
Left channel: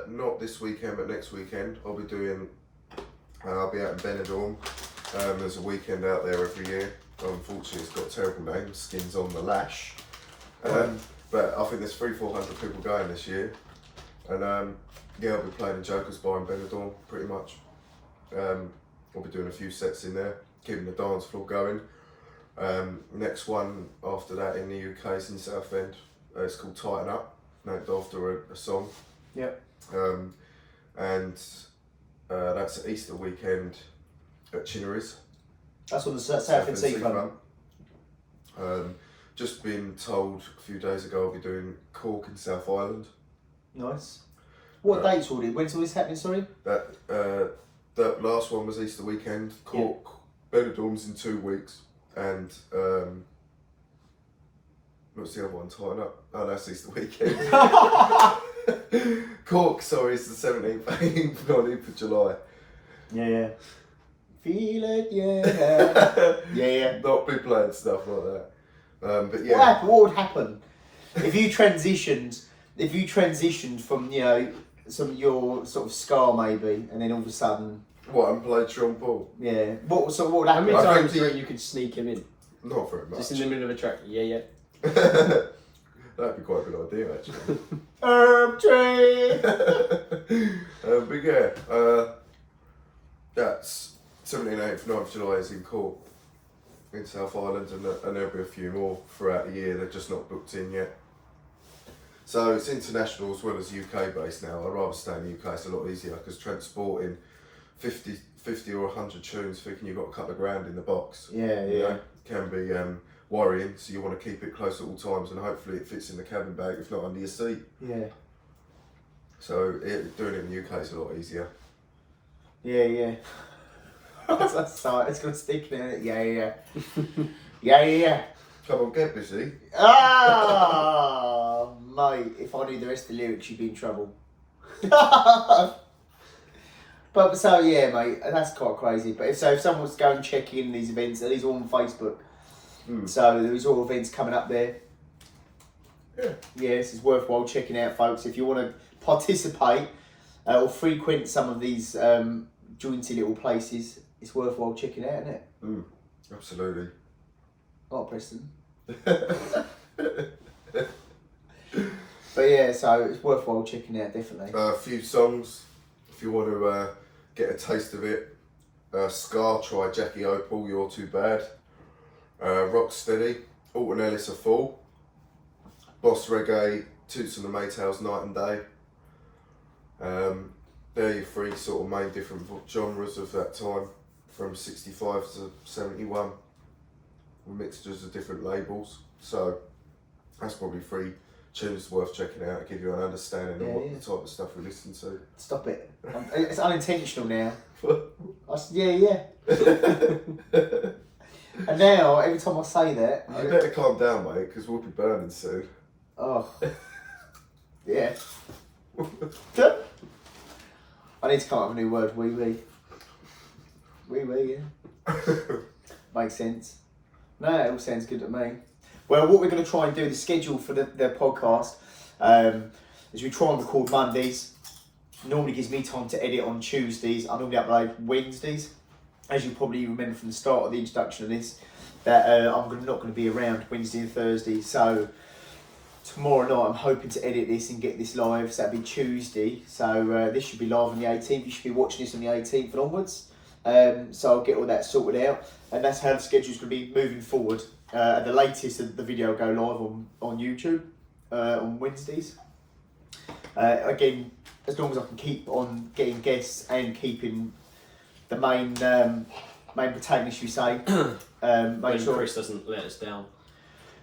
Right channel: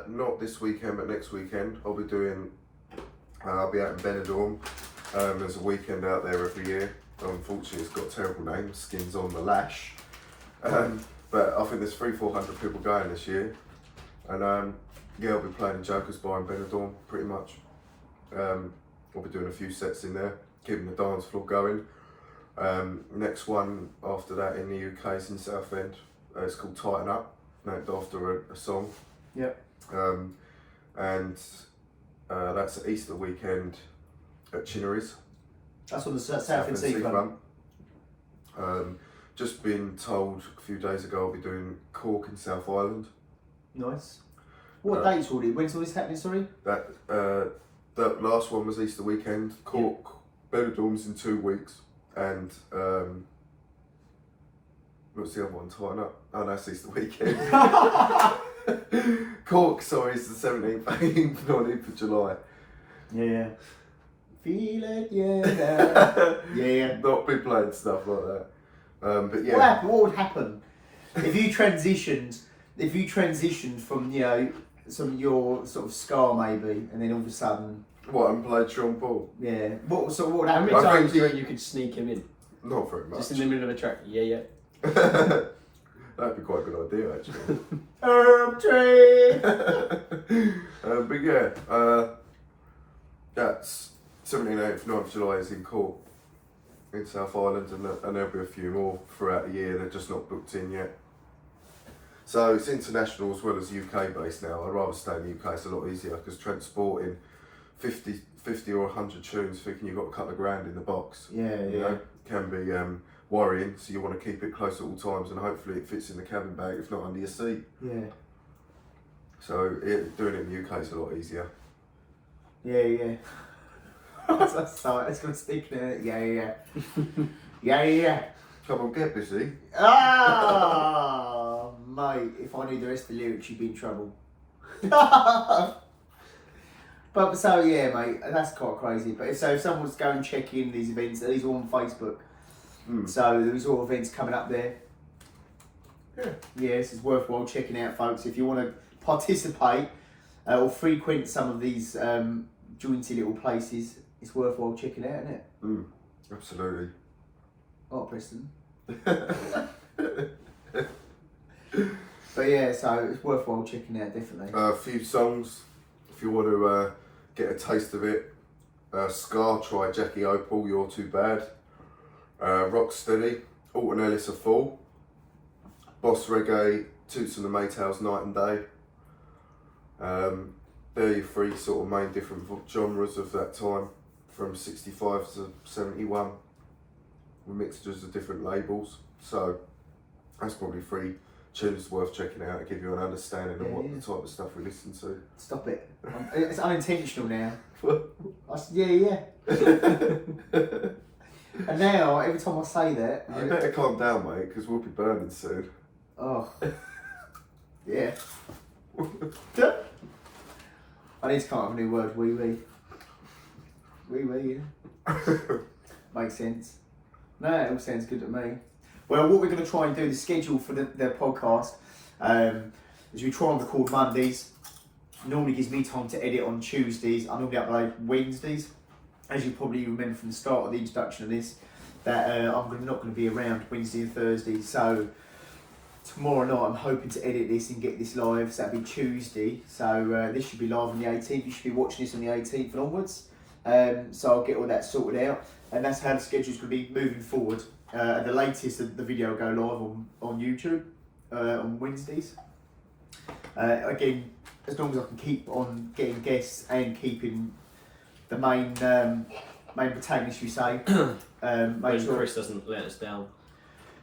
not this weekend, but next weekend, I'll be doing, I'll be out in Benidorm. There's a weekend out there every year. Unfortunately, it's got a terrible name, Skins on the Lash. But I think there's 300-400 people going this year, and yeah, I'll be playing in Joker's Bar in Benidorm pretty much. I'll be doing a few sets in there, keeping the dance floor going. Next one after that in the UK is in Southend. It's called Tighten Up, named after a song. Yep. And that's Easter weekend at Chinnery's. That's on the Southend Seafront. Just been told a few days ago I'll be doing Cork in South Island. Nice. What dates will it? When's all this happening, sorry? That last one was Easter weekend. Cork, Benidorm's in 2 weeks. And what's the other one? Tighten Up. Oh, that's Easter weekend. Cork, sorry, is the 17th, 18th, 19th of July. Yeah. Feel it, yeah. Yeah. Not be playing stuff like that. But yeah. What would happen if you transitioned from, you know, some your sort of ska maybe, and then all of a sudden. What, and played Sean Paul? Yeah. What would How happen? many times do you reckon you could sneak him in? Not very much. Just in the middle of a track? Yeah. That'd be quite a good idea, actually. Herb tree. But yeah, that's 17th, 18th, 9th of July is in Cork, in South Island, and there'll be a few more throughout the year. They're just not booked in yet. So it's international as well as UK based now. I'd rather stay in the UK. It's a lot easier because transporting 50 or 100 tunes, thinking you've got a couple of grand in the box, You know, can be worrying. So you want to keep it close at all times, and hopefully it fits in the cabin bag, if not under your seat. Yeah. So doing it in the UK is a lot easier. Yeah. That's so it's gonna stick there. Yeah. Come on, get busy. Ah, mate, if I knew the rest of the lyrics, you'd be in trouble. But so yeah, mate, that's quite crazy. But if someone was to go and check in these events, these are all on Facebook. So there's all events coming up there. Yeah. Yes, it's worthwhile checking out, folks. If you want to participate or frequent some of these jointy little places, it's worthwhile checking out, isn't it? Absolutely. Oh, Preston. But yeah, so it's worthwhile checking out, definitely. A few songs, if you want to get a taste of it. Scar, try Jackie Opal, You're Too Bad. Rocksteady, Alton Ellis, A Fool. Boss Reggae, Toots and the Maytals, Night and Day. They're your three sort of main different genres of that time, from 65 to 71, with mixtures of different labels. So that's probably 3 tunes worth checking out to give you an understanding of what the type of stuff we listen to. Stop it. It's unintentional now. Yeah. And now, every time I say that... You better calm down, mate, because we'll be burning soon. Oh. Yeah. I need to come up with a new word, wee-wee. Wee-wee, yeah. Makes sense. No, it all sounds good to me. Well, what we're going to try and do, the schedule for the podcast, is we try and record Mondays. Normally gives me time to edit on Tuesdays. I normally upload Wednesdays. As you probably remember from the start of the introduction of this, that I'm not going to be around Wednesday and Thursday. So tomorrow night I'm hoping to edit this and get this live. So that'll be Tuesday. So this should be live on the 18th. You should be watching this on the 18th and onwards. So I'll get all that sorted out. And that's how the schedule's going to be moving forward. At the latest, the video will go live on YouTube on Wednesdays. Again, as long as I can keep on getting guests and keeping the main protagonist, you say. When sure Chris doesn't let us down.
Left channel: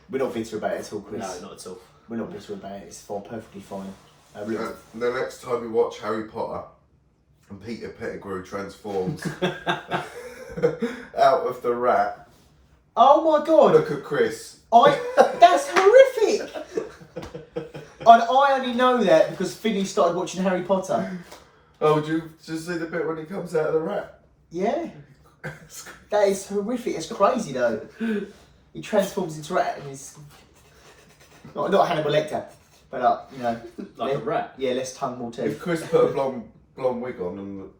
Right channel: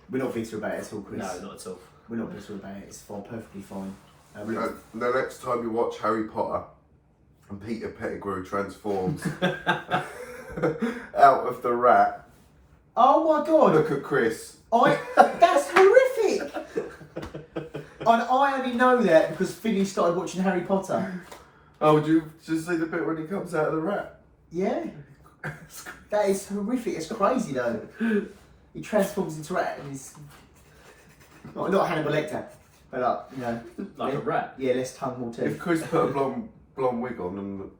we're not bitter about it at all, Chris. No, not at all. We're not bitter about it. It's fine, perfectly fine. The next time you watch Harry Potter and Peter Pettigrew transforms out of the rat, Oh my god! look at Chris. That's horrific! And I only know that because Finny started watching Harry Potter. Oh, did you just see the bit when he comes out of the rat? Yeah. That is horrific. It's crazy though. He transforms into a rat and he's... Not Hannibal Lecter, but Like a rat. Yeah, less tongue, more If teeth. Chris put a blonde wig on, and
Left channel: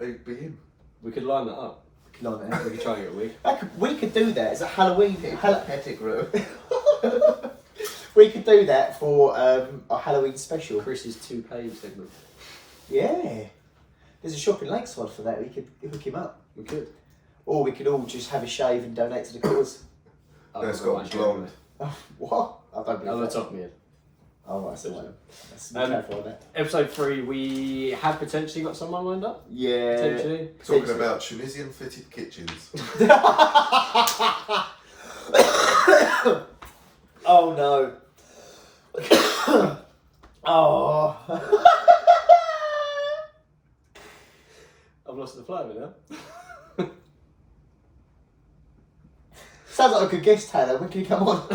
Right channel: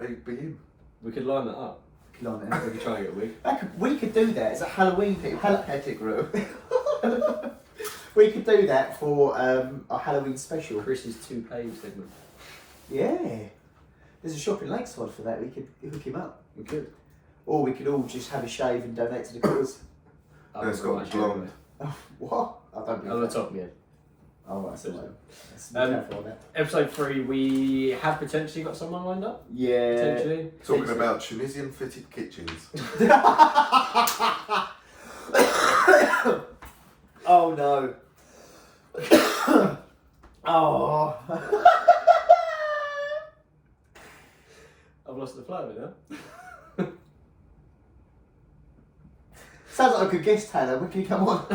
it'd be him. We could line that up. Like that. We could try and get a wig. We could do that. It's a Halloween thing. Pettigrew. We could do that for a Halloween special. Chris's 2-page segment. Yeah. There's a shop in Lakeside for that. We could hook him up. We could. Or we could all just have a shave and donate to the cause. No, it's got to be blonde. Oh, what? I don't On the believe that. top of my head. Oh, right, so let's be Um, careful of that. Episode 3, we have potentially got someone lined up. Yeah. Potentially. Talking about Tunisian fitted kitchens. Oh no. Oh. I've lost the flow now. Sounds like a good guest, Taylor. When can you come on?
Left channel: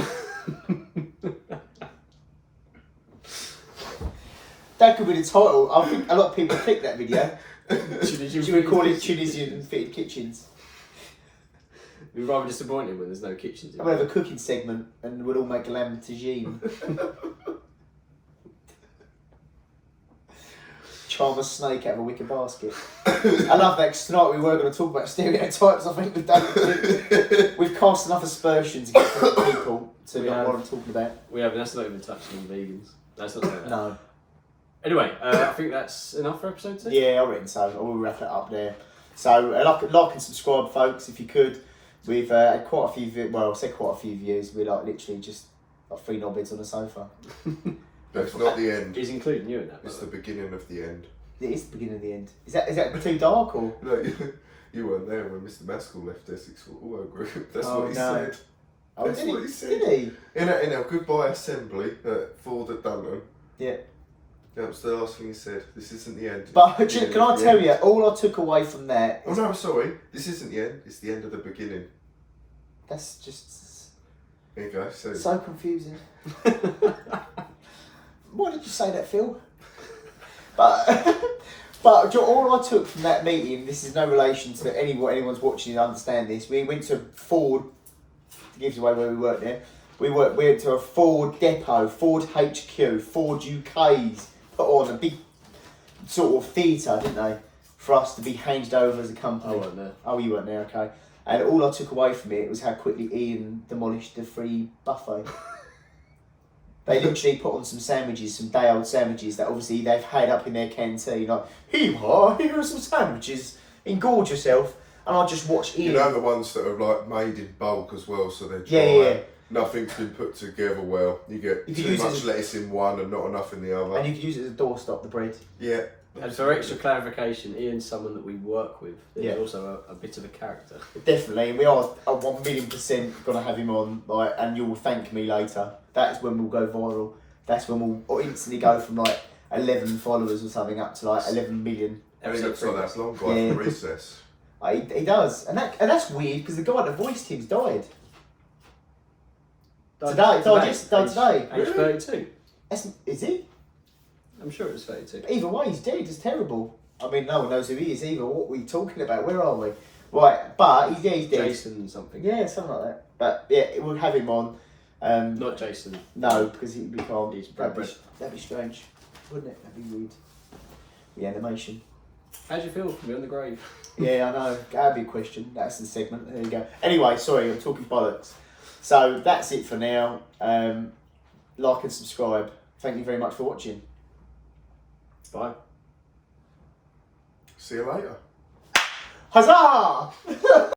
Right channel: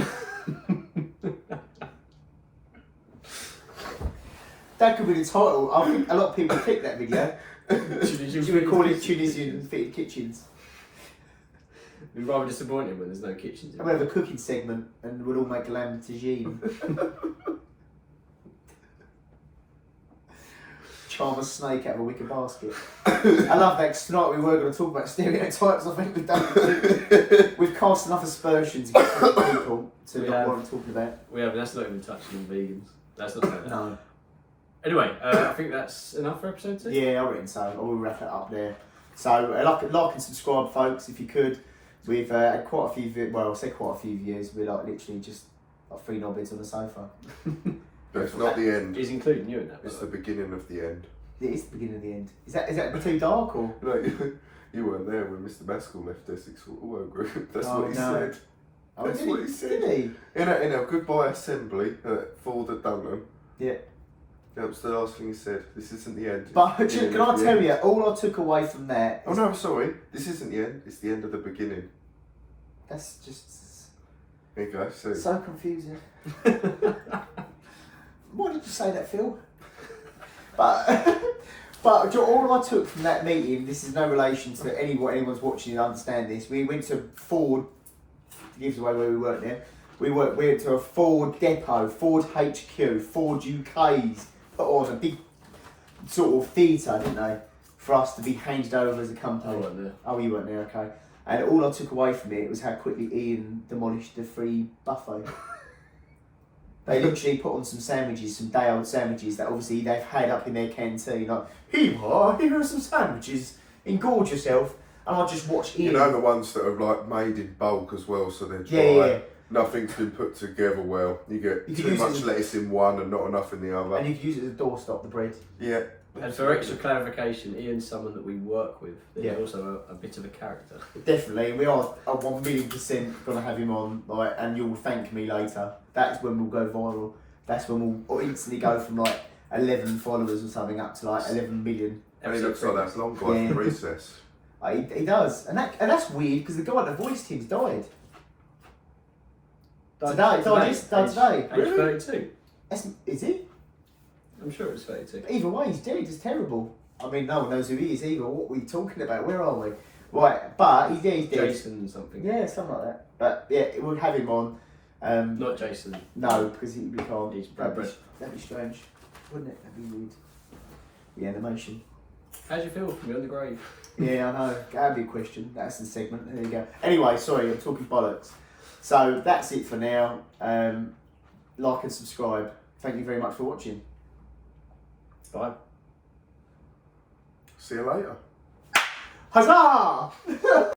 That could be the title. I think a lot of people click that video. Should we call it Tunisian fitted kitchens? We're rather disappointed when there's no kitchens. And we have a cooking segment and we'll all make lamb tagine. Charm a snake out of a wicker basket. I love that, 'cause tonight we were going to talk about stereotypes. I think we've done we've cast enough aspersions against people to know what I'm talking about. We haven't. That's not even touching on vegans. That's not saying that. No. Anyway, I think that's enough for episode 2. Yeah, I reckon so. I will wrap it up there. So like and subscribe, folks, if you could. We've had quite a few. Well, I say quite a few views. We're like literally just like 3 knobheads on the sofa. But it's not the end. He's including you in that. It's the beginning of the end. It is the beginning of the end. Is that too dark or? No, you weren't there when Mr. Maskell left Essex Auto Group. That's Oh, what he no. said. Oh, That's what he said. Did he? In a goodbye assembly at Ford at Dunham. Yeah. That was the last thing he said. This isn't the end. But It's the can beginning I of the tell end. you, all I took away from that Oh is no, sorry. This isn't the end. It's the end of the beginning. that's just There you go. So, so confusing. Why did you say that, Phil? But all I took from that meeting, this is no relation to what anyone's watching and understand this. We went to Ford, gives away where we work there. We went to a Ford depot, Ford HQ, Ford UK's put on a big sort of theatre, didn't they? For us to be handed over as a company. I wasn't there. Oh, you weren't there, okay. And all I took away from it was how quickly Ian demolished the free buffet. They literally put on some sandwiches, some day-old sandwiches that obviously they've had up in their canteen. Like, here are some sandwiches, engorge yourself. and I just watch Ian. You know the ones that are like made in bulk as well, so they're dry. Yeah. Nothing's been put together well. You get You could too use it much as- lettuce in one and not enough in the other. And you can use it as a doorstop, the bread. Yeah. And for extra clarification, Ian's someone that we work with. He's Yeah. also a bit of a character. Definitely, we are 1,000,000% gonna have him on, like, and you'll thank me later. That's when we'll go viral. That's when we'll instantly go from like 11 followers or something up to like 11 million. And he looks like that long guy Yeah. from Recess. He does, and that's weird because the guy that voiced him's died. Died today. Age 32. Is he? I'm sure it's 32. Either way, he's dead. It's terrible. I mean, no one knows who he is either. What are we talking about? Where are we? Right, but he's dead. Jason something. Yeah, something like that. But yeah, we'll have him on. Not Jason. No, because we can't. He's That'd be strange, wouldn't it? That'd be weird. The animation. How do you feel from beyond the grave? Yeah, I know. That'd be a question. That's the segment. There you go. Anyway, sorry, I'm talking bollocks. So that's it for now. Like and subscribe. Thank you very much for watching. Bye. See you later. Huzzah!